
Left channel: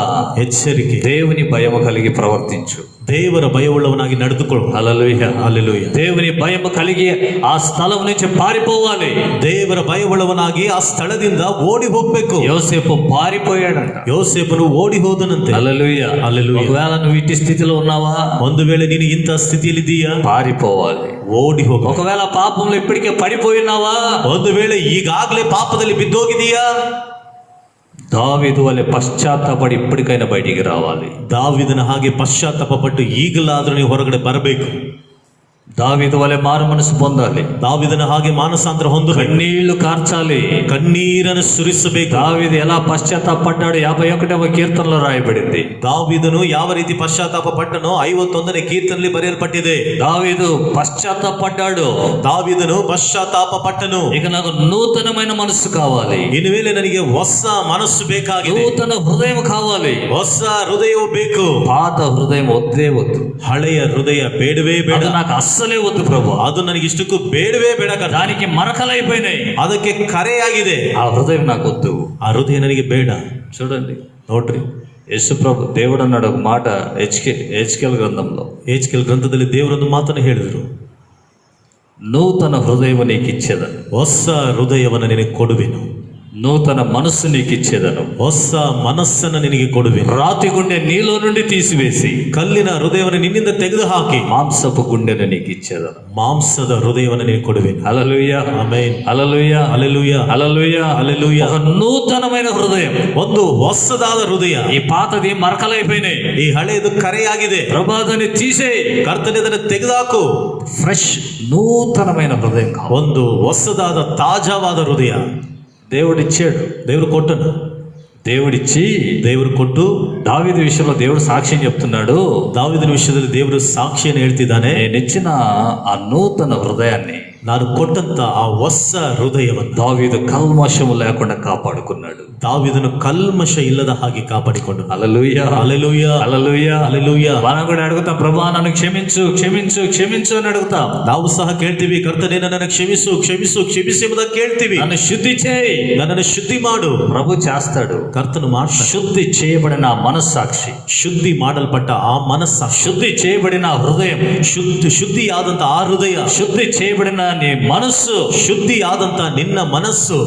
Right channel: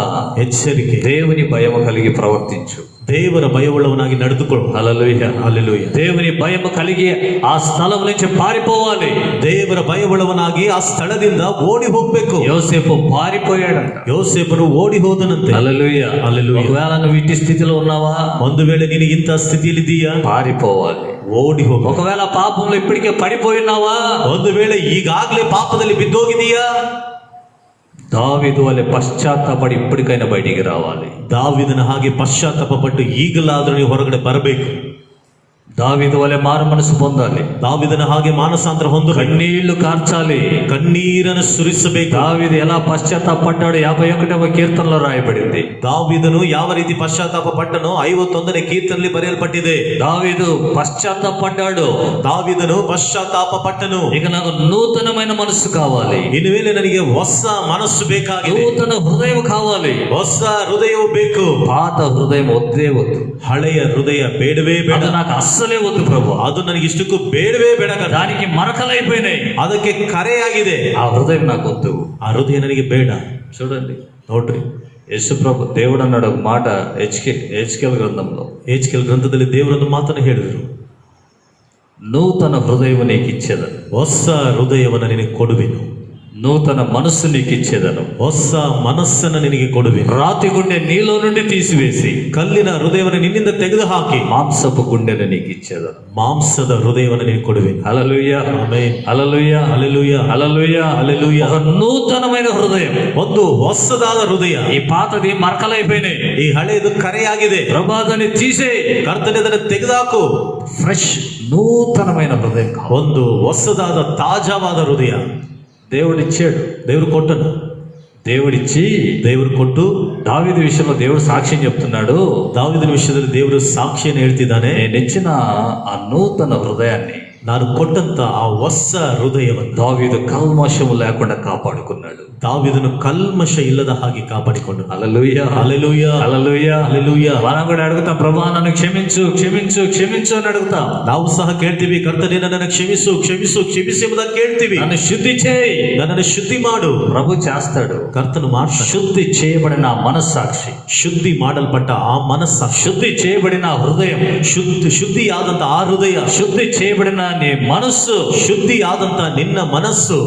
ಎಚ್ಚರಿಕೆ, దేవుని భయం కలిగి ప్రవర్తించు. ದೇವರ ಭಯವುಳ್ಳವನಾಗಿ ನಡೆದುಕೊಳ್ಳು. హల్లెలూయా. ಹಲ್ಲೆಲೂಯಾ. దేవుని భయం కలిగి ఆ స్థలం నుంచి పారిపోవాలి. ದೇವರ ಭಯವುಳ್ಳವನಾಗಿ ಆ ಸ್ಥಳದಿಂದ ಓಡಿ ಹೋಗ್ಬೇಕು. యోసేపు పారిపోయాడంట. ಯೋಸೇಫನು ಓಡಿ ಹೋದನಂತೆ. హల్లెలూయా. హల్లెలూయా. ఒకవేళ నువ్వు ఇట్టి స్థితిలో ఉన్నావా, ಒಂದು ವೇಳೆ ನೀನು ಇಂಥ ಸ್ಥಿತಿಯಲ್ಲಿದ್ದೀಯಾ, పారిపోవాలి. ಓಡಿ ಹೋಗು. ఒకవేళ పాపంలో ఇప్పటికే పడిపోయినావా, ಒಂದು ವೇಳೆ ಈಗಾಗಲೇ ಪಾಪದಲ್ಲಿ ಬಿದ್ದೋಗಿದೀಯಾ, దావీదు వలె పశ్చాత్తాపడి ఇప్పటికైనా బయటికి రావాలి. ದಾವಿದನ ಹಾಗೆ ಪಶ್ಚಾತ್ತಾಪ ಪಟ್ಟು ಈಗಲಾದ್ರೂ ನೀವು ಹೊರಗಡೆ ಬರಬೇಕು. దావీదు వలె మారు మనసు పొందాలి. ದಾವಿದನ ಹಾಗೆ ಮಾನಸಾಂತರ ಹೊಂದಬೇಕು. కన్నీళ్లు కార్చాలి. ಕಣ್ಣೀರನ್ನು ಸುರಿಸಬೇಕು. దావీదు ఎలా పశ్చాత్తాపడ్డాడు 51వ కీర్తనలో రాయబడింది. ದಾವಿದನು ಯಾವ ರೀತಿ ಪಶ್ಚಾತ್ತಾಪ ಪಟ್ಟನೋ 51ನೇ ಕೀರ್ತನೆಯಲ್ಲಿ ಬರೆಯಲ್ಪಟ್ಟಿದೆ. దావీదు పశ్చాత్తాపడ్డాడు. ದಾವಿದನು ಪಶ್ಚಾತ್ತಾಪ ಪಟ್ಟನು. ఇక నాకు నూతనమైన మనస్సు కావాలి, ಇನ್ನು ಮೇಲೆ ನನಗೆ ಹೊಸ ಮನಸ್ಸು ಬೇಕಾಗಿದೆ, నూతన హృదయం కావాలి. ಹೊಸ ಹೃದಯವು ಬೇಕು. పాత హృదయం వద్దే వద్దు, ಹಳೆಯ ಹೃದಯ ಬೇಡವೇ ಬೇಡ. అది నాకు అస్సలే వద్దు ప్రభు. ಅದು ನನಗೆ ಇಷ್ಟಕ್ಕೂ ಬೇಡವೇ ಬೇಡ. దానికి మరకలైపోయినాయి, ಅದಕ್ಕೆ ಕರೆಯಾಗಿದೆ. ఆ హృదయం నాకు వద్దు. ಆ ಹೃದಯ ನನಗೆ ಬೇಡ. చూడండి, ನೋಡ್ರಿ, యేసు ప్రభు దేవుడు అన్నాడు ఒక మాట హెచ్కేల్ గ్రంథంలో. ಏಜ್ಕೇಲ್ ಗ್ರಂಥದಲ್ಲಿ ದೇವರೊಂದು ಮಾತನ್ನು ಹೇಳಿದರು, నూతన హృదయం నీకు ఇచ్చేదను, ಹೊಸ ಹೃದಯವನ್ನು ನಿನಗೆ ಕೊಡುವೆನು, నూతన మనస్సు నీకు ఇచ్చేదను, ಹೊಸ ಮನಸ್ಸನ್ನು ನಿನಗೆ ಕೊಡುವೆನು, రాతి గుండె నీలో నుండి తీసివేసి ಕಲ್ಲಿನ ಹೃದಯವನ್ನು ನಿನ್ನಿಂದ ತೆಗೆದುಹಾಕಿ మాంసపు గుండెను నీకు ఇచ్చేదను. ಮಾಂಸದ ಹೃದಯವನ್ನು ನಿನಗೆ ಕೊಡುವೆನು. హల్లెలూయా. ಆಮೆನ್. హల్లెలూయా. హల్లెలూయా. హల్లెలూయా. హల్లెలూయా. ఒక నూతనమైన హృదయం. ಒಂದು ಹೊಸದಾದ ಹೃದಯ. ఈ పాతది మరకలైపోయినాయి, ಈ ಹಳೆಯದು ಕರೆಯಾಗಿದೆ. ప్రభాదాన్ని తీసే ಕರ್ತನೆ ಅದನ್ನು ತೆಗೆದುಹಾಕು. ఫ్రెష్ నూతనమైన హృదయం కావాలి. ಒಂದು ಹೊಸದಾದ ತಾಜಾವಾದ ಹೃದಯ దేవుడిచ్చాడు, ದೇವರು ಕೊಟ್ಟನು. దేవుడిచ్చి ದೇವರು ಕೊಟ್ಟು దావీదు విషయంలో దేవుడు సాక్ష్యం చెప్తున్నాడు. ದಾವಿದನ ವಿಷಯದಲ್ಲಿ ದೇವರು ಸಾಕ್ಷಿಯನ್ನು ಹೇಳ್ತಿದ್ದಾನೆ. నేనిచ్చిన ఆ నూతన హృదయాన్ని, ನಾನು ಕೊಟ್ಟಂತ ಆ ಹೊಸ ಹೃದಯವನ್ನು దావీదు కల్మషం లేకుండా కాపాడుకున్నాడు. ದಾವಿದನು ಕಲ್ಮಶ ಇಲ್ಲದ ಹಾಗೆ ಕಾಪಾಡಿಕೊಂಡು. హల్లెలూయా. హల్లెలూయా. హల్లెలూయా. హల్లెలూయా. మనం కూడా అడుగుతాం, ప్రభా నన్ను క్షమించు క్షమించు క్షమించు అని అడుగుతాం. ನಾವು ಸಹ ಕೇಳ್ತೀವಿ, ಕರ್ತನೇ ನನ್ನನ್ನು ಕ್ಷಮಿಸು ಕ್ಷಮಿಸು ಕ್ಷಮಿಸು ಎಂಬುದಾಗಿ ಕೇಳ್ತೀವಿ. నన్ను శుద్ధి చేయి, ನನ್ನನ್ನು ಶುದ್ಧಿ ಮಾಡು. ప్రభు చేస్తాడు. ಕರ್ತನು ಮಾಡ್ತಾನೆ. శుద్ధి చేయబడిన ఆ మనస్సాక్షి, ಶುದ್ಧಿ ಮಾಡಲ್ಪಟ್ಟ ಆ ಮನಸ್ಸ, శుద్ధి చేయబడిన ఆ హృదయం, ಶುದ್ಧಿಯಾದಂತ ಆ ಹೃದಯ, శుద్ధి చేయబడిన నీ మనస్సు, ಶುದ್ಧಿಯಾದಂತ ನಿನ್ನ ಮನಸ್ಸು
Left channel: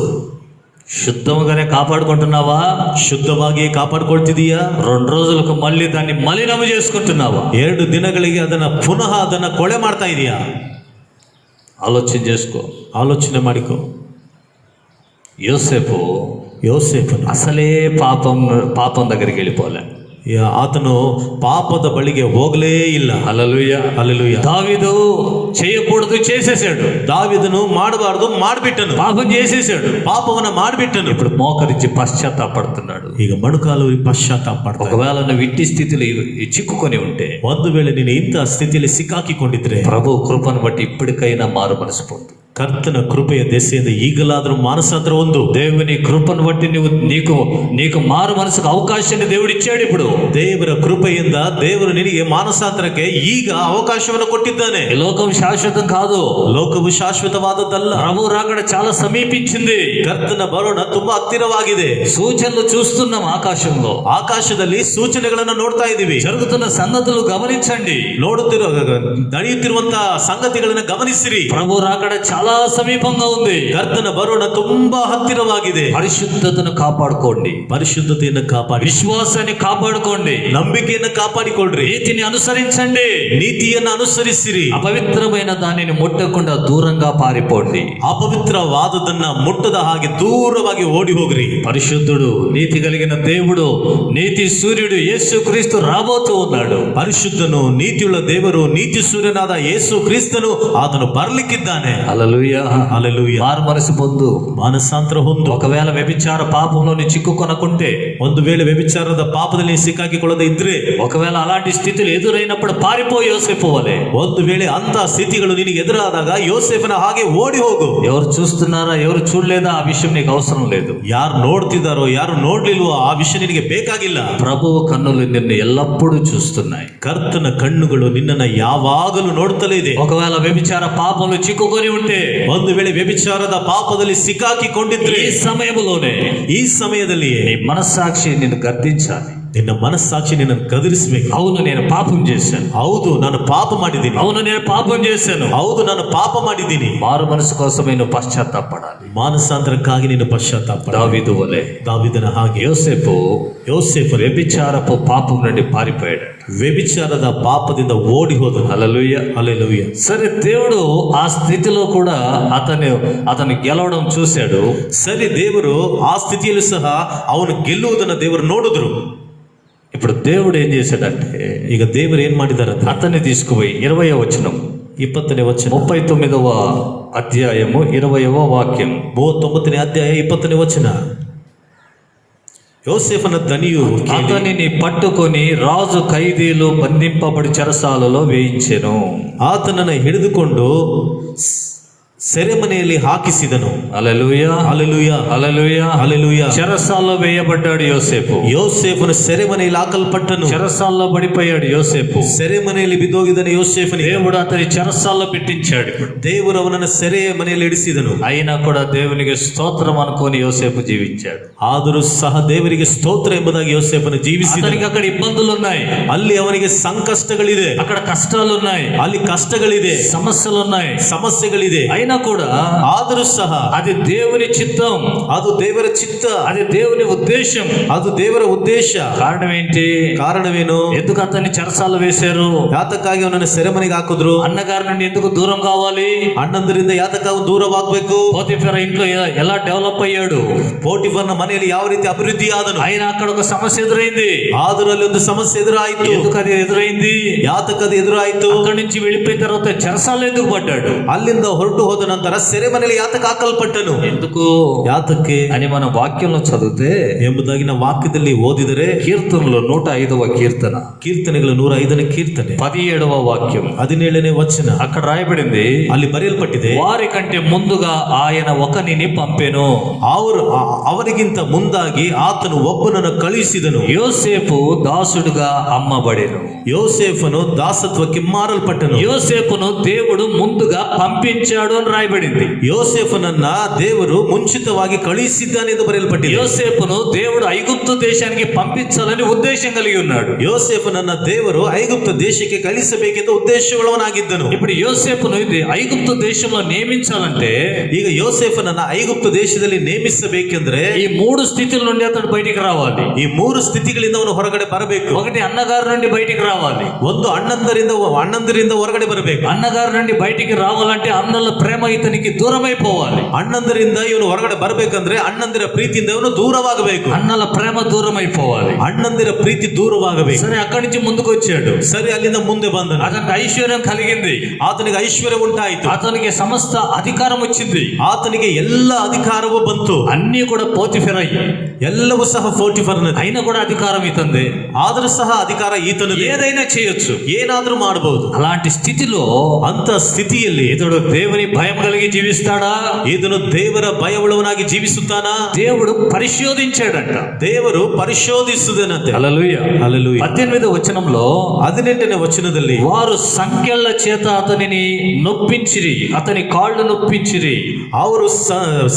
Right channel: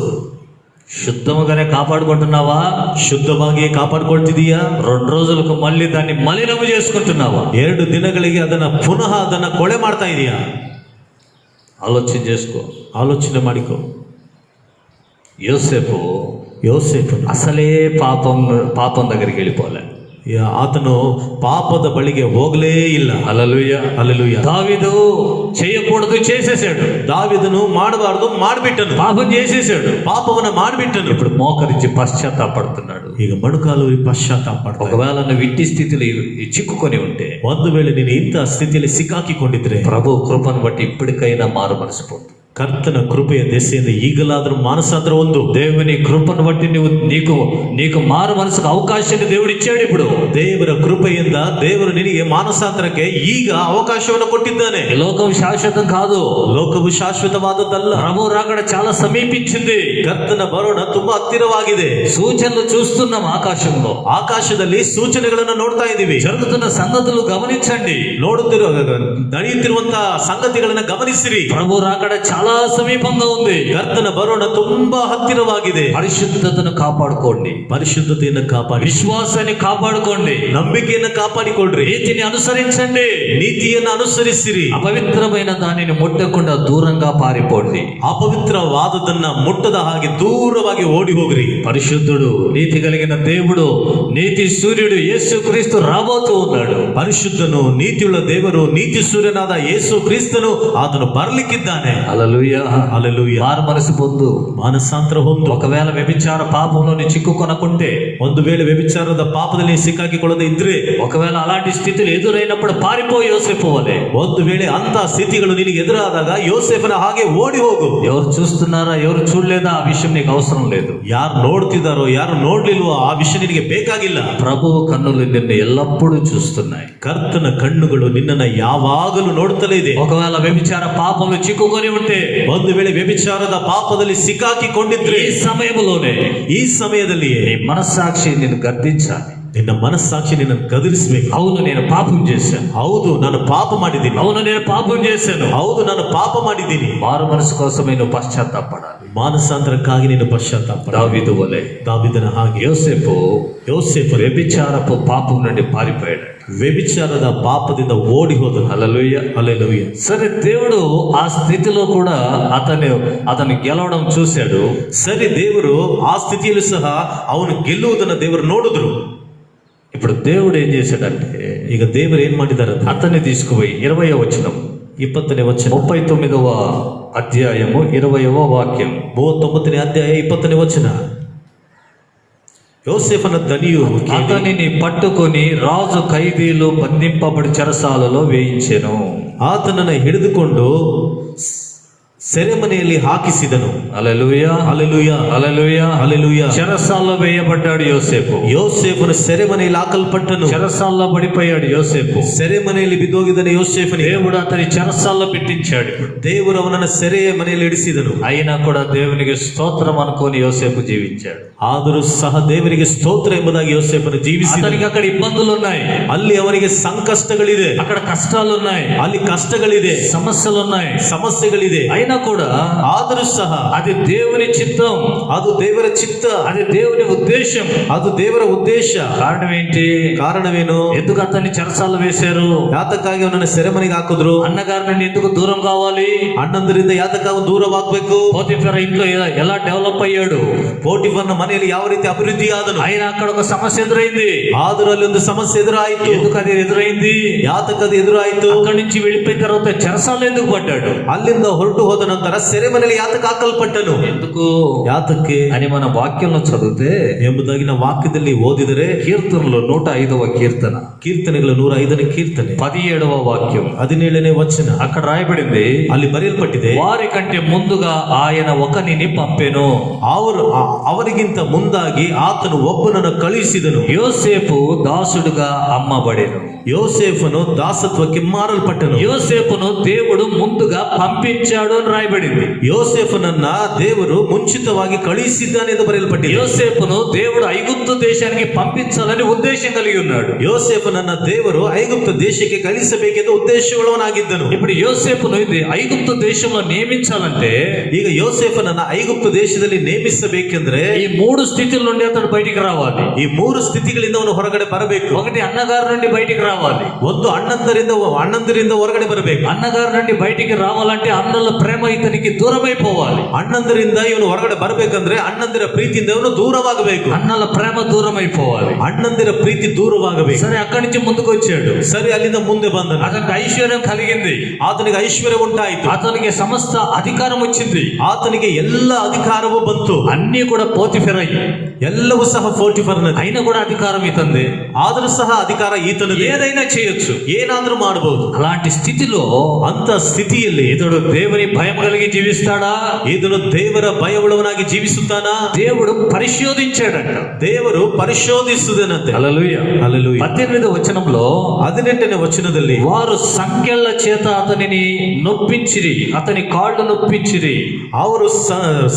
శుద్ధముగానే కాపాడుకుంటున్నావా? ಶುದ್ಧವಾಗಿಯೇ ಕಾಪಾಡ್ಕೊಳ್ತಿದೀಯಾ? 2 రోజులకు మళ్ళీ దాన్ని మలినం చేసుకుంటున్నావా? 2 ದಿನಗಳಿಗೆ ಪುನಃ ಅದನ್ನ ಕೊಳೆ ಮಾಡ್ತಾ ಇದೀಯಾ? ఆలోచన చేసుకో, ಆಲೋಚನೆ ಮಾಡಿಕೊ. యోసేపు అసలే పాపం దగ్గరికి వెళ్ళిపోలే. ಆತನು ಪಾಪದ ಬಳಿಗೆ ಹೋಗಲೇ ಇಲ್ಲ. హల్లెలూయా. హల్లెలూయా. దావీదు చేయకూడదు చేసేసాడు, దావీదును ಮಾಡಬಾರದು ಮಾಡಿಬಿಟ್ಟನು, పాపం చేసేసాడు, ಪಾಪವನ್ನ ಮಾಡಿಬಿಟ್ಟನು. ఇప్పుడు మోకరించి పశ్చాత్తాపడుతున్నాడు. ಈಗ ಮೊಣಕಾಲು ಪಶ್ಚಾತ್ತಾಪ. ఒకవేళ నువ్వు ఇట్టి స్థితిలో చిక్కుకొని ఉంటే, ಒಂದು ವೇಳೆ ನೀನು ಇಂಥ ಸ್ಥಿತಿಯಲ್ಲಿ ಸಿಕ್ಕಾಕಿಕೊಂಡಿದ್ರೆ, ప్రభు కృపను బట్టి ఇప్పటికైనా మారు మనసు పొందు. ಕರ್ತನ ಕೃಪೆಯ ದೆಸೆಯಿಂದ ಈಗಲಾದರೂ ಮಾನಸಾಂತರ ಒಂದು. దేవుని కృపను బట్టి నీకు మారు మనసుకు అవకాశాన్ని దేవుడు ఇచ్చాడు. ఇప్పుడు ದೇವರ ಕೃಪೆಯಿಂದ ದೇವರು ನಿನಗೆ ಮಾನಸಾಂತರಕ್ಕೆ ಈಗ ಅವಕಾಶವನ್ನು ಕೊಟ್ಟಿದ್ದಾನೆ. ఈ లోకం శాశ్వతం కాదు, ಲೋಕವು ಶಾಶ್ವತವಾದದ್ದಲ್ಲ. ప్రభు రాకడ చాలా సమీపించింది. ಕರ್ತನ ಬರೋಣ ತುಂಬಾ ಹತ್ತಿರವಾಗಿದೆ. సూచనలు చూస్తున్నాం ఆకాశంలో, ಆಕಾಶದಲ್ಲಿ ಸೂಚನೆಗಳನ್ನು ನೋಡ್ತಾ ಇದ್ದೀವಿ. జరుగుతున్న సంగతులు గమనించండి, ನಡೆಯುತ್ತಿರುವಂತಹ ಸಂಗತಿಗಳನ್ನ ಗಮನಿಸಿರಿ. ప్రభు రాకడ చాలా చాలా సమీపంగా ఉంది. ಕರ್ತನ ಬರೋಣ ತುಂಬಾ ಹತ್ತಿರವಾಗಿದೆ. పరిశుద్ధతను కాపాడుకోండి, ಪರಿಶುದ್ಧತೆಯನ್ನು ಕಾಪಾಡಿ, విశ్వాసాన్ని కాపాడుకోండి, ನಂಬಿಕೆಯನ್ನು ಕಾಪಾಡಿಕೊಳ್ಳ್ರಿ, నీతిని అనుసరించండి, ನೀತಿಯನ್ನು ಅನುಸರಿಸಿರಿ, అపవిత్రమైన దానిని ముట్టకుండా దూరంగా పారిపోండి. ಅಪವಿತ್ರವಾದದನ್ನ ಮುಟ್ಟದ ಹಾಗೆ ದೂರವಾಗಿ ಓಡಿ ಹೋಗ್ರಿ. పరిశుద్ధుడు, నీతి కలిగిన దేవుడు, నీతి సూర్యుడు యేసుక్రీస్తు రాబోతూ ఉన్నాడు. ಪರಿಶುದ್ಧನು, ನೀತಿಯುಳ್ಳ ದೇವರು, ನೀತಿ ಸೂರ್ಯನಾದ ಯೇಸು ಕ್ರಿಸ್ತನು ಆತನು ಬರ್ಲಿಕ್ಕಿದ್ದಾನೆ. హల్లెలూయా. ಹಲ್ಲೆಲೂಯಾ. మారు మనసు పొందు. ಮಾನಸಾಂತರ ಹೊಂದು. ఒకవేళ వ్యభిచార పాపంలోని చిక్కుకొనకుంటే, ಒಂದು ವೇಳೆ ವ್ಯಭಿಚಾರದ ಪಾಪದಲ್ಲಿ ಸಿಕ್ಕಾಕಿಕೊಳ್ಳದೆ ಇದ್ರೆ, ఒకవేళ అలాంటి స్థితులు ఎదురైనప్పుడు పారిపోయి యోసేపోవాలి. ಒಂದು ವೇಳೆ ಅಂತ ಸ್ಥಿತಿಗಳು ನಿನಗೆ ಎದುರಾದಾಗ ಯೋಸೇಫನ ಹಾಗೆ ಓಡಿ ಹೋಗು. ఎవరు చూస్తున్నారా ఎవరు చూడలేదా ఆ విషయం నీకు అవసరం లేదు. ಯಾರು ನೋಡ್ತಿದ್ದಾರೋ ಯಾರು ನೋಡ್ಲಿಲ್ವೋ ಆ ವಿಷಯ ನಿನಗೆ ಬೇಕಾಗಿಲ್ಲ. ప్రభువు కన్నులు నిన్ను ఎల్లప్పుడూ చూస్తున్నాయి. ಕರ್ತನ ಕಣ್ಣುಗಳು ನಿನ್ನನ್ನ ಯಾವಾಗಲೂ ನೋಡ್ತಲೇ ಇದೆ. ఒకవేళ వ్యభిచార పాపంలో చిక్కుకొని ఉంటే, ಒಂದು ವೇಳೆ ವ್ಯಭಿಚಾರದ ಪಾಪದಲ್ಲಿ ಸಿಕ್ಕಾಕಿಕೊಂಡಿದ್ರೆ, ఈ సమయంలోనే ಈ ಸಮಯದಲ್ಲಿಯೇ నీ మనస్సాక్షి నిన్ను గద్దించాలి. ನಿನ್ನ ಮನಸ್ಸಾಕ್ಷಿ ನಿನ್ನನ್ನು ಕದರಿಸಬೇಕು. అవును నేను పాపం చేశాను, ಹೌದು ನಾನು ಪಾಪ ಮಾಡಿದ್ದೀನಿ, అవును నేను పాపం చేశాను. ಹೌದು ನಾನು ಪಾಪ ಮಾಡಿದ್ದೀನಿ. మారు మనసు కోసమే నువ్వు పశ్చాత్తాపడాలి. ಮಾನಸಾಂತರಕ್ಕಾಗಿ ನೀನು ಪಶ್ಚಾತ್ತಾಪ. దావీదు వలె, ದಾವೀದನ ಹಾಗೆ యోసేపు వ్యభిచారపు పాపం నుండి పారిపోయాడు. ವ್ಯಭಿಚಾರದ ಪಾಪದಿಂದ ಓಡಿ ಹೋದನು. హల్లెలూయా. ಹಲ್ಲೆಲೂಯಾ. సరే, దేవుడు ఆ స్థితిలో కూడా అతను గెలవడం చూశాడు. ಸರಿ, ದೇವರು ಆ ಸ್ಥಿತಿಯಲ್ಲೂ ಸಹ ಅವನು ಗೆಲ್ಲುವುದನ್ನು ದೇವರು ನೋಡಿದ್ರು. ఇప్పుడు దేవుడు ఏం చేశాడంటే, ಈಗ ದೇವರು ಏನ್ ಮಾಡಿದ್ದಾರೆ? అతన్ని తీసుకుపోయి 20వ వచనం, 20ನೇ ವಚನ, 39వ అధ్యాయము 20వ వాక్యం, 39ನೇ ಅಧ್ಯಾಯ 20ನೇ ವಚನ. యోసేఫన దనియు అతనిని పట్టుకొని రాజు ఖైదీలు బంధింపబడి చెరసాలలో వేయించెను. ಆತನನ್ನು ಹಿಡಿದುಕೊಂಡು ಸೆರೆಮನೆಯಲ್ಲಿ ಹಾಕಿಸಿದನು. హల్లెలూయా. ಹಲ್ಲೆಲೂಯಾ. హల్లెలూయా. ಹಲ್ಲೆಲೂಯಾ. చెరసాల్లో వేయబడ్డాడు యోసేపు. ಯೋಸೇಫನು ಸೆರೆಮನೆಯಲ್ಲಿ ಹಾಕಲ್ಪಟ್ಟನು. చెరసాల్లో పడిపోయాడు యోసేపు. ಸೆರೆಮನೆಯಲ್ಲಿ ಬಿದ್ದೋಗಿದನು ಯೋಸೇಫನಿಗೆ. దేవుడు అతని చెరసాల్లో పెట్టించాడు. ದೇವರು ಅವನನ್ನು ಸೆರೆ ಮನೆಯಲ್ಲಿ ಇಡಿಸಿದನು. అయినా కూడా దేవునికి స్తోత్రం అనుకొని యోసేపు జీవించాడు. ಆದರೂ ಸಹ ದೇವರಿಗೆ ಸ್ತೋತ್ರ ಎಂಬುದಾಗಿ ಯೋಸೇಫನು ಜೀವಿಸಿದನು. అతనికి అక్కడ ఇబ్బందులు ఉన్నాయి, ಅಲ್ಲಿ ಅವನಿಗೆ ಸಂಕಷ್ಟಗಳಿದೆ, అక్కడ కష్టాలు ఉన్నాయి, ಅಲ್ಲಿ ಕಷ್ಟಗಳಿದೆ, సమస్యలు ఉన్నాయి. ಸಮಸ್ಯೆಗಳಿದೆ. అయినా కూడా ಆದರೂ ಸಹ అది దేవుని చిత్తం, ಅದು ದೇವರ ಚಿತ್ತ, అది దేవుని ఉద్దేశం. ಅದು ದೇವರ ಉದ್ದೇಶ. కారణం ఏంటి? ಕಾರಣವೇನು? ఎందుకు అతన్ని చెరసాల వేశారు? ಯಾತಕ್ಕಾಗಿ ಅವನನ್ನು ಸೆರೆಮನೆಗೆ ಹಾಕಿದ್ರು? అన్నగారి నుండి ఎందుకు దూరం కావాలి? ಅಣ್ಣಂದರಿಂದ ಯಾತಕ್ಕಾಗಿ ದೂರವಾಗಬೇಕು? పోతిఫెర ఇంట్లో ఎలా డెవలప్ అయ్యాడు? ಪೋಟಿಫರ್ನ ಮನೆಯಲ್ಲಿ ಯಾವ ರೀತಿ ಅಭಿವೃದ್ಧಿ ಆದನು? ఆయన అక్కడ ఒక సమస్య ఎదురైంది. ಆದರೂ ಅಲ್ಲಿ ಒಂದು ಸಮಸ್ಯೆ ಎದುರಾಯಿತು. ఎందుకు అది ఎదురైంది? ಯಾತಕ್ಕದು ಎದುರಾಯಿತು? అక్కడి నుంచి వెళ్ళిపోయిన తర్వాత చెరసాల ఎందుకు పడ్డాడు? ಅಲ್ಲಿಂದ ಹೊರಟು ಹೋದ ನಂತರ ಸೆರೆಮನೆಯಲ್ಲಿ ಯಾತಕ್ಕೆ ಹಾಕಲ್ಪಟ್ಟನು? ఎందుకు ಯಾತಕ್ಕೆ అని మన వాక్యంలో చదివితే, ಎಂಬುದಾಗಿ ನಾವು ವಾಕ್ಯದಲ್ಲಿ ಓದಿದರೆ, కీర్తనలు 105వ కీర్తన, ಕೀರ್ತನೆಗಳು 105ನೇ ಕೀರ್ತನೆ 17వ వాక్యం, 17ನೇ ವಚನ అక్కడ రాయబడింది, ಅಲ್ಲಿ ಬರೆಯಲ್ಪಟ್ಟಿದೆ, వారి కంటే ముందుగా ఆయన ఒకనిని పంపెను. ಅವರಿಗಿಂತ ಮುಂದಾಗಿ ಆತನು ಒಬ್ಬನನ್ನು ಕಳುಹಿಸಿದನು. యోసేపు దాసుడుగా అమ్మబడెను. ಯೋಸೇಫನು ದಾಸತ್ವಕ್ಕೆ ಮಾರಲ್ಪಟ್ಟನು. యోసేపును దేవుడు ముందుగా పంపించాడు అని రాయబడింది. ಯೋಸೇಫನನ್ನ ದೇವರು ಮುಂಚಿತವಾಗಿ ಕಳುಹಿಸಿದ್ದಾನೆ ಎಂದು ಬರೆಯಲ್ಪಟ್ಟಿದೆ. యోసేపును దేవుడు ఐగుప్తు దేశానికి పంపించాలని ఉద్దేశం కలిగి ఉన్నాడు. ಯೋಸೇಫನನ್ನ ದೇವರು ಐಗುಪ್ತ ದೇಶಕ್ಕೆ ಕಳಿಸಬೇಕೆಂದು ಉದ್ದೇಶಗಳವನಾಗಿದ್ದನು. ఇప్పుడు యోసేపును ఐగుప్తు దేశంలో నియమించాలంటే, ಈಗ ಯೋಸೇಫನನ್ನ ಐಗುಪ್ತ ದೇಶದಲ್ಲಿ ನೇಮಿಸಬೇಕೆಂದ್ರೆ ఈ 3 స్థితుల నుండి అతడు బయటికి రావాలి. ಈ 3 ಸ್ಥಿತಿಗಳಿಂದ ಅವನು ಹೊರಗಡೆ ಬರಬೇಕು. ఒకటి, అన్నగారి నుండి బయటికి రావాలి. ಒಂದು ಅಣ್ಣಂದರಿಂದ ಹೊರಗಡೆ ಬರಬೇಕು. అన్నగారి నుండి బయటికి రావాలంటే అన్నల ప్రేమ ఇతనికి దూరమైపోవాలి. ಅಣ್ಣಂದರಿಂದ ಇವನು ಹೊರಗಡೆ ಬರಬೇಕಂದ್ರೆ ಅಣ್ಣಂದಿರ ಪ್ರೀತಿಯಿಂದ ಇವನು ದೂರವಾಗಬೇಕು. అన్నల ప్రేమ దూరమైపోవాలి. ಅಣ್ಣಂದಿರ ಪ್ರೀತಿ ದೂರವಾಗಬೇಕು. సరే, అక్కడి నుంచి ముందుకు వచ్చాడు. ಸರಿ, ಅಲ್ಲಿಂದ ಮುಂದೆ ಬಂದನು. అతనికి ఐశ్వర్యం కలిగింది. ಆತನಿಗೆ ಐಶ್ವರ್ಯ ಉಂಟಾಯಿತು. అతనికి సమస్త అధికారం వచ్చింది. ಆತನಿಗೆ ಎಲ್ಲ ಅಧಿಕಾರವೂ ಬಂತು. అన్ని కూడా పోతిఫెరై, ಎಲ್ಲವೂ ಸಹ ಪೋಟಿಫರ್ನದೇ. అయినా కూడా అధికారం ఇతంది. ಆದರೂ ಸಹ ಅಧಿಕಾರ ಈತನದೇ. ఏదైనా చేయొచ్చు, ಏನಾದ್ರೂ ಮಾಡಬಹುದು. అలాంటి స్థితిలో ಅಂತ ಸ್ಥಿತಿಯಲ್ಲಿ ఇతడు దేవుని భయం కలిగి జీవిస్తాడా? ಇದನ್ನು ದೇವರ ಭಯವುಳ್ಳವನಾಗಿ ಜೀವಿಸುತ್ತಾನಾ? దేవుడు పరిశోధించాడంట. ದೇವರು ಪರಿಶೋಧಿಸುವುದನಂತೆ. హల్లెలూయా. హల్లెలూయా. 18వ వచనంలో, 18ನೇ ವಚನದಲ್ಲಿ, వారు సంకెళ్ల చేత అతనిని నొప్పించిరి, అతని కాళ్ళు నొప్పించిరి. ಅವರು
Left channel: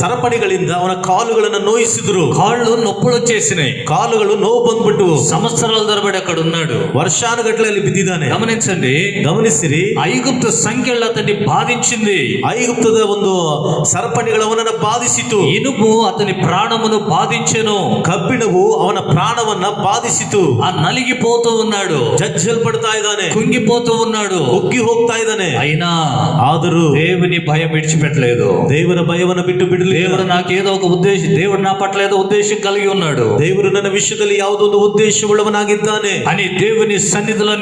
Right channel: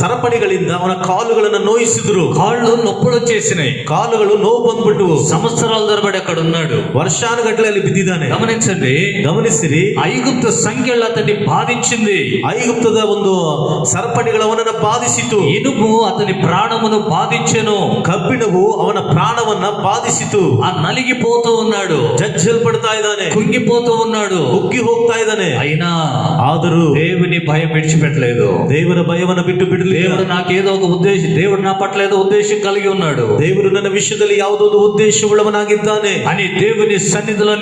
ಸರಪಣಿಗಳಿಂದ ಅವನ ಕಾಲುಗಳನ್ನು ನೋಯಿಸಿದ್ರು. కాళ్ళు నొప్పులు వచ్చేసినాయి. ಕಾಲುಗಳು ನೋವು ಬಂದ್ಬಿಟ್ಟು సంవత్సరాల తరబడి అక్కడ ఉన్నాడు. ವರ್ಷಾನುಗಟ್ಟಲೆ ಅಲ್ಲಿ ಬಿದ್ದಿದ್ದಾನೆ. గమనించండి, ಗಮನಿಸಿರಿ, ఐగుప్తు సంఖ్యలు అతన్ని బాధించింది. ಐಗುಪ್ತದ ಒಂದು ಸರಪಣಿಗಳು ಅವನನ್ನು ಬಾಧಿಸಿತು. ఇనుము అతని ప్రాణమును బాధించెను. ಕಬ್ಬಿಣವು ಅವನ ಪ್ರಾಣವನ್ನ ಬಾಧಿಸಿತು. ఆ నలిగిపోతూ ఉన్నాడు, ಜಜ್ಜಲ್ಪಡ್ತಾ ಇದ್ದಾನೆ, కుంగిపోతూ ఉన్నాడు. ಕುಗ್ಗಿ ಹೋಗ್ತಾ ಇದ್ದಾನೆ. అయినా ಆದರೂ దేవుని భయం విడిచిపెట్టలేదు. ದೇವರ ಭಯವನ್ನು ಬಿಟ್ಟು ಬಿಡಲಿಲ್ಲ. దేవుడు నాకేదో ఒక ఉద్దేశం, దేవుడు నా పట్ల ఏదో ఉద్దేశం కలిగి ఉన్నాడు ದೇವರು ನನ್ನ ವಿಷಯದಲ್ಲಿ ಯಾವುದೋ ಒಂದು ಉದ್ದೇಶವುಳ್ಳವನಾಗಿದ್ದಾನೆ అని దేవుని సన్నిధిలో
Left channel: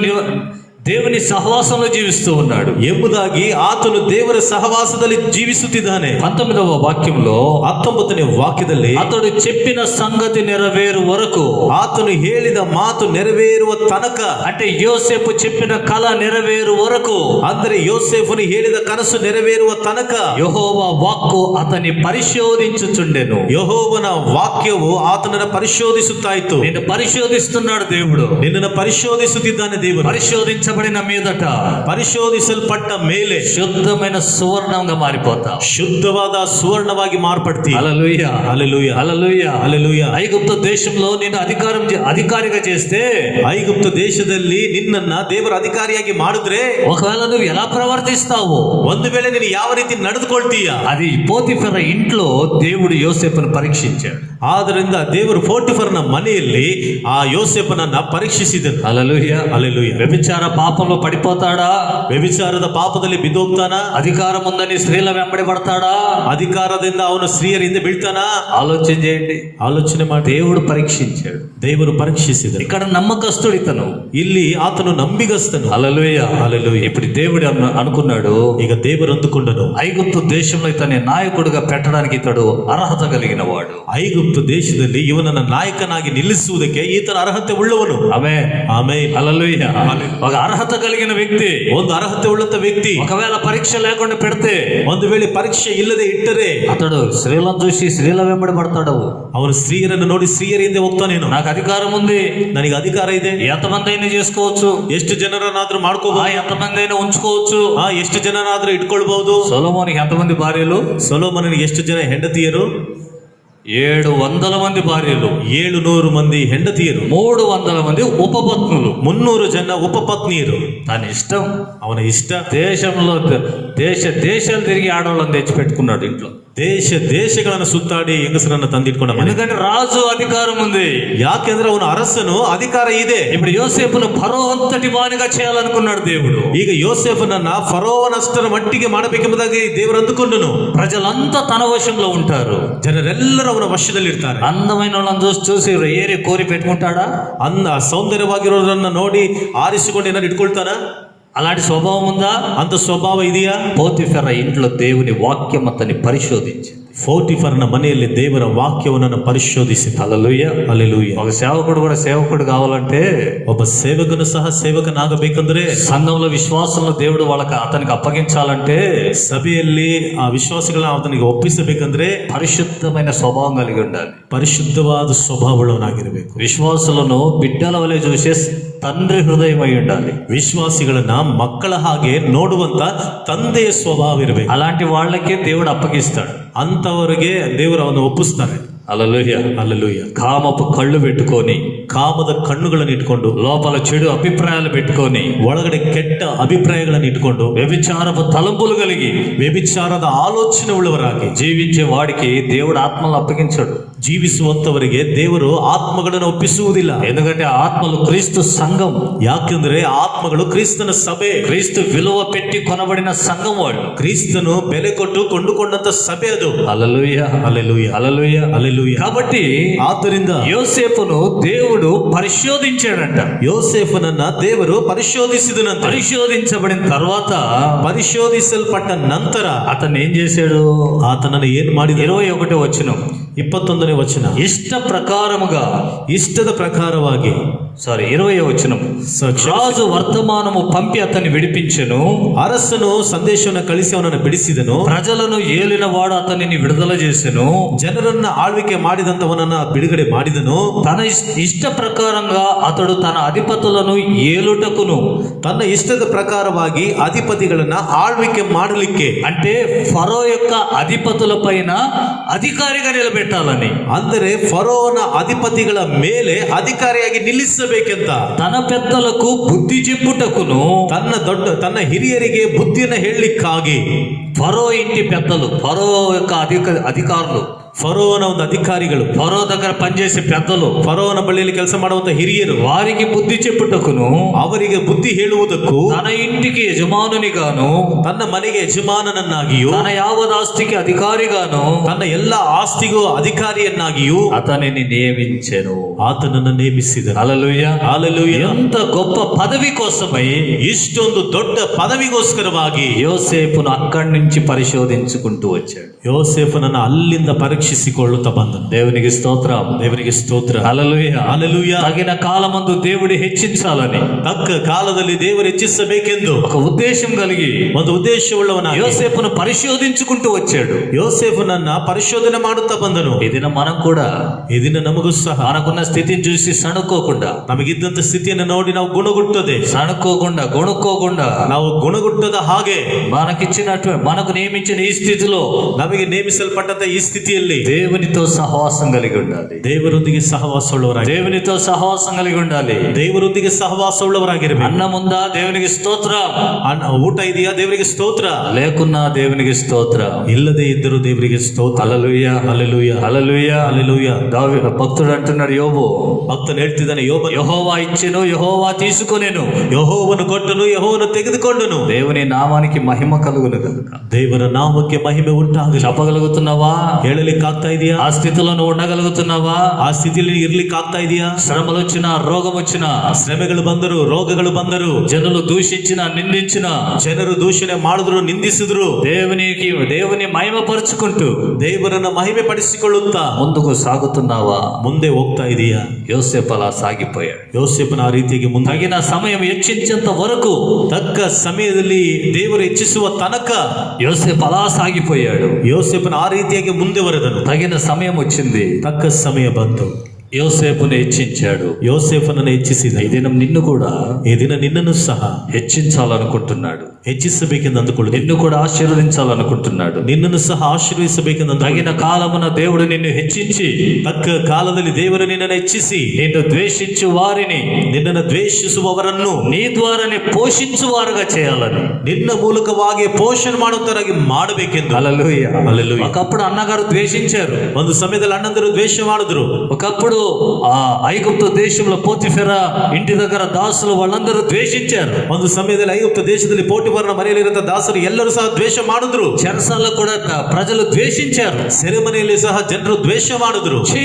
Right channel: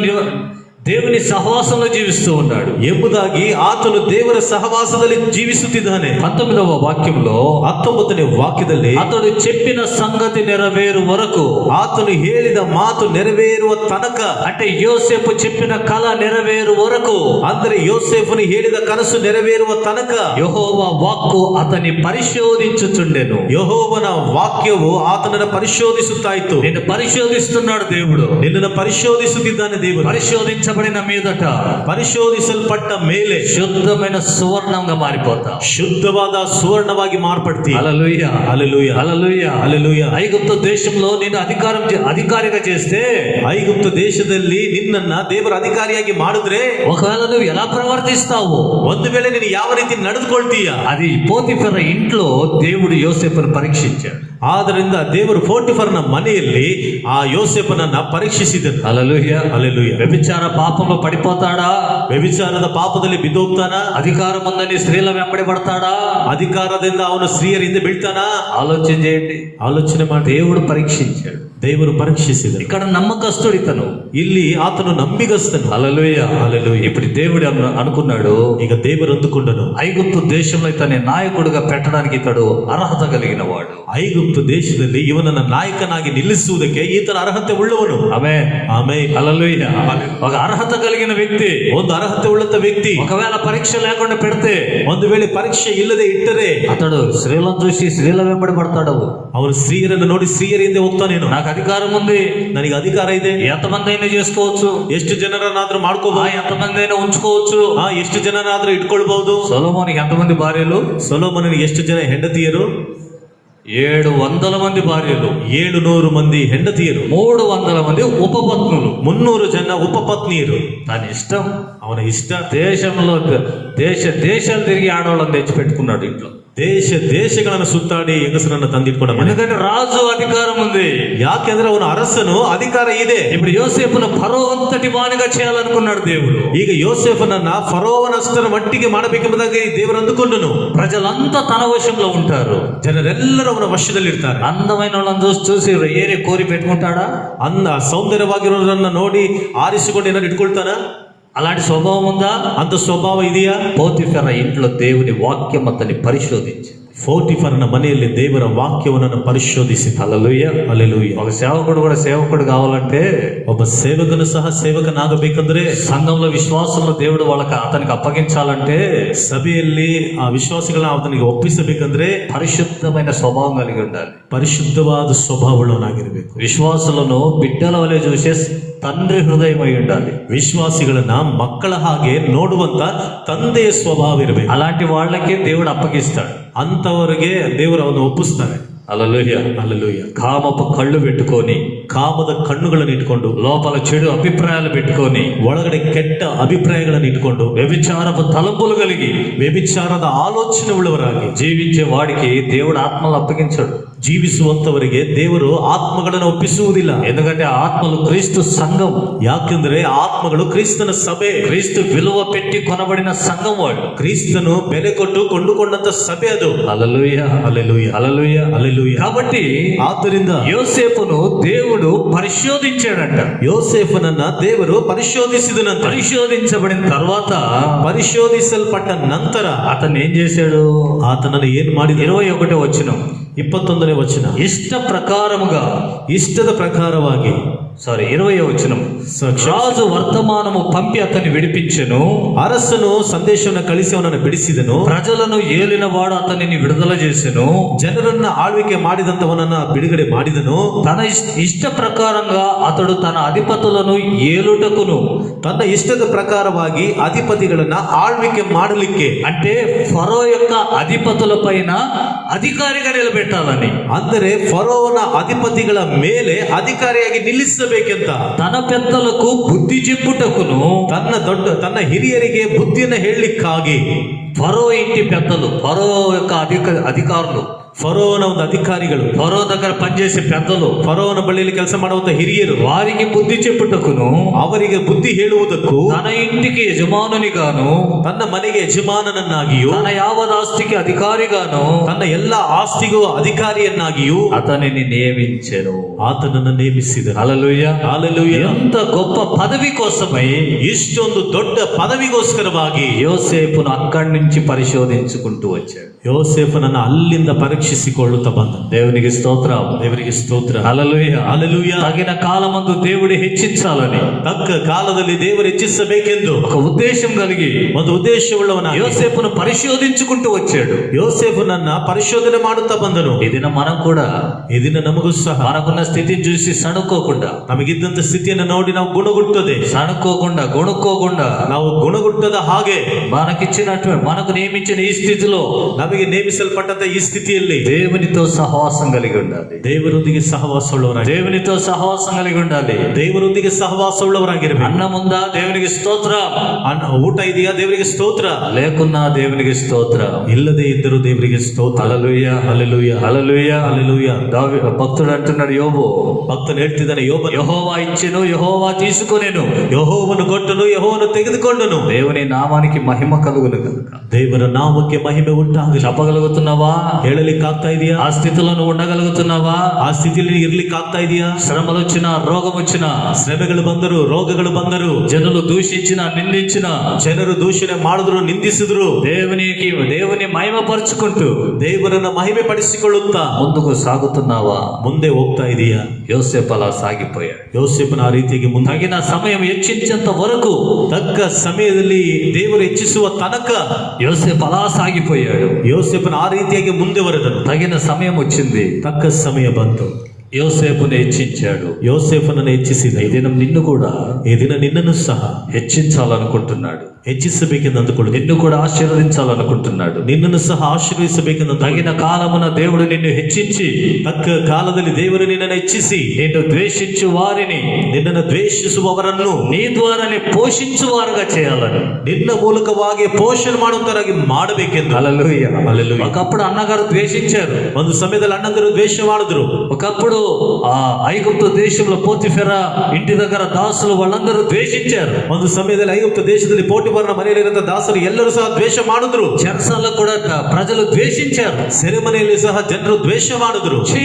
దేవుని సహవాసంలో జీవిస్తూ ఉన్నాడు ಎಂಬುದಾಗಿ ಆತನು ದೇವರ ಸಹವಾಸದಲ್ಲಿ ಜೀವಿಸುತ್ತಿದ್ದಾನೆ. 19వ వాక్యంలో 19ನೇ ವಾಕ್ಯದಲ್ಲಿ అతడు చెప్పిన సంగతి నెరవేరు వరకు, ಆತನು ಹೇಳಿದ ಮಾತು ನೆರವೇರುವ ತನಕ, అంటే యోసేపు చెప్పిన కళ నెరవేరు వరకు, ಅಂದರೆ ಯೋಸೇಫನು ಹೇಳಿದ ಕನಸು ನೆರವೇರುವ ತನಕ యెహోవా వాక్కు అతని పరిశోధించుచుండెను. ಯೆಹೋವನ ವಾಕ್ಯವು ಆತನನ್ನು ಪರಿಶೋಧಿಸುತ್ತಾ ಇತ್ತು. నిన్ను పరిశోధిస్తున్నాడు దేవుడు. ನಿನ್ನನ್ನು ಪರಿಶೋಧಿಸುತ್ತಿದ್ದಾನೆ ದೇವರು. పరిశోధించబడిన మీదట ಪರಿಶೋಧಿಸಲ್ಪಟ್ಟ ಮೇಲೆ శుద్ధమైన సువర్ణంగా మారిపోతా. ಶುದ್ಧವಾದ ಸುವರ್ಣವಾಗಿ ಮಾರ್ಪಡ್ತಿ. హల్లెలూయా, హల్లెలూయా, హల్లెలూయా, హల్లెలూయా. ఐగుప్తు దేశంలో నేను అధికారిగా చేస్తే, ಐಗುಪ್ತ ದೇಶದಲ್ಲಿ ನಿನ್ನನ್ನ ದೇವರ ಅಧಿಕಾರಿಯಾಗಿ ಮಾಡಿದ್ರೆ ఒకవేళ నువ్వు ఎలా ప్రవర్తిస్తావు, ಒಂದು ವೇಳೆ ನೀನು ಯಾವ ರೀತಿ ನಡೆದುಕೊಳ್ತೀಯ, అది పోతిఫెర ఇంట్లో దేవుడు యోసేపును పరీక్షించాడు. ಆದ್ದರಿಂದ ದೇವರು ಪೋಟಿಫರನ ಮನೆಯಲ್ಲಿ ಆ ಯೋಸೇಫನನ್ನ ಪರೀಕ್ಷಿಸಿದನು. హల్లెలూయా, హల్లెలూయా. వ్యభిచార పాపంలో పడిపోతాడా? ವ್ಯಭಿಚಾರದ ಪಾಪದಲ್ಲಿ ಬಿದ್ದೋಗ್ತಾನ? అధికారం ఉందని స్త్రీల వెంబడి పడతాడా? ಅಧಿಕಾರದಿಂದ ಅವನು ಸ್ತ್ರೀಯರಿಂದ ಬೀಳ್ತಾನ? ఆలోచన చేయండి. ಆಲೋಚನೆ ಮಾಡಿ. దేవుడు పరీక్షించాడు. ದೇವರು ಪರೀಕ್ಷಿಸಿದನು. ఇక్కడ నమ్మకస్తుడు ఇతను. ಇಲ್ಲಿ ಆತನು ನಂಬಿಗಸ್ತನು. హల్లెలూయా, హల్లెలూయా. ఇప్పుడు దేవుడు అనుకున్నాడు, ಈಗ ದೇವರು ಅಂದುಕೊಂಡನು, ఐగుప్తు దేశంలో ఇతని నాయకుడిగా పెట్టడానికి ఇతడు అర్హత కలిగిన వాడు. ಐಗುಪ್ತ ದೇಶದಲ್ಲಿ ಇವನನ್ನ ನಾಯಕನಾಗಿ ನಿಲ್ಲಿಸುವುದಕ್ಕೆ ಈತನ ಅರ್ಹತೆ ಉಳ್ಳವನು. ఆమేన్, ಆಮೇಲೆ హల్లెలూయా. ఒక అర్హత కలిగిన వ్యక్తి ಒಂದು ಅರ್ಹತೆ ಉಳ್ಳಂತ ವ್ಯಕ್ತಿ ఒకవేళ పరీక్ష లేకుండా పెడితే, ಒಂದು ವೇಳೆ ಪರೀಕ್ಷೆ ಇಲ್ಲದೆ ಇಟ್ಟರೆ అతడు స్త్రీలను చూసి స్త్రీల వెంబడి పడతాడు. ಅವನು ಸ್ತ್ರೀಯರನ್ನು ನೋಡಿ ಸ್ತ್ರೀಯರಿಂದ ಹೋಗ್ತಾನೇನು? నాకు అధికారం ఉంది, ನನಗೆ ಅಧಿಕಾರ ಇದೆ, ఎంతమంది అయినా చేసుకోవచ్చు, ಎಷ್ಟು ಜನರನ್ನಾದ್ರೂ ಮಾಡ್ಕೋಬಹುದು, ఎంతమంది అయినా ఉంచుకోవచ్చు. ಎಷ್ಟು ಜನರಾದ್ರೂ ಇಟ್ಕೊಳ್ಬಹುದು. సొలొమోనికి ఎంతమంది భార్యలు? ಸೊಲೊಮೋನನಿಗೆ ಎಷ್ಟು ಜನ ಹೆಂಡತಿಯರು? 700 మంది భార్యలు, 700 ಮಂದಿ ಹೆಂಡತಿಯರು, 300 మంది ఉపపత్నులు. 300 ಜನ ಉಪಪತ್ನಿಯರು. తన ఇష్టం. ಅವನ ಇಷ್ಟ. దేశంలో దేశాలు తిరిగి ఆడవాళ్ళని తెచ్చి పెట్టుకున్నాడు ఇంట్లో. ದೇಶಗಳನ್ನು ಸುತ್ತಾಡಿ ಹೆಂಗಸರನ್ನ ತಂದಿಟ್ಕೊಂಡ. ఎందుకంటే రాజు అధికారం ఉంది. ಯಾಕೆಂದ್ರೆ ಅವನ ಅರಸನು ಅಧಿಕಾರ ಇದೆ. ఇప్పుడు యోసేపును ఫరో అంతటి వానిగా చేయాలనుకున్నాడు దేవుడు. ಈಗ ಯೋಸೇಫನನ್ನ ಫರೋವನಷ್ಟರ ಮಟ್ಟಿಗೆ ಮಾಡಬೇಕೆಂಬುದಾಗಿ ದೇವರು ಅಂದುಕೊಂಡನು. ప్రజలంతా తన వశంలో ఉంటారు. ಜನರೆಲ್ಲರೂ ಅವನ ವಶದಲ್ಲಿರ್ತಾರೆ. అందమైన వాళ్ళని చూసి ఏరి కోరి పెట్టుకుంటాడా? ಸೌಂದರ್ಯವಾಗಿರೋರನ್ನ ನೋಡಿ ಆರಿಸಿಕೊಂಡು ಏನಾದ್ರು ಇಟ್ಕೊಳ್ತಾನ? అలాంటి స్వభావం ఉందా? ಅಂತ ಸ್ವಭಾವ ಇದೆಯಾ? పోతిఫెర ఇంట్లో దేవుని వాక్యం అతన్ని పరిశోధించింది. ಪೋಟಿಫರನ ಮನೆಯಲ್ಲಿ ದೇವರ ವಾಕ್ಯವನ್ನು ಪರಿಶೋಧಿಸಿ. హల్లెలూయా, ಹಲ್ಲೆಲೂಯಾ. ఒక సేవకుడు కూడా సేవకుడు కావాలంటే, ಒಬ್ಬ ಸೇವಕನು ಸಹ ಸೇವಕನಾಗಬೇಕಂದ್ರೆ, సంఘంలో విశ్వాసంలో దేవుడు అతనికి అప్పగించాలంటే, ಸಭೆಯಲ್ಲಿ ಆ ವಿಶ್ವಾಸಿಗಳನ್ನ ಆತನಿಗೆ ಒಪ್ಪಿಸಬೇಕಂದ್ರೆ పరిశుద్ధమైన స్వభావం కలిగి ఉండాలి. ಪರಿಶುದ್ಧವಾದ ಸ್ವಭಾವವುಳ್ಳವನಾಗಿರಬೇಕು. విశ్వాసులను బిడ్డల వలె చూసే తండ్రి హృదయం అయి ఉండాలి. ವಿಶ್ವಾಸಿಗಳನ್ನ ಮಕ್ಕಳ ಹಾಗೆ ನೋಡುವಂತ ತಂದೆಯ ಸ್ವಭಾವ ಇರಬೇಕು. అలాంటి వాళ్ళకే దేవుడు అప్పగిస్తాడు. ಅಂತವರಿಗೆ ದೇವರು ಅವನು ಒಪ್ಪಿಸ್ತಾನೆ. హల్లెలూయా, హల్లెలూయా. కామపు కళ్ళు పెట్టుకొని, ಕಾಮದ ಕಣ್ಣುಗಳನ್ನು ಇಟ್ಕೊಂಡು, లోపల చెడు అభిప్రాయాలు పెట్టుకొని, ಒಳಗಡೆ ಕೆಟ್ಟ ಅಭಿಪ್ರಾಯಗಳನ್ನು ಇಟ್ಕೊಂಡು, వ్యభిచారపు తలంపులు కలిగి ವ್ಯಭಿಚಾರದ ಆಲೋಚನೆ ಉಳ್ಳವರಾಗಿ జీవించే వాడికి దేవుడు ఆత్మలు అప్పగించాడు. ಜೀವಿಸುವಂತವರಿಗೆ ದೇವರು ಆತ್ಮಗಳನ್ನು ಒಪ್ಪಿಸುವುದಿಲ್ಲ. ఎందుకంటే ఆత్మలు క్రీస్తు సంఘం. ಯಾಕೆಂದ್ರೆ ಆತ್ಮಗಳು ಕ್ರಿಸ್ತನ ಸಭೆ. క్రీస్తు విలువ పెట్టి కొనబడిన సంఘం వాడు. ಕ್ರಿಸ್ತನು ಬೆಲೆ ಕೊಟ್ಟು ಕೊಂಡುಕೊಂಡಂತ ಸಭೆ ಅದು. హల్లెలూయా, హల్లెలూయా, హల్లెలూయా, హల్లెలూయా. కాబట్టి ಆದ್ದರಿಂದ యోసేపును దేవుడు పరిశోధించాడంట. ಯೋಸೇಫನನ್ನ ದೇವರು ಪರಿಶೋಧಿಸಿದನಂತೆ. పరిశోధించబడిన తర్వాత, ಪರಿಶೋಧಿಸಲ್ಪಟ್ಟ ನಂತರ అతను ఏం చేశాడు? ಆತನನ್ನು ಏನು ಮಾಡಿದ? 21వ వచనం, 21ನೇ ವಚನ. ఇష్ట ప్రకారముగా ಇಷ್ಟದ ಪ್ರಕಾರವಾಗಿ 20వ వచనం. ಸ- రాజు వర్తమానము పంపి అతన్ని విడిపించెను. ಅರಸನು ಸಂದೇಶವನ್ನು ಕಳಿಸಿ ಅವನನ್ನು ಬಿಡಿಸಿದನು. ప్రజలను ఏలినవాడు అతనిని విడుదల చేసెను. ಜನರನ್ನ ಆಳ್ವಿಕೆ ಮಾಡಿದಂತವನನ್ನ ಬಿಡುಗಡೆ ಮಾಡಿದನು. తన ఇష్ట ప్రకారంగా అతడు తన అధిపతులను ఏలుటకును, ತನ್ನ ಇಷ್ಟದ ಪ್ರಕಾರವಾಗಿ ಅಧಿಪತಿಗಳನ್ನ ಆಳ್ವಿಕೆ ಮಾಡಲಿಕ್ಕೆ, అంటే ఫరో యొక్క అధిపతుల పైన అధికారిగా నిలబెట్టాలని, ಅಂದರೆ ಫರೋವನ ಅಧಿಪತಿಗಳ ಮೇಲೆ ಅಧಿಕಾರಿಯಾಗಿ ನಿಲ್ಲಿಸಬೇಕೆಂತ, తన పెద్దలకు బుద్ధి చెప్పుటకును, ತನ್ನ ಹಿರಿಯರಿಗೆ ಬುದ್ಧಿಯನ್ನು ಹೇಳಲಿಕ್ಕಾಗಿ, ఫరో ఇంటి పెద్దలు, ఫరో యొక్క అధికారులు, ಫರೋವನ ಒಂದು ಅಧಿಕಾರಿಗಳು, ఫరో దగ్గర పనిచేసే పెద్దలు, ಫರೋವನ ಬಳಿಯಲ್ಲಿ ಕೆಲಸ ಮಾಡುವಂತ ಹಿರಿಯರು, వారికి బుద్ధి చెప్పుటకును, ಅವರಿಗೆ ಬುದ್ಧಿ ಹೇಳುವುದಕ್ಕೂ, తన ఇంటికి యజమానునిగాను, ತನ್ನ ಮನೆಗೆ ಯಜಮಾನನನ್ನಾಗಿಯೂ, తన యావదాస్తికి అధికారిగాను, ತನ್ನ ಎಲ್ಲ ಆಸ್ತಿಗೂ ಅಧಿಕಾರಿಯನ್ನಾಗಿಯೂ అతనిని నియమించెను. ಆತನನ್ನು ನೇಮಿಸಿದನು. హల్లెలూయా. ಹಾಲೆಲೂಯಾ. ఎంత గొప్ప పదవి కోసమై ಇಷ್ಟೊಂದು ದೊಡ್ಡ ಪದವಿಗೋಸ್ಕರವಾಗಿ యోసేపును అక్కడి నుంచి పరిశోధించుకుంటూ వచ్చాడు. ಯೋಸೇಫನನ್ನು ಅಲ್ಲಿಂದ ಪರೀಕ್ಷಿಸಿಕೊಳ್ಳುತ್ತಾ ಬಂದನು. దేవునికి స్తోత్రం. ದೇವರಿಗೆ ಸ್ತೋತ್ರ. హల్లెలూయా. ಹಾಲೆಲೂಯಾ. తగిన కాలమందు దేవుడు హెచ్చించాలని ತಕ್ಕ ಕಾಲದಲ್ಲಿ ದೇವರು ಹೆಚ್ಚಿಸಬೇಕೆಂದು ఒక ఉద్దేశం కలిగి ಒಂದು ಉದ್ದೇಶವುಳ್ಳವನಾಗಿ యోసేపును పరిశోధించుకుంటూ వచ్చాడు. ಯೋಸೇಫನನ್ನ ಪರಿಶೋಧನೆ ಮಾಡುತ್ತಾ ಬಂದನು. ఈ దినం మనం కూడా ಈ ದಿನ ನಮಗೂ ಸಹ మనకున్న స్థితిని చూసి సణుకోకుండా, ನಮಗಿದ್ದಂತ ಸ್ಥಿತಿಯನ್ನು ನೋಡಿ ನಾವು ಗುಣಗುಟ್ಟದೆ, సణుకోకుండా, గొణుక్కోకుండా, ನಾವು ಗುಣಗುಟ್ಟದ ಹಾಗೆ మనకు నియమించిన ఈ స్థితిలో ನಮಗೆ ನೇಮಿಸಲ್ಪಟ್ಟಂತ ಈ ಸ್ಥಿತಿಯಲ್ಲಿ దేవునితో సహవాసం కలిగి ఉండాలి. ದೇವರೊಂದಿಗೆ ಸಹವಾಸವುಳ್ಳವರಾಗಿ, దేవునితో సహవాసం కలిగి ఉండాలి. ದೇವರೊಂದಿಗೆ ಸಹವಾಸವುಳ್ಳವರಾಗಿರಬೇಕು. అన్నముందా దేవునికి స్తోత్రం, ಊಟ ಇದೆಯಾ ದೇವರಿಗೆ ಸ್ತೋತ್ರ, లేకున్నా దేవునికి స్తోత్రం. ಇಲ್ಲದೆ ಇದ್ದರೂ ದೇವರಿಗೆ ಸ್ತೋತ್ರ. హల్లెలూయా. హల్లెలూయా. హల్లెలూయా. హల్లెలూయా. భక్తుడు అంటున్నాడు, యోబు, ಭಕ್ತನು ಹೇಳ್ತಿದ್ದಾನೆ, యెహోవా ఇచ్చెను, యెహోవా తీసుకొనెను, ಯೆಹೋವನು ಕೊಟ್ಟನು, ಯೆಹೋವನು ತೆಗೆದುಕೊಂಡನು. దేవుని నామానికి మహిమ కలుగును కనుక. ದೇವರ ನಾಮಕ್ಕೆ ಮಹಿಮೆ ಉಂಟಾಗಲಿ. చెప్పగలుగుతున్నావా? ಹೇಳಲಿಕ್ಕೆ ಆಗ್ತಾ ಇದೆಯಾ? ఆ స్థితిలో నువ్వు ఉండగలుగుతున్నావా? ಆ ಸ್ಥಿತಿಯಲ್ಲಿ ಇರ್ಲಿಕ್ಕೆ ಆಗ್ತಾ ಇದೆಯಾ? శ్రమలు వచ్చినా, రోగం వచ్చినా, ಶ್ರಮೆಗಳು ಬಂದರು, ರೋಗಗಳು ಬಂದರು, జనులు దూషించిన, నిందించిన, ಜನರು ದೂಷಣೆ ಮಾಡಿದ್ರು, ನಿಂದಿಸಿದ್ರು, దేవుని మహిమపరుచుకుంటూ ದೇವರನ್ನ ಮಹಿಮೆ ಪಡಿಸಿಕೊಳ್ಳುತ್ತಾ ముందుకు సాగుతున్నావా? ಮುಂದೆ ಹೋಗ್ತಾ ಇದೆಯಾ? యోసేపు అలా సాగిపోయాడు. ಯೋಸೇಫನ ಆ ರೀತಿಯಾಗಿ ಮುಂದೆ తగిన సమయం హెచ్చించేంత వరకు ತಕ್ಕ ಸಮಯದಲ್ಲಿ ದೇವರು ಹೆಚ್ಚಿಸುವ ತನಕ యోసేపు అలా సాగిపోయాడు. ಯೋಸೇಫನ ಆ ರೀತಿಯಾಗಿ ಮುಂದೆ ಬರೆದನು. తగిన సమయం వచ్చింది, ತಕ್ಕ ಸಮಯ ಬಂತು, యోసేపును హెచ్చించాడు. ಯೋಸೇಫನನ್ನು ಹೆಚ್ಚಿಸಿದ. ఈ దినం నిన్ను కూడా ಈ ದಿನ ನಿನ್ನನ್ನು ಸಹ హెచ్చించాలనుకుంటున్నాడు. ಹೆಚ್ಚಿಸಬೇಕೆಂದು ಅಂದುಕೊಳ್ಳು. నిన్ను కూడా ఆశీర్వదించాలనుకుంటున్నాడు. ನಿನ್ನನ್ನು ಸಹ ಆಶೀರ್ವಿಸಬೇಕೆಂದು తగిన కాలమున దేవుడు నిన్ను హెచ్చించి, ತಕ್ಕ ಕಾಲದಲ್ಲಿ ದೇವರು ನಿನ್ನನ್ನು ಹೆಚ್ಚಿಸಿ, నిన్ను ద్వేషించు వారిని ನಿನ್ನನ್ನು ದ್ವೇಷಿಸುವವರನ್ನು నీ ద్వారానే పోషించువారుగా చేయాలని. ನಿನ್ನ ಮೂಲಕವಾಗಿ ಪೋಷಣೆ ಮಾಡುವಂತರಾಗಿ ಮಾಡಬೇಕೆಂದು. హల్లెలూయా. హల్లెలూయా. ఒకప్పుడు అన్నగారు ద్వేషించారు. ಒಂದು ಸಮಯದಲ್ಲಿ ಅಣ್ಣಂದರು ದ್ವೇಷ ಮಾಡಿದ್ರು. ఒకప్పుడు ఆ ఐగుప్తు దేశంలో పోతిఫెర ఇంటి దగ్గర దాసులు వాళ్ళందరూ ద్వేషించారు. ಒಂದು ಸಮಯದಲ್ಲಿ ಐಗುಪ್ತ ದೇಶದಲ್ಲಿ ಪೋಟಿಫರನ ಮನೆಯಲ್ಲಿರುವಂತಹ ದಾಸರು ಎಲ್ಲರೂ ಸಹ ದ್ವೇಷ ಮಾಡಿದ್ರು. చెరసాల్లో కూడా ప్రజలు ద్వేషించారు. ಸೆರೆಮನೆಯಲ್ಲಿ ಸಹ ಜನರು ದ್ವೇಷ ಮಾಡಿದ್ರು. ఛీ,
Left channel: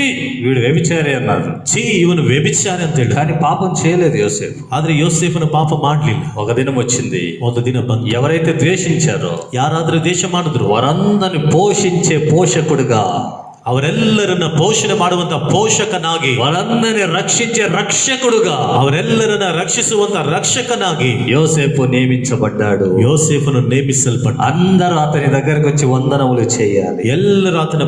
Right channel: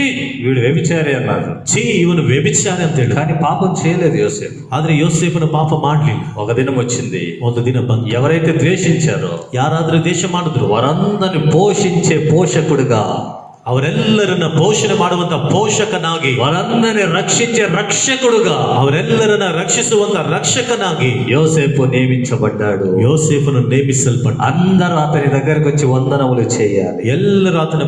వీడు వ్యభిచారి అన్నారు. ಛೀ, ಇವನು ವ್ಯಭಿಚಾರಿ ಅಂತ ಹೇಳಿ. కానీ పాపం చేయలేదు యోసేపు. ಆದ್ರೆ ಯೋಸೇಫನ ಪಾಪ ಮಾಡ್ಲಿಲ್ಲ. ఒక దినం వచ్చింది, ಒಂದು ದಿನ ಬಂತು. ఎవరైతే ద్వేషించారో ಯಾರಾದ್ರೂ ದ್ವೇಷ ಮಾಡಿದ್ರು, వారందరిని పోషించే పోషకుడిగా, ಅವರೆಲ್ಲರನ್ನ ಪೋಷಣೆ ಮಾಡುವಂತ ಪೋಷಕನಾಗಿ, వారందరిని రక్షించే రక్షకుడుగా ಅವರೆಲ್ಲರನ್ನ ರಕ್ಷಿಸುವಂತ ರಕ್ಷಕನಾಗಿ యోసేపు నియమించబడ్డాడు. ಯೋಸೇಫನು ನೇಮಿಸಲ್ಪಟ್ಟ. అందరూ అతని దగ్గరకు వచ్చి వందనములు చేయాలి. ಎಲ್ಲರೂ ಆತನ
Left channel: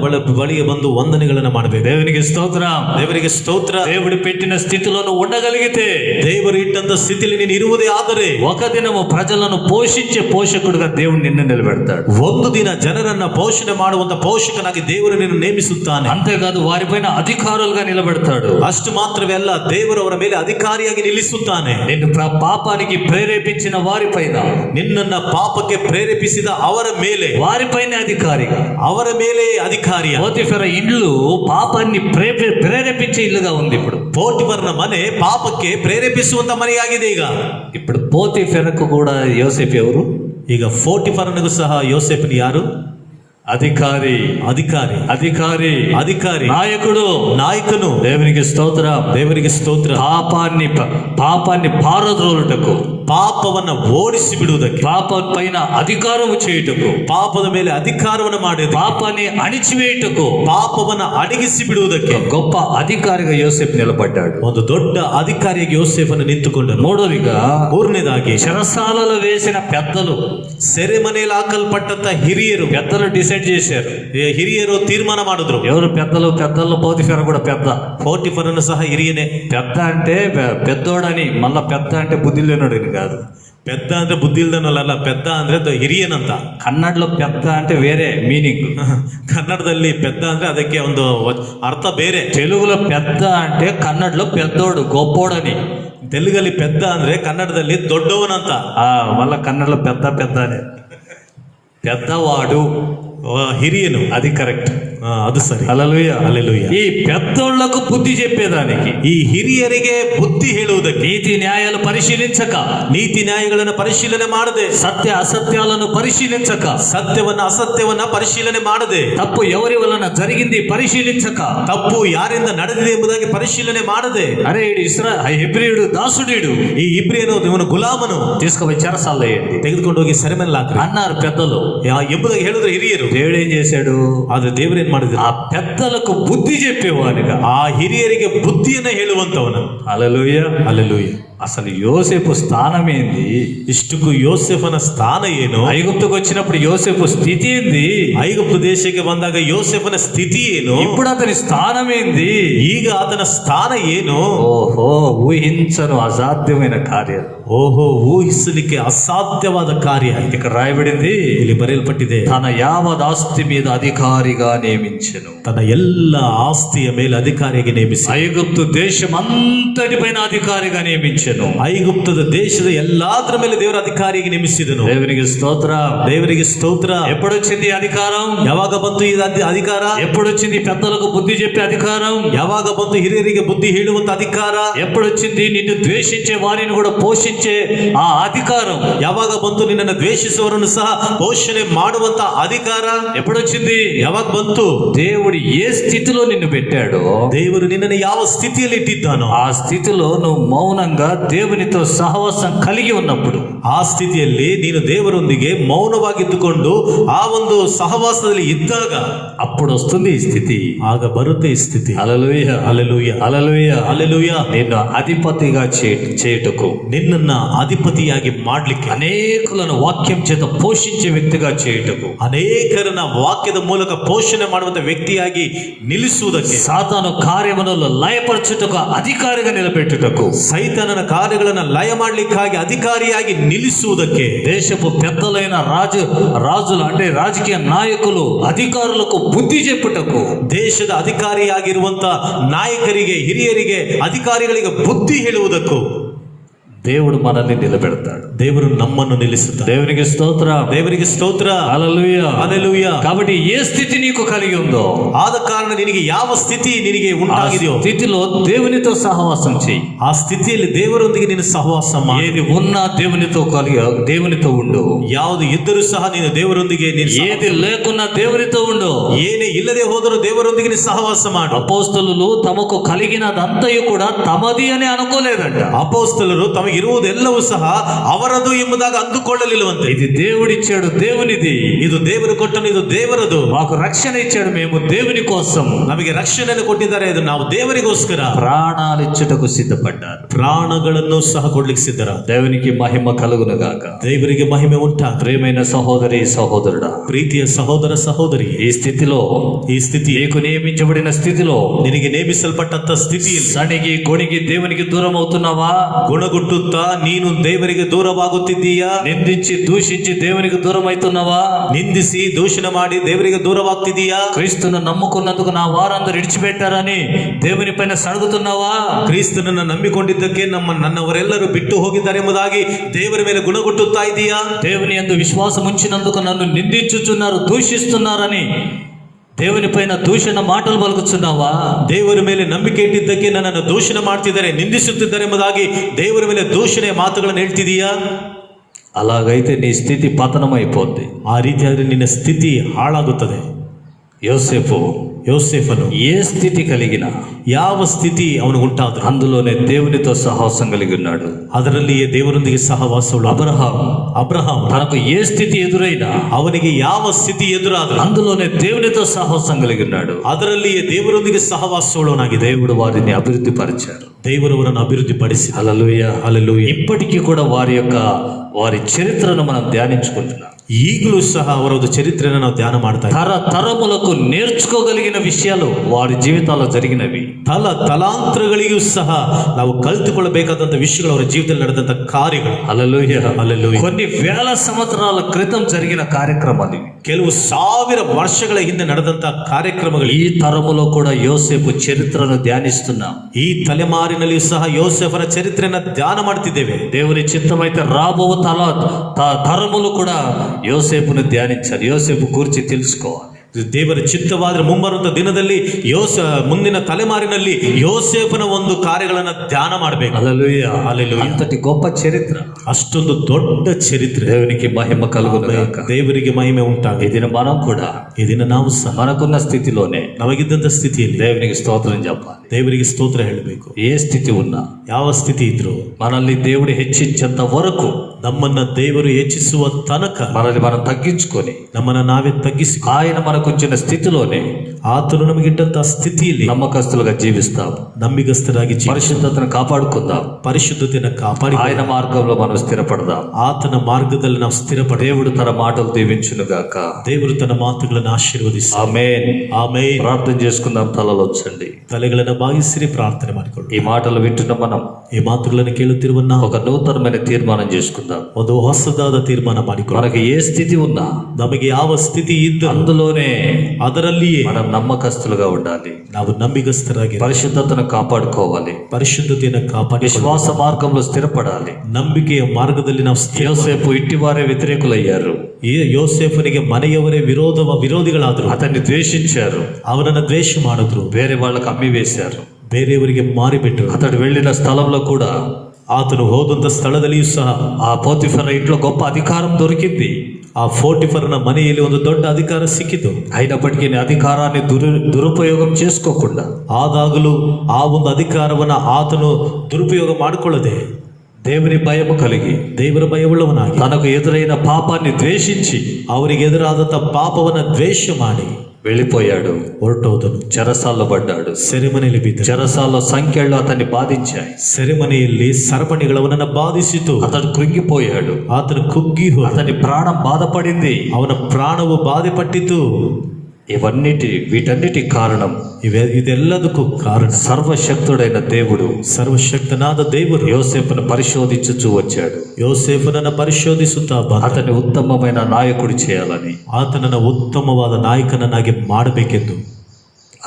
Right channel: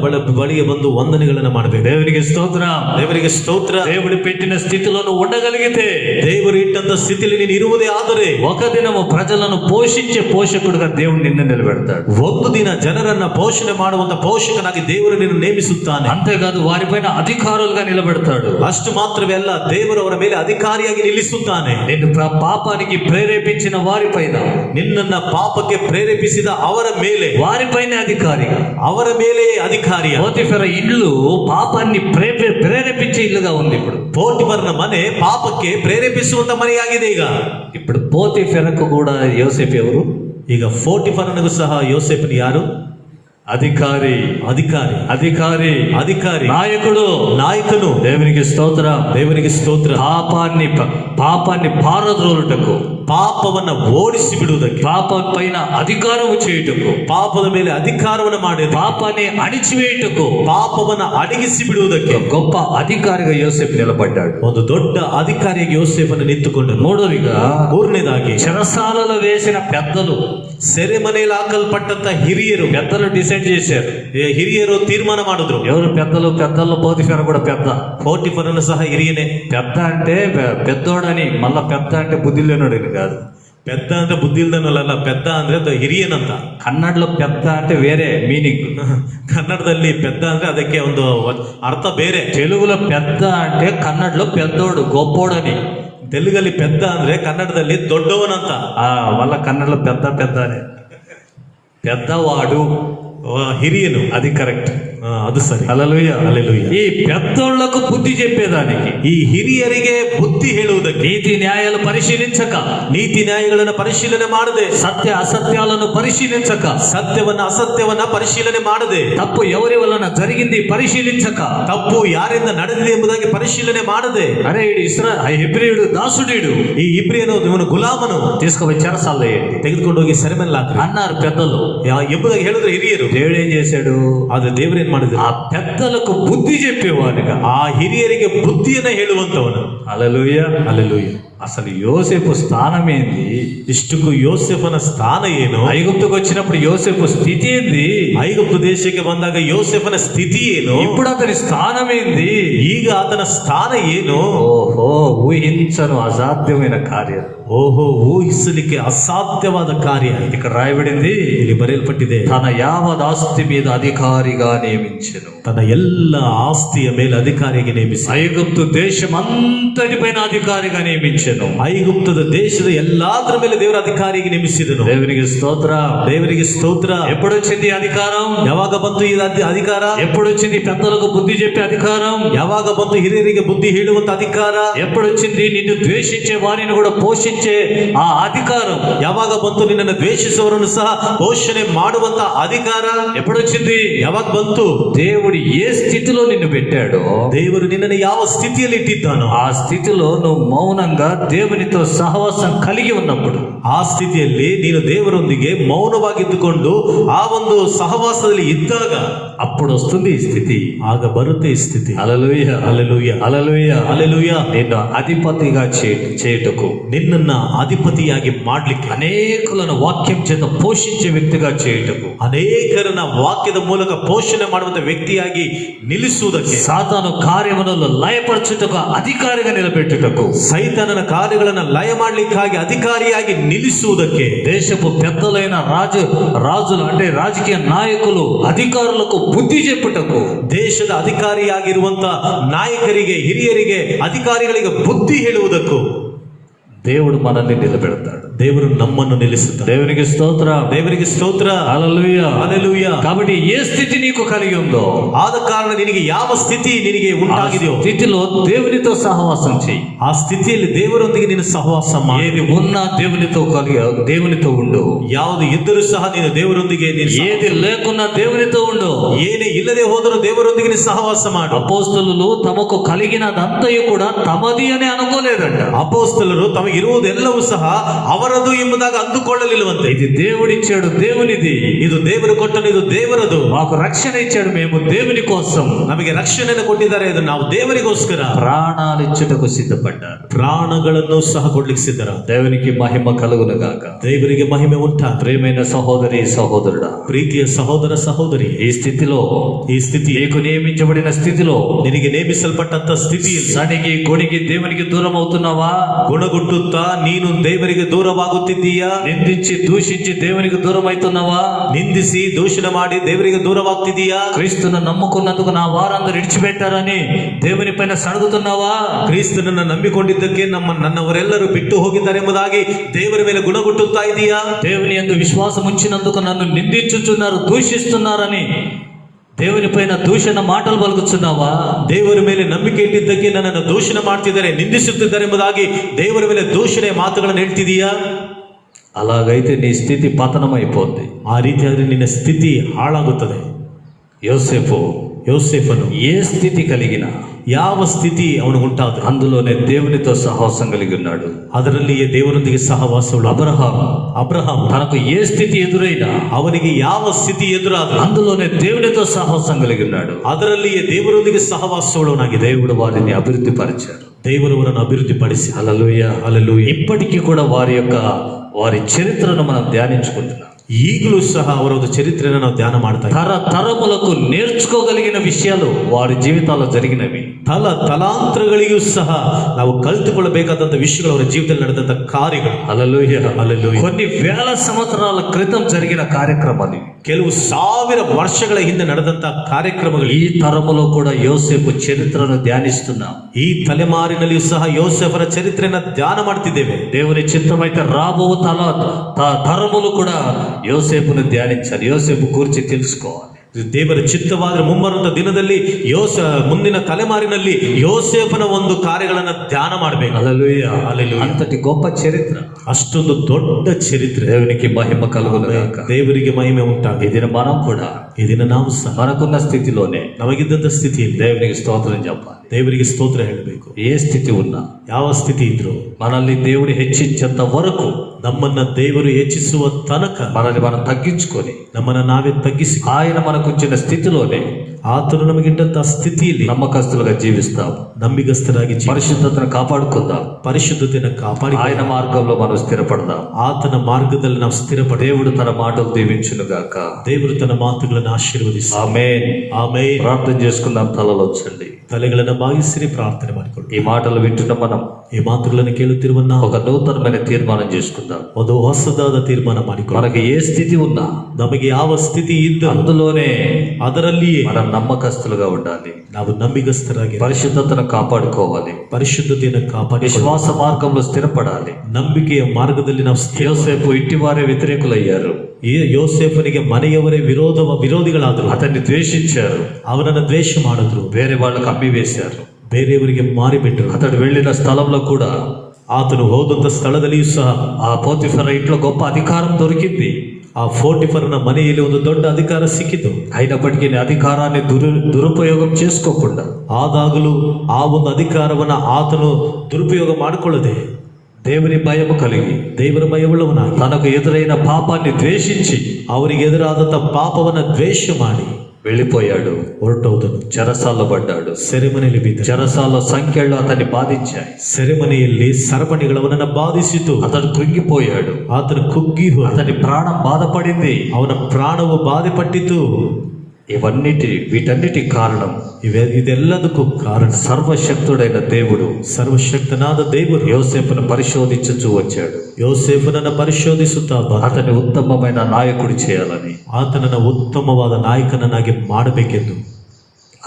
ಬಳಿಗೆ ಬಂದು ವಂದನೆಗಳನ್ನ ಮಾಡಬೇಕು. దేవునికి స్తోత్రం. ದೇವರಿಗೆ ಸ್ತೋತ್ರ. దేవుడు పెట్టిన స్థితిలో నువ్వు ఉండగలిగితే, ದೇವರು ಇಟ್ಟಂತ ಸ್ಥಿತಿಯಲ್ಲಿ ನೀನು ಇರುವುದೇ ಆದರೆ ఒక దినము ప్రజలను పోషించే పోషకుడుగా దేవుడు నిన్ను నిలబెడతాడు. ಒಂದು ದಿನ ಜನರನ್ನ ಪೋಷಣೆ ಮಾಡುವಂತ ಪೋಷಕನಾಗಿ ದೇವರು ನಿನ್ನ ನೇಮಿಸುತ್ತಾನೆ. అంతేకాదు, వారిపైన అధికారులుగా నిలబెడతాడు. ಅಷ್ಟು ಮಾತ್ರವೇ ಅಲ್ಲ, ದೇವರು ಅವರ ಮೇಲೆ ಅಧಿಕಾರಿಯಾಗಿ ನಿಲ್ಲಿಸುತ್ತಾನೆ. నిన్ను పాపానికి ప్రేరేపించిన వారిపైన, ನಿನ್ನನ್ನ ಪಾಪಕ್ಕೆ ಪ್ರೇರೇಪಿಸಿದ ಅವರ ಮೇಲೆ, వారిపైన అధికారిగా. ಅವರ ಮೇಲೆ ಅಧಿಕಾರಿಯ. పోతిఫెర ఇల్లు పాపాన్ని ప్రేరేపించే ఇల్లుగా ఉంది. ಪೋಟಿಫರನ ಮನೆ ಪಾಪಕ್ಕೆ ಪ್ರೇರೇಪಿಸುವಂತ ಮನೆಯಾಗಿದೆ. ఇప్పుడు పోతిఫెరకు కూడా యోసేపు ఎవరు? ಈಗ ಪೋಟಿಫರನಿಗೂ ಸಹ ಯೋಸೇಫನು ಯಾರು? అధికారి. ಅಧಿಕಾರಿ. అధికారి. ಅಧಿಕಾರಿ. నాయకుడు. ನಾಯಕನು. దేవునికి స్తోత్రం. ದೇವರಿಗೆ ಸ್ತೋತ್ರ. పాపాన్ని పారద్రోలుటకు, ಪಾಪ ಪಾಪವನ್ನ ಓಡಿಸಿ ಬಿಡುವುದಕ್ಕೆ, పాపం పైన అధికారం చేయుటకు, ಪಾಪದ ಮೇಲೆ ಅಧಿಕಾರವನ್ನು ಮಾಡುವುದಕ್ಕೆ, పాపాన్ని అణిచివేయుటకు ಪಾಪವನ್ನ ಅಡಗಿಸಿ ಬಿಡುವುದಕ್ಕೆ గొప్ప అధికారిగా యోసేపు నిలబడ్డాడు. ಒಂದು ದೊಡ್ಡ ಅಧಿಕಾರಿಯಾಗಿ ಯೋಸೇಫನ್ನು ನಿಂತುಕೊಂಡನು. మూడోదిగా ಮೂರನೇದಾಗಿ చెరసాలలో వేసిన పెద్దలు ಸೆರೆಮನೆಯಲ್ಲಿ ಹಾಕಲ್ಪಟ್ಟಂತ ಹಿರಿಯರು డిసైడ్ చేశారు. ಹಿರಿಯರು ತೀರ್ಮಾನ ಮಾಡಿದ್ರು. ఎవరు పెద్దలు పోతిఫెర కూడా పెద్ద. ಪೋಟಿಫರನು ಸಹ ಹಿರಿಯನೇ. పెద్ద అంటే పెద్దోడని, మళ్ళా పెద్ద అంటే బుద్ధి లేనోడని కాదు. పెద్ద అంటే బుద్ధి ಇಲ್ದನಲ್ಲ, పెద్ద ಅಂದ್ರೆ ಹಿರಿಯನಂತ. కన్నడలో పెద్ద అంటే వేరే మీనింగ్. ಕನ್ನಡದಲ್ಲಿ పెద్ద ಅಂದ್ರೆ ಅದಕ್ಕೆ ಒಂದು ಅರ್ಥ ಬೇರೆ. తెలుగులో పెద్ద అంటే కన్నడలో పెద్దోడు గొప్పోడని. ತೆಲುಗಲ್ಲಿ ಪೆದ್ದ ಅಂದ್ರೆ ಕನ್ನಡದಲ್ಲಿ ದೊಡ್ಡವನಂತ. మళ్ళా కన్నడలో పెద్దనే పెద్దవాడు, ಹಿರಿಯನು, అది కరెక్ట్. ಅದು ಸರಿ. హల్లెలూయా. హల్లెలూయా. ఈ పెద్దోళ్లకు బుద్ధి చెప్పేదానికి, ಈ ಹಿರಿಯರಿಗೆ ಬುದ್ಧಿ ಹೇಳುವುದಕ್ಕೆ, నీతి న్యాయాలు పరిశీలించక, ನೀತಿ ನ್ಯಾಯಗಳನ್ನು ಪರಿಶೀಲನೆ ಮಾಡದೆ, సత్య అసత్యాలను పరిశీలించక, ಸತ್ಯವನ್ನ ಅಸತ್ಯವನ್ನ ಪರಿಶೀಲನೆ ಮಾಡದೆ, తప్పు ఎవరి వలన జరిగింది పరిశీలించక, ತಪ್ಪು ಯಾರಿಂದ ನಡೆದಿದೆ ಎಂಬುದಾಗಿ ಪರಿಶೀಲನೆ ಮಾಡದೆ, అరే హెబ్రీయుడు దాసుడీడు, ಈ ಇಬ್ರಿಯನು ಇವನು ಗುಲಾಮನು, తీసుకుపోయి చెరసాల్లో వేయండి ತೆಗೆದುಕೊಂಡು ಹೋಗಿ ಸೆರೆಮನೆಯಲ್ಲಿ ಹಾಕ್ರಿ అన్నారు పెద్దలు. ಎಂಬುದಾಗಿ ಹೇಳಿದ್ರು ಹಿರಿಯರು. దేవుడు ఏం చేశాడు? ಆದ್ರೆ ದೇವರೇನ್ ಮಾಡಿದ್ರು? ఆ పెద్దలకు బుద్ధి చెప్పేవాడుగా, ಆ ಹಿರಿಯರಿಗೆ ಬುದ್ಧಿಯನ್ನ ಹೇಳುವಂತವನು. హల్లెలూయా. హల్లెలూయా. అసలు యోసేపు స్థానం ఏంది? ಇಷ್ಟಕ್ಕೂ ಯೋಸೇಫನ ಸ್ಥಾನ ಏನು? ఐగుప్తుకు వచ్చినప్పుడు యోసేపు స్థితి ఏంది? ಐಗುಪ್ತ ದೇಶಕ್ಕೆ ಬಂದಾಗ ಯೋಸೇಫನ ಸ್ಥಿತಿ ಏನು? ఇప్పుడు అతని స్థానం ఏంది? ಈಗ ಆತನ ಸ್ಥಾನ ಏನು? ఓహో, ఊహించను అసాధ్యమైన కార్యం. ಓಹೋ, ಊಹಿಸಲಿಕ್ಕೆ ಅಸಾಧ್ಯವಾದ ಕಾರ್ಯ ఇక్కడ రాయబడింది, ಇಲ್ಲಿ ಬರೆಯಲ್ಪಟ್ಟಿದೆ. తన యావద్ ఆస్తి మీద అధికారిగా నియమించెను. ತನ್ನ ಎಲ್ಲ ಆಸ್ತಿಯ ಮೇಲೆ ಅಧಿಕಾರಿಯಾಗಿ ನೇಮಿಸಿ, ఐగుప్తు దేశం అంతటిపైన అధికారిగా నియమించెను. ಐಗುಪ್ತದ ದೇಶದ ಎಲ್ಲಾದ್ರ ಮೇಲೆ ದೇವರ ಅಧಿಕಾರಿಯಾಗಿ ನೇಮಿಸಿದನು. దేవునికి స్తోత్ర. ದೇವರಿಗೆ ಸ್ತೋತ್ರ. ఎప్పుడు వచ్చింది అధికారం? ಯಾವಾಗ ಬಂತು ಈ ಅಧಿಕಾರ? ఎప్పుడు వచ్చింది పెద్దలకు బుద్ధి చెప్పే అధికారం? ಯಾವಾಗ ಬಂತು ಹಿರಿಯರಿಗೆ ಬುದ್ಧಿ ಹೇಳುವಂತ ಅಧಿಕಾರ? ఎప్పుడు వచ్చింది నిన్ను ద్వేషించే వారిని కూడా పోషించే ఆ అధికారం? ಯಾವಾಗ ಬಂತು ನಿನ್ನನ್ನು ದ್ವೇಷಿಸುವವರನ್ನು ಸಹ ಪೋಷಣೆ ಮಾಡುವಂತ ಅಧಿಕಾರ? ఎప్పుడు వచ్చింది? ಯಾವಾಗ ಬಂತು? దేవుడు ఏ స్థితిలో నిన్ను పెట్టాడో, ದೇವರು ನಿನ್ನನ್ನು ಯಾವ ಸ್ಥಿತಿಯಲ್ಲಿ ಇಟ್ಟಿದ್ದಾನೋ ఆ స్థితిలో నువ్వు మౌనంగా దేవునితో సహవాసం కలిగి ఉన్నప్పుడు, ಆ ಸ್ಥಿತಿಯಲ್ಲಿ ನೀನು ದೇವರೊಂದಿಗೆ ಮೌನವಾಗಿದ್ದುಕೊಂಡು ಆ ಒಂದು ಸಹವಾಸದಲ್ಲಿ ಇದ್ದಾಗ అప్పుడు వస్తుంది ఈ స్థితి. ಆಗ ಬರುತ್ತೆ ಈ ಸ್ಥಿತಿ. హల్లెలూయా. ಹಲ್ಲೆಲೂಯಾ. హల్లెలూయా. ಹಲ್ಲೆಲೂಯಾ. నిన్ను అధిపతిగా చేయుటకు, ನಿನ್ನನ್ನ ಅಧಿಪತಿಯಾಗಿ ಮಾಡ್ಲಿಕ್ಕೆ, అనేకులను వాక్యం చేత పోషించే వ్యక్తిగా చేయుటకు, ಅನೇಕರನ್ನ ವಾಕ್ಯದ ಮೂಲಕ ಪೋಷಣೆ ಮಾಡುವಂತ ವ್ಯಕ್ತಿಯಾಗಿ ನಿಲ್ಲಿಸುವುದಕ್ಕೆ, సాతాను కార్యములను లయపరచుటకు అధికారిగా నిలబెట్టుటకు, ಸೈತಾನನ ಕಾರ್ಯಗಳನ್ನ ಲಯ ಮಾಡ್ಲಿಕ್ಕಾಗಿ ಅಧಿಕಾರಿಯಾಗಿ ನಿಲ್ಲಿಸುವುದಕ್ಕೆ, దేశపు పెద్దలైన రాజులు అంటే రాజకీయ నాయకులు అధికారులకు బుద్ధి చెప్పుటకు, ದೇಶದ ಅಧಿಕಾರಿಯಾಗಿರುವಂತ ನಾಯಕರಿಗೆ, ಹಿರಿಯರಿಗೆ, ಅಧಿಕಾರಿಗಳಿಗೆ ಬುದ್ಧಿ ಹೇಳುವುದಕ್ಕೂ దేవుడు మనల్ని నిలబెడతాడు. ದೇವರು ನಮ್ಮನ್ನು ನಿಲ್ಲಿಸುತ್ತಾನೆ. దేవునికి స్తోత్ర. ದೇವರಿಗೆ ಸ್ತೋತ್ರ. హల్లెలూయా. ಹಲ್ಲೆಲೂಯಾ. కాబట్టి ఏ స్థితి నీకు కలిగి ఉందో, ಆದ ಕಾರಣ ನಿನಗೆ ಯಾವ ಸ್ಥಿತಿ ನಿನಗೆ ఆ ಉಂಟಾಗಿದೆಯೋ స్థితిలో దేవునితో సహవాసం చెయ్యి. ಆ ಸ್ಥಿತಿಯಲ್ಲಿ ದೇವರೊಂದಿಗೆ ನೀನು ಸಹವಾಸ ಮಾಡು. ఏది ఉన్నా దేవునితో ఉండు. ಯಾವುದು ಇದ್ದರೂ ಸಹ ನೀನು ದೇವರೊಂದಿಗೆ ನೀನು ఏది లేకున్నా దేవునితో ఉండు. ಏನೇ ಇಲ್ಲದೆ ಹೋದರೂ ದೇವರೊಂದಿಗೆ ನೀನು ಸಹವಾಸ ಮಾಡು. అపోస్తలులు తమకు కలిగినదంతయు కూడా తమది అని అనుకోలేదంట. ಅಪೊಸ್ತಲರು ತಮಗಿರುವುದೆಲ್ಲವೂ ಸಹ ಅವರದು ಎಂಬುದಾಗಿ ಅಂದುಕೊಳ್ಳಲಿಲ್ಲವಂತೆ. ఇది దేవుడిచ్చాడు, దేవునిది. ಇದು ದೇವರು ಕೊಟ್ಟನು, ಇದು ದೇವರದು. మాకు రక్షణ ఇచ్చాడు, మేము దేవుని కోసం. ನಮಗೆ ರಕ್ಷಣೆಯನ್ನು ಕೊಟ್ಟಿದ್ದಾರೆ, ಇದು ನಾವು ದೇವರಿಗೋಸ್ಕರ. ప్రాణాలు ఇచ్చుటకు సిద్ధపడ్డారు. ಪ್ರಾಣಗಳನ್ನು ಸಹ ಕೊಡ್ಲಿಕ್ಕೆ ಸಿದ್ಧರ. దేవునికి మహిమ కలుగును గాక. ದೇವರಿಗೆ ಮಹಿಮೆ ಉಂಟಾ. ప్రియమైన సహోదరి సహోదరుడా, ಪ್ರೀತಿಯ ಸಹೋದರ ಸಹೋದರಿ, ఈ స్థితిలో, ಈ ಸ್ಥಿತಿ, నీకు నియమించబడిన స్థితిలో ನಿನಗೆ ನೇಮಿಸಲ್ಪಟ್ಟಂತ ಸ್ಥಿತಿ, సణిగి గొణిగి దేవునికి దూరం అవుతున్నావా? ಗುಣಗುಟ್ಟುತ್ತಾ ನೀನು ದೇವರಿಗೆ ದೂರವಾಗುತ್ತಿದ್ದೀಯಾ? నిందించి దూషించి దేవునికి దూరం అవుతున్నావా? ನಿಂದಿಸಿ ದೂಷಣೆ ಮಾಡಿ ದೇವರಿಗೆ ದೂರವಾಗ್ತಿದ್ದೀಯಾ? క్రీస్తును నమ్ముకున్నందుకు నా వారందరూ విడిచిపెట్టారని దేవుని పైన సణుగుతున్నావా? ಕ್ರಿಸ್ತನನ್ನ ನಂಬಿಕೊಂಡಿದ್ದಕ್ಕೆ ನನ್ನವರೆಲ್ಲರೂ ಬಿಟ್ಟು ಹೋಗಿದ್ದಾರೆ ಎಂಬುದಾಗಿ ದೇವರ ಮೇಲೆ ಗುಣಗುಟ್ಟುತ್ತಾ ಇದೆಯಾ? దేవుని యందు విశ్వాసం ఉంచినందుకు నన్ను నిందించుచున్నారు, దూషిస్తున్నారని దేవుని పైన దూషణ మాటలు పలుకుతున్నావా? ದೇವರ ಮೇಲೆ ನಂಬಿಕೆ ಇಟ್ಟಿದ್ದಕ್ಕೆ ನನ್ನನ್ನು ದೂಷಣೆ ಮಾಡ್ತಿದ್ದಾರೆ, ನಿಂದಿಸುತ್ತಿದ್ದಾರೆ ಎಂಬುದಾಗಿ ದೇವರ ಮೇಲೆ ದೂಷಣೆ ಮಾತುಗಳನ್ನು ಹೇಳ್ತಿದೀಯಾ? అలాగైతే నీ స్థితి పతనమైపోద్ది. ಆ ರೀತಿಯಾದ್ರೆ ನಿನ್ನ ಸ್ಥಿತಿ ಹಾಳಾಗುತ್ತದೆ. యోసేపు యోసేఫను ఏ స్థితి కలిగిన ಯಾವ ಸ್ಥಿತಿ ಅವನು ಉಂಟಾದ అందులోనే దేవునితో సహవాసం కలిగి ఉన్నాడు. ಅದರಲ್ಲಿಯೇ ದೇವರೊಂದಿಗೆ ಸಹವಾಸಗಳು. ಅಬ್ರಹಾಂ తనకు ఏ స్థితి ఎదురైనా ಅವನಿಗೆ ಯಾವ ಸ್ಥಿತಿ ಎದುರಾದ అందులోనే దేవునితో సహవాసం కలిగి ఉన్నాడు. ಅದರಲ್ಲಿಯೇ ದೇವರೊಂದಿಗೆ ಸಹವಾಸವುಳ್ಳವನಾಗಿದೆ. దేవుడు వారిని అభివృద్ధి పరిచారు. ದೇವರವರನ್ನು ಅಭಿವೃದ್ಧಿಪಡಿಸಿ. హల్లెలూయా. హల్లెలూయా. ఇప్పటికీ కూడా వారి చరిత్రను మనం ధ్యానించుకుంటున్నాం. ಈಗಲೂ ಸಹ ಅವರ ಒಂದು ಚರಿತ್ರೆಯನ್ನು ನಾವು ಧ್ಯಾನ ಮಾಡ್ತಾ ಇದ್ದೀವಿ. తరములకు నేర్చుకోగలిగిన విషయాలు వారి జీవితాల్లో జరిగినవి. ತಲಾಂತರಗಳಿಗೂ ಸಹ ನಾವು ಕಲಿತುಕೊಳ್ಳಬೇಕಾದಂತ ವಿಷಯಗಳು ಅವರ ಜೀವಿತದಲ್ಲಿ ನಡೆದಂತ ಕಾರ್ಯಗಳು. హల్లెలూయా. హల్లెలూయా. కొన్ని వేల సంవత్సరాల క్రితం జరిగిన కార్యక్రమాలు ఇవి. ಕೆಲವು ಸಾವಿರ ವರ್ಷಗಳ ಹಿಂದೆ ನಡೆದಂತ ಕಾರ್ಯಕ್ರಮಗಳು. ఈ తరములో కూడా యోసేపు చరిత్రను ధ్యానిస్తున్నాం. ಈ ತಲೆಮಾರಿನಲ್ಲಿಯೂ ಸಹ ಯೋಸೇಫರ ಚರಿತ್ರೆಯನ್ನ ಧ್ಯಾನ ಮಾಡ್ತಿದ್ದೇವೆ. దేవుని చిత్తమైతే రాబో తరములు కూడా యోసేపును ధ్యానించాలి. యోసేపు గురించి తెలుసుకోవాలి. ದೇವರ ಚಿತ್ತವಾದ್ರೆ ಮುಂಬರುವಂತ ದಿನದಲ್ಲಿ ಮುಂದಿನ ತಲೆಮಾರಿನಲ್ಲಿ ಯೋಸೇಫನ ಒಂದು ಕಾರ್ಯಗಳನ್ನ ಧ್ಯಾನ ಮಾಡಬೇಕು. హల్లెలూయా. హల్లెలూయా. అంతటి గొప్ప చరిత్ర, ಅಷ್ಟೊಂದು ದೊಡ್ಡ ಚರಿತ್ರೆ. దేవునికి మహిమ కలుగునుగాక. ದೇವರಿಗೆ ಮಹಿಮೆ ಉಂಟಾಗ ఈ దినం మనం కూడా ಈ ದಿನ ನಾವು ಸಹ మనకున్న స్థితిలోనే ನಮಗಿದ್ದಂತ ಸ್ಥಿತಿಯಲ್ಲಿ దేవునికి స్తోత్రం చెప్పాలి. ದೇವರಿಗೆ ಸ್ತೋತ್ರ ಹೇಳಬೇಕು. ఏ స్థితి ఉన్నా ಯಾವ ಸ್ಥಿತಿ ಇದ್ರು మనల్ని దేవుడు హెచ్చించేంత వరకు ನಮ್ಮನ್ನ ದೇವರು ಹೆಚ್ಚಿಸುವ ತನಕ మనల్ని మనం తగ్గించుకొని ನಮ್ಮನ್ನ ನಾವೇ ತಗ್ಗಿಸಿ ఆయన మనకు ఉంచిన స్థితిలోనే ಆತನು ನಮಗಿಟ್ಟಂತ ಸ್ಥಿತಿಯಲ್ಲಿ నమ్మకస్తులుగా జీవిస్తాం. ನಂಬಿಗಸ್ತರಾಗಿ పరిశుద్ధతను కాపాడుకుందాం. ಪರಿಶುದ್ಧತೆಯನ್ನು ಕಾಪಾಡಿ ఆయన మార్గంలో మనం స్థిరపడదాం. ಆತನ ಮಾರ್ಗದಲ್ಲಿ ನಾವು ಸ್ಥಿರಪಡ. దేవుడు తన మాటలు దీవించునుగాక. ದೇವರು ತನ್ನ ಮಾತುಗಳನ್ನು ಆಶೀರ್ವದಿಸಿ. ఆమేన్. ಆಮೇನ್. ప్రార్థన చేసుకుందాం. తలలో వచ్చండి. ತಲೆಗಳನ್ನು ಬಾಗಿಸಿರಿ ಪ್ರಾರ್ಥನೆ ಮಾಡಿಕೊಳ್ಳಿ. ఈ మాటలు వింటున్న మనం ಈ ಮಾತುಗಳನ್ನು ಕೇಳುತ್ತಿರುವ ನಾವು ఒక నూతనమైన తీర్మానం చేసుకుందాం. ಒಂದು ಹೊಸದಾದ ತೀರ್ಮಾನ ಮಾಡಿಕೊಳ್ಳಿ. మనకి ఏ స్థితి ఉన్నా ನಮಗೆ ಯಾವ ಸ್ಥಿತಿ ಇದ್ದ అందులోనే ಅದರಲ್ಲಿಯೇ మనం నమ్మకస్తులుగా ఉండాలి. ನಾವು ನಂಬಿಗಸ್ತರಾಗಿ పరిశుద్ధతను కాపాడుకోవాలి. ಪರಿಶುದ್ಧತೆಯನ್ನು ಕಾಪಾಡಿ విశ్వాస మార్గంలో స్థిరపడాలి. ನಂಬಿಕೆಯ ಮಾರ್ಗದಲ್ಲಿ ನಾವು యోసేపు ఇంటివారే వ్యతిరేకులయ్యారు. ಯೋಸೇಫನಿಗೆ ಮನೆಯವರೇ ವಿರೋಧಿಗಳಾದರು. అతన్ని ద్వేషించారు. ಅವನನ್ನು ದ್ವೇಷ ಮಾಡಿದ್ರು. వేరే వాళ్ళకు అమ్మి వేశారు. ಬೇರೆಯವರಿಗೆ ಮಾರಿಬಿಟ್ರು. అతడు వెళ్ళిన స్థలంలో కూడా ಆತನು ಹೋದಂತ ಸ್ಥಳದಲ್ಲಿಯೂ ಸಹ ఆ పోతిఫర్ ఇంట్లో గొప్ప అధికారం దొరికింది. ಆ ಫೋಟಿಫರ್ನ ಮನೆಯಲ್ಲಿ ಒಂದು ದೊಡ್ಡ ಅಧಿಕಾರ ಸಿಕ್ಕಿತು. అయినప్పటికీ అధికారాన్ని దురుపయోగం చేసుకోకుండా ಆದಾಗಲೂ ಆ ಒಂದು ಅಧಿಕಾರವನ್ನ ಆತನು ದುರುಪಯೋಗ ಮಾಡಿಕೊಳ್ಳದೆ దేవుని భయము కలిగి ದೇವರ ಭಯವುಳ್ಳವನಾಗಿ తనకు ఎదురైన పాపాన్ని ద్వేషించి ಅವರಿಗೆ ಎದುರಾದಂತ ಪಾಪವನ್ನ ದ್ವೇಷ ಮಾಡಿ వెళ్ళిపోయాడు. ಹೊರಟೋದನು. చెరసాల్లో పడ్డాడు. ಸೆರೆಮನೆಯಲ್ಲಿ ಬಿದ್ದ. చెరసాల్లో సంఖ్యలు అతన్ని బాధించాయి. ಸೆರೆಮನೆಯಲ್ಲಿ ಸರಪಣಿಗಳವನನ್ನ ಬಾಧಿಸಿತು. అతడు కృంగిపోయాడు. ಆತನು ಕುಗ್ಗಿ ಹೋದ. అతని ప్రాణం బాధపడింది. ಅವನ ಪ್ರಾಣವು ಬಾಧೆಪಟ್ಟಿತು. వీటన్నిటి కారణం ಇದೆಲ್ಲದಕ್ಕೂ ಕಾರಣ సర్వశక్తుడైన దేవుడు, ಸರ್ವಶಕ್ತನಾದ ದೇವರು యోసేపును పరిశోధించుచూ వచ్చాడు. ಯೋಸೇಫನನ್ನು ಪರಿಶೋಧಿಸುತ್ತಾ అతని ఉత్తమమైన నాయకుడు చేయాలని, ಆತನನ್ನು ಉತ್ತಮವಾದ ನಾಯಕನನ್ನಾಗಿ ಮಾಡಬೇಕೆಂದು,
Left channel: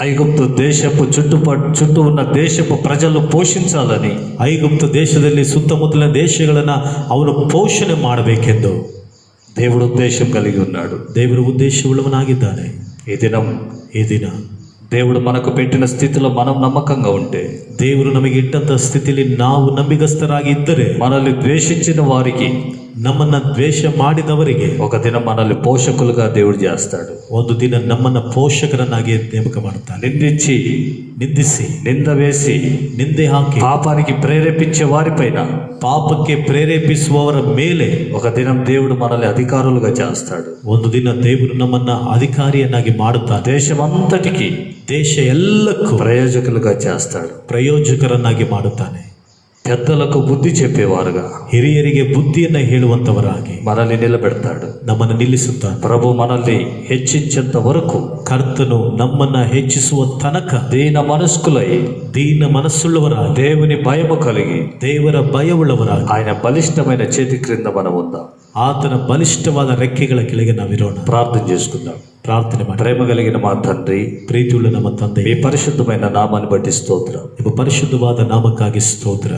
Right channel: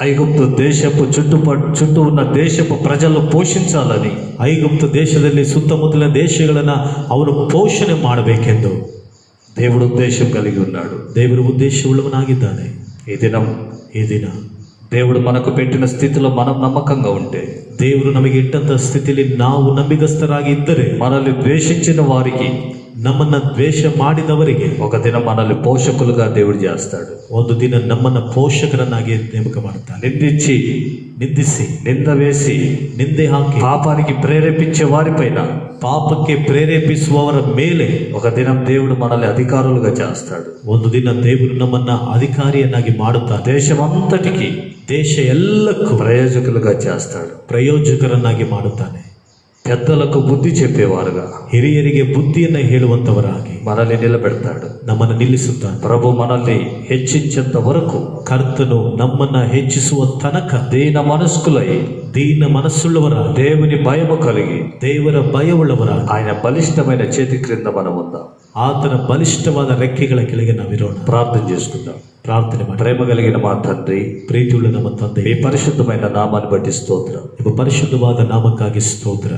ఐగుప్తు దేశపు చుట్టూ ఉన్న దేశపు ప్రజలు పోషించాలని, ಐಗುಪ್ತ ದೇಶದಲ್ಲಿ ಸುತ್ತಮುತ್ತಲಿನ ದೇಶಗಳನ್ನ ಅವನು ಪೋಷಣೆ ಮಾಡಬೇಕೆಂದು దేవుడు ఉద్దేశం కలిగి ఉన్నాడు. ದೇವರು ಉದ್ದೇಶವುಳ್ಳವನಾಗಿದ್ದಾನೆ. ఈ దిన దేవుడు మనకు పెట్టిన స్థితిలో మనం నమ్మకంగా ఉంటే, ದೇವರು ನಮಗೆ ಇಟ್ಟಂತ ಸ್ಥಿತಿಯಲ್ಲಿ ನಾವು ನಂಬಿಗಸ್ತರಾಗಿ ಇದ್ದರೆ, మనల్ని ద్వేషించిన వారికి, ನಮ್ಮನ್ನ ದ್ವೇಷ ಮಾಡಿದವರಿಗೆ ఒక దినం మనల్ని పోషకులుగా దేవుడు చేస్తాడు. ಒಂದು ದಿನ ನಮ್ಮನ್ನ ಪೋಷಕರನ್ನಾಗಿ ನೇಮಕ ಮಾಡುತ್ತಾನೆ. ನಿಂದಿಸಿ నింద వేసి ನಿಂದೆ ಹಾಕಿ పాపానికి ప్రేరేపించే వారిపైన, ಪಾಪಕ್ಕೆ ಪ್ರೇರೇಪಿಸುವವರ ಮೇಲೆ ఒక దినం దేవుడు మనల్ని అధికారులుగా చేస్తాడు. ಒಂದು ದಿನ ದೇವರು ನಮ್ಮನ್ನ ಅಧಿಕಾರಿಯನ್ನಾಗಿ ಮಾಡುತ್ತಾನೆ. దేశమంతటికి, ದೇಶ ಎಲ್ಲಕ್ಕೂ ప్రయోజకులుగా చేస్తాడు. ಪ್ರಯೋಜಕರನ್ನಾಗಿ ಮಾಡುತ್ತಾನೆ. పెద్దలకు బుద్ధి చెప్పేవారుగా, ಹಿರಿಯರಿಗೆ ಬುದ್ಧಿಯನ್ನ ಹೇಳುವಂತವರಾಗಿ మనల్ని నిలబెడతాడు. ನಮ್ಮನ್ನು ನಿಲ್ಲಿಸುತ್ತಾನೆ. ప్రభు మనల్ని హెచ్చించేంత వరకు, ಕರ್ತನು ನಮ್ಮನ್ನ ಹೆಚ್ಚಿಸುವ ತನಕ దీన మనస్కులై, ದೀನ ಮನಸ್ಸುಳ್ಳವರಾಗಿ, దేవుని భయము కలిగి, ದೇವರ ಭಯವುಳ್ಳವರಾಗಿ, ఆయన బలిష్టమైన చేతి క్రింద మనం ఉందాం. ಆತನ ಬಲಿಷ್ಠವಾದ ರೆಕ್ಕೆಗಳ ಕೆಳಗೆ ನಾವಿರೋಣ. ప్రార్థన చేసుకుందాం. ಪ್ರಾರ್ಥನೆ ಮಾಡಿ. ప్రేమ కలిగిన మా తండ్రి, ಪ್ರೀತಿಯುಳ್ಳ ನಮ್ಮ ತಂದೆ, మీ పరిశుద్ధమైన నామాన్ని బట్టి స్తోత్రం. ನಿಮ್ಮ ಪರಿಶುದ್ಧವಾದ ನಾಮಕ್ಕಾಗಿ ಸ್ತೋತ್ರ.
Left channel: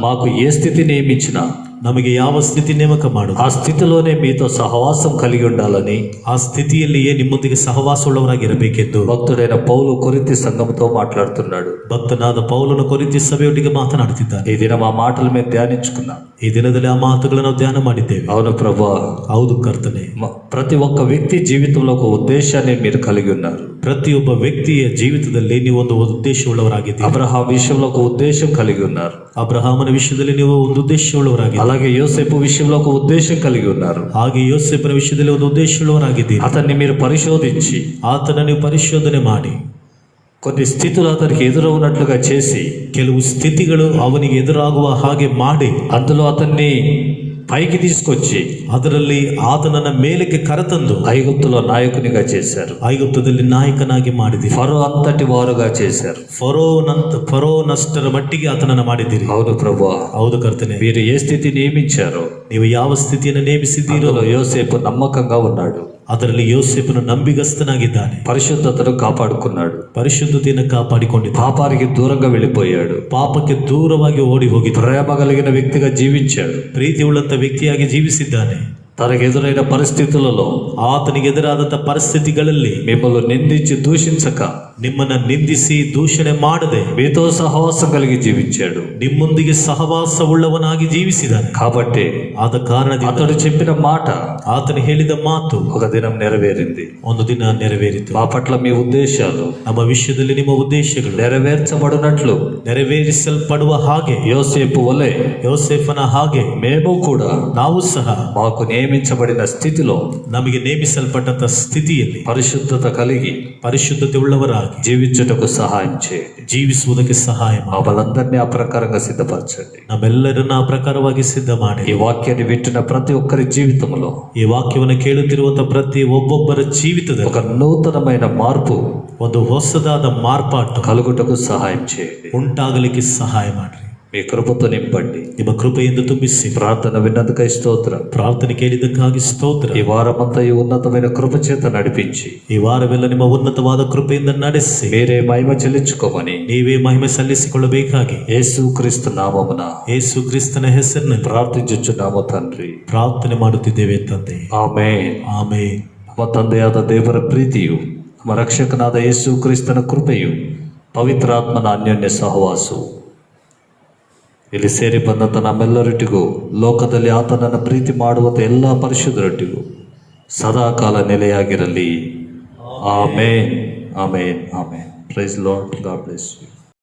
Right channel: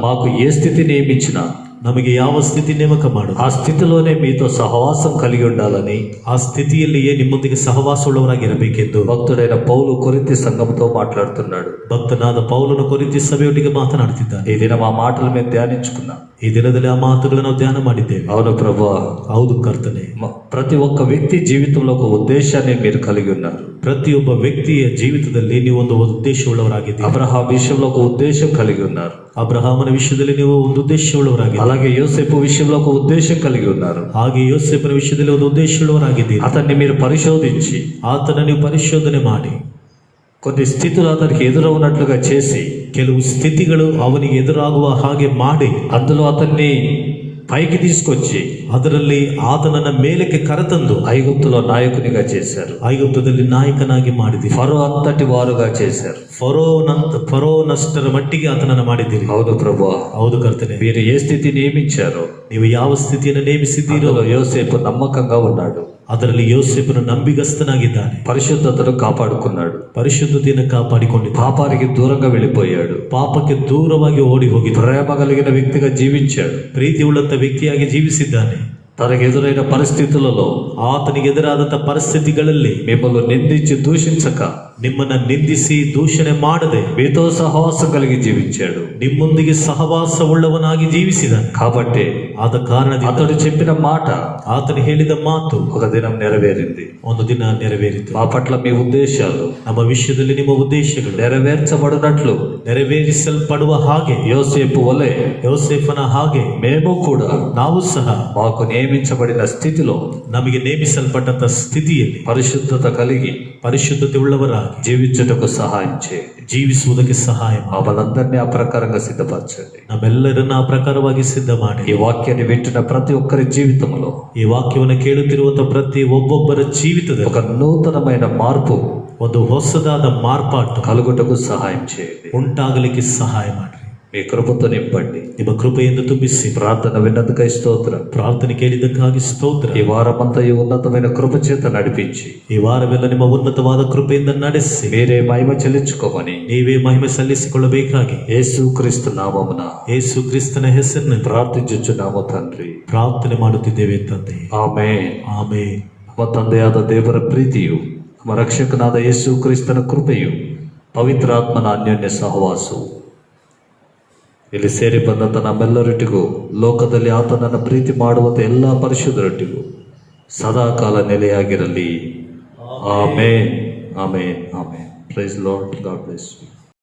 మాకు ఏ స్థితి నియమించినా ನಮಗೆ ಯಾವ ಸ್ಥಿತಿ ನೇಮಕ ಮಾಡು, ఆ స్థితిలోనే మీతో సహవాసం కలిగి ఉండాలని ಆ ಸ್ಥಿತಿಯಲ್ಲಿಯೇ ನಿಮ್ಮೊಂದಿಗೆ ಸಹವಾಸವುಳ್ಳವರಾಗಿರಬೇಕೆಂದು భక్తుడైన పౌలు కొరింథీ సంఘంతో మాట్లాడుతున్నాడు. ಭಕ್ತನಾದ ಪೌಲನು ಕೊರಿಂಥಿ ಸಭೆಯೊಟ್ಟಿಗೆ ಮಾತನಾಡುತ್ತಿದ್ದಾನೆ. ఈ దినం ఆ మాటలు మేము ధ్యానించుకున్నాం. ಈ ದಿನದಲ್ಲಿ ಆ ಮಾತುಗಳನ್ನು ಧ್ಯಾನ ಮಾಡಿದ್ದೇವೆ. అవును ప్రభువా, ಹೌದು ಕರ್ತನೆ. ప్రతి ఒక్క వ్యక్తి జీవితంలో ఒక ఉద్దేశాన్ని మీరు కలిగి ఉన్నారు. ಪ್ರತಿಯೊಬ್ಬ ವ್ಯಕ್ತಿಯ ಜೀವಿತದಲ್ಲಿ ನೀವು ಒಂದು ಉದ್ದೇಶವುಳ್ಳವರಾಗಿದ್ದೀರಿ. అబ్రహాం విషయంలో ఒక ఉద్దేశం కలిగి ఉన్నారు. ಅಬ್ರಹಾಮನ ವಿಷಯದಲ್ಲಿ ನೀವು ಒಂದು ಉದ್ದೇಶವುಳ್ಳವರಾಗಿದ್ದೀರಿ. అలాగే యోసేపు విషయంలో ఒక ఉద్దేశం కలిగి ఉన్నారు. ಹಾಗೆ ಯೋಸೇಫನ ವಿಷಯದಲ್ಲಿ ಒಂದು ಉದ್ದೇಶವುಳ್ಳವರಾಗಿದ್ದೀರಿ. అతన్ని మీరు పరిశోధించి ಆತನ ನೀವು ಪರಿಶೋಧನೆ ಮಾಡಿ కొన్ని స్థితులు అతనికి ఎదురవునట్లుగా చేసి ಕೆಲವು ಸ್ಥಿತಿಗಳು ಅವನಿಗೆ ಎದುರಾಗುವ ಹಾಗೆ ಮಾಡಿ అందులో అతన్ని పైకి తీసుకొచ్చి ಅದರಲ್ಲಿ ಆತನನ್ನ ಮೇಲಕ್ಕೆ ಕರೆತಂದು ఐగుప్తులో నాయకునిగా చేశారు. ಐಗುಪ್ತದಲ್ಲಿ ನಾಯಕನಾಗಿ ಮಾಡಿದಿರಿ. ఫరో అంతటి వారుగా చేశారు. ಫರೋನಷ್ಟರ ಮಟ್ಟಿಗೆ ಆತನನ್ನ ಮಾಡಿದ್ದೀರಿ. అవును ప్రభువా, ಹೌದು ಕರ್ತನೆ. మీరు ఏ స్థితి నియమించారో ನೀವು ಯಾವ ಸ್ಥಿತಿಯನ್ನು ನೇಮಿಸಿದ್ದೀರೋ అందులో యోసేపు నమ్మకంగా ఉన్నాడు. ಅದರಲ್ಲಿ ಯೋಸೇಫನು ನಂಬಿಗಸ್ತನಾಗಿದ್ದಾನೆ. పరిశుద్ధతను కాపాడుకున్నాడు. ಪರಿಶುದ್ಧತೆಯನ್ನು ಕಾಪಾಡಿಕೊಂಡಿದ್ದಾನೆ. పాపానికి దూరంగా వెళ్ళిపోయాడు. ಪಾಪಕ್ಕೆ ದೂರವಾಗಿ ಓಡಿ ಹೋಗಿದ್ದಾನೆ. ప్రేమ కలిగిన వ్యక్తిగా జీవించాడు. ಪ್ರೀತಿಯುಳ್ಳಂತ ವ್ಯಕ್ತಿಯಾಗಿ ಜೀವಿಸಿದ್ದಾನೆ. తనకు ఎదురైన పరిస్థితులలో ಆತನಿಗೆ ಎದುರಾದಂತ ಪರಿಸ್ಥಿತಿಗಳಲ್ಲಿ మిమ్మల్ని నిందించి దూషించక ನಿಮ್ಮನ್ನ ನಿಂದಿಸಿ ದೂಷಣೆ ಮಾಡದೆ మీతో సహవాసం కలిగి జీవించాడు. ನಿಮ್ಮೊಂದಿಗೆ ಸಹವಾಸವುಳ್ಳವನಾಗಿ ಜೀವಿಸಿದಾನೆ. కాబట్టి ಆದ ಕಾರಣದಿಂದ అతడు చెప్పిన మాట ಆತನು ಹೇಳಿದ ಮಾತು ఒక దినం నెరవేరింది. ಒಂದು ದಿನ ನೆರವೇರಿತು. మా పట్ల మీ ఉద్దేశాలు ನಮ್ಮ ವಿಷಯದಲ್ಲಿ ನಿಮ್ಮ ಉದ್ದೇಶಗಳು నెరవేర్చబడినట్లు ನೆರವೇರಿಸಲ್ಪಡುವ ಹಾಗೆ యోసేపు వలె ಯೋಸೇಫನ ಹಾಗೆ మేము కూడా ನಾವು ಸಹ మాకు నియమించబడిన స్థితిలో ನಮಗೆ ನೇಮಿಸಲ್ಪಟ್ಟಂತ ಸ್ಥಿತಿಯಲ್ಲಿ పరిశుద్ధత కలిగి ಪರಿಶುದ್ಧತೆ ಉಳ್ಳವರಾಗಿ జీవించుటకు సహాయం చేయండి. ಜೀವಿಸುವುದಕ್ಕೆ ಸಹಾಯ ಮಾಡಿ మమ్మల్ందరినీ ఆ ప్రకారంగా సిద్ధపరచండి. ನಮ್ಮೆಲ್ಲರನ್ನ ಆ ಪ್ರಕಾರವಾಗಿ ಸಿದ್ಧ ಮಾಡಿ ఈ వాక్యాన్ని వింటున్న ప్రతి ఒక్కరి జీవితంలో ಈ ವಾಕ್ಯವನ್ನು ಕೇಳುತ್ತಿರುವಂತಹ ಪ್ರತಿ ಒಬ್ಬೊಬ್ಬರ ಜೀವಿತದಲ್ಲಿ ఒక నూతనమైన మార్పు ಒಂದು ಹೊಸದಾದ ಮಾರ್ಪಾಟು కలుగుటకు సహాయం చేయండి. ಉಂಟಾಗಲಿಕ್ಕೆ ಸಹಾಯ ಮಾಡ್ರಿ. మీ కృపతో నింపండి. ನಿಮ್ಮ ಕೃಪೆಯಿಂದ ತುಂಬಿಸಿ. ప్రార్థన విన్నందుకై స్తోత్రం. ಪ್ರಾರ್ಥನೆ ಕೇಳಿದ್ದಕ್ಕಾಗಿ ಸ್ತೋತ್ರ. ఈ వారమంతా ఈ ఉన్నతమైన కృప చేత నడిపించి ಈ ವಾರವೆಲ್ಲ ನಿಮ್ಮ ಉನ್ನತವಾದ ಕೃಪೆಯಿಂದ ನಡೆಸಿ మీరే మహిమ చెల్లించుకోమని ನೀವೇ ಮಹಿಮೆ ಸಲ್ಲಿಸಿಕೊಳ್ಳಬೇಕಾಗಿ యేసుక్రీస్తు నామమున ಯೇಸು ಕ್ರಿಸ್ತನ ಹೆಸರಿನಲ್ಲಿ ప్రార్థించుచున్నాము తండ్రి. ಪ್ರಾರ್ಥನೆ ಮಾಡುತ್ತಿದ್ದೇವೆ ತಂದೆ. ಆಮೆನ್. ಆಮೆನ್. ನಮ್ಮ ತಂದೆಯಾದ ದೇವರ ಪ್ರೀತಿಯು, ನಮ್ಮ ರಕ್ಷಕನಾದ ಯೇಸು ಕ್ರಿಸ್ತನ ಕೃಪೆಯು, ಪವಿತ್ರಾತ್ಮನ ಅನ್ಯೋನ್ಯ ಸಹವಾಸವು ಇಲ್ಲಿ ಸೇರಿ ಬಂದಂಥ ನಮ್ಮೆಲ್ಲರೊಟ್ಟಿಗೂ, ಲೋಕದಲ್ಲಿ ಆತನನ್ನು ಪ್ರೀತಿ ಮಾಡುವಂಥ ಎಲ್ಲ ಪರಿಶುದ್ಧರೊಟ್ಟಿಗೂ ಸದಾಕಾಲ ನೆಲೆಯಾಗಿರಲಿ. Amen, amen, amen. Praise Lord. God bless you.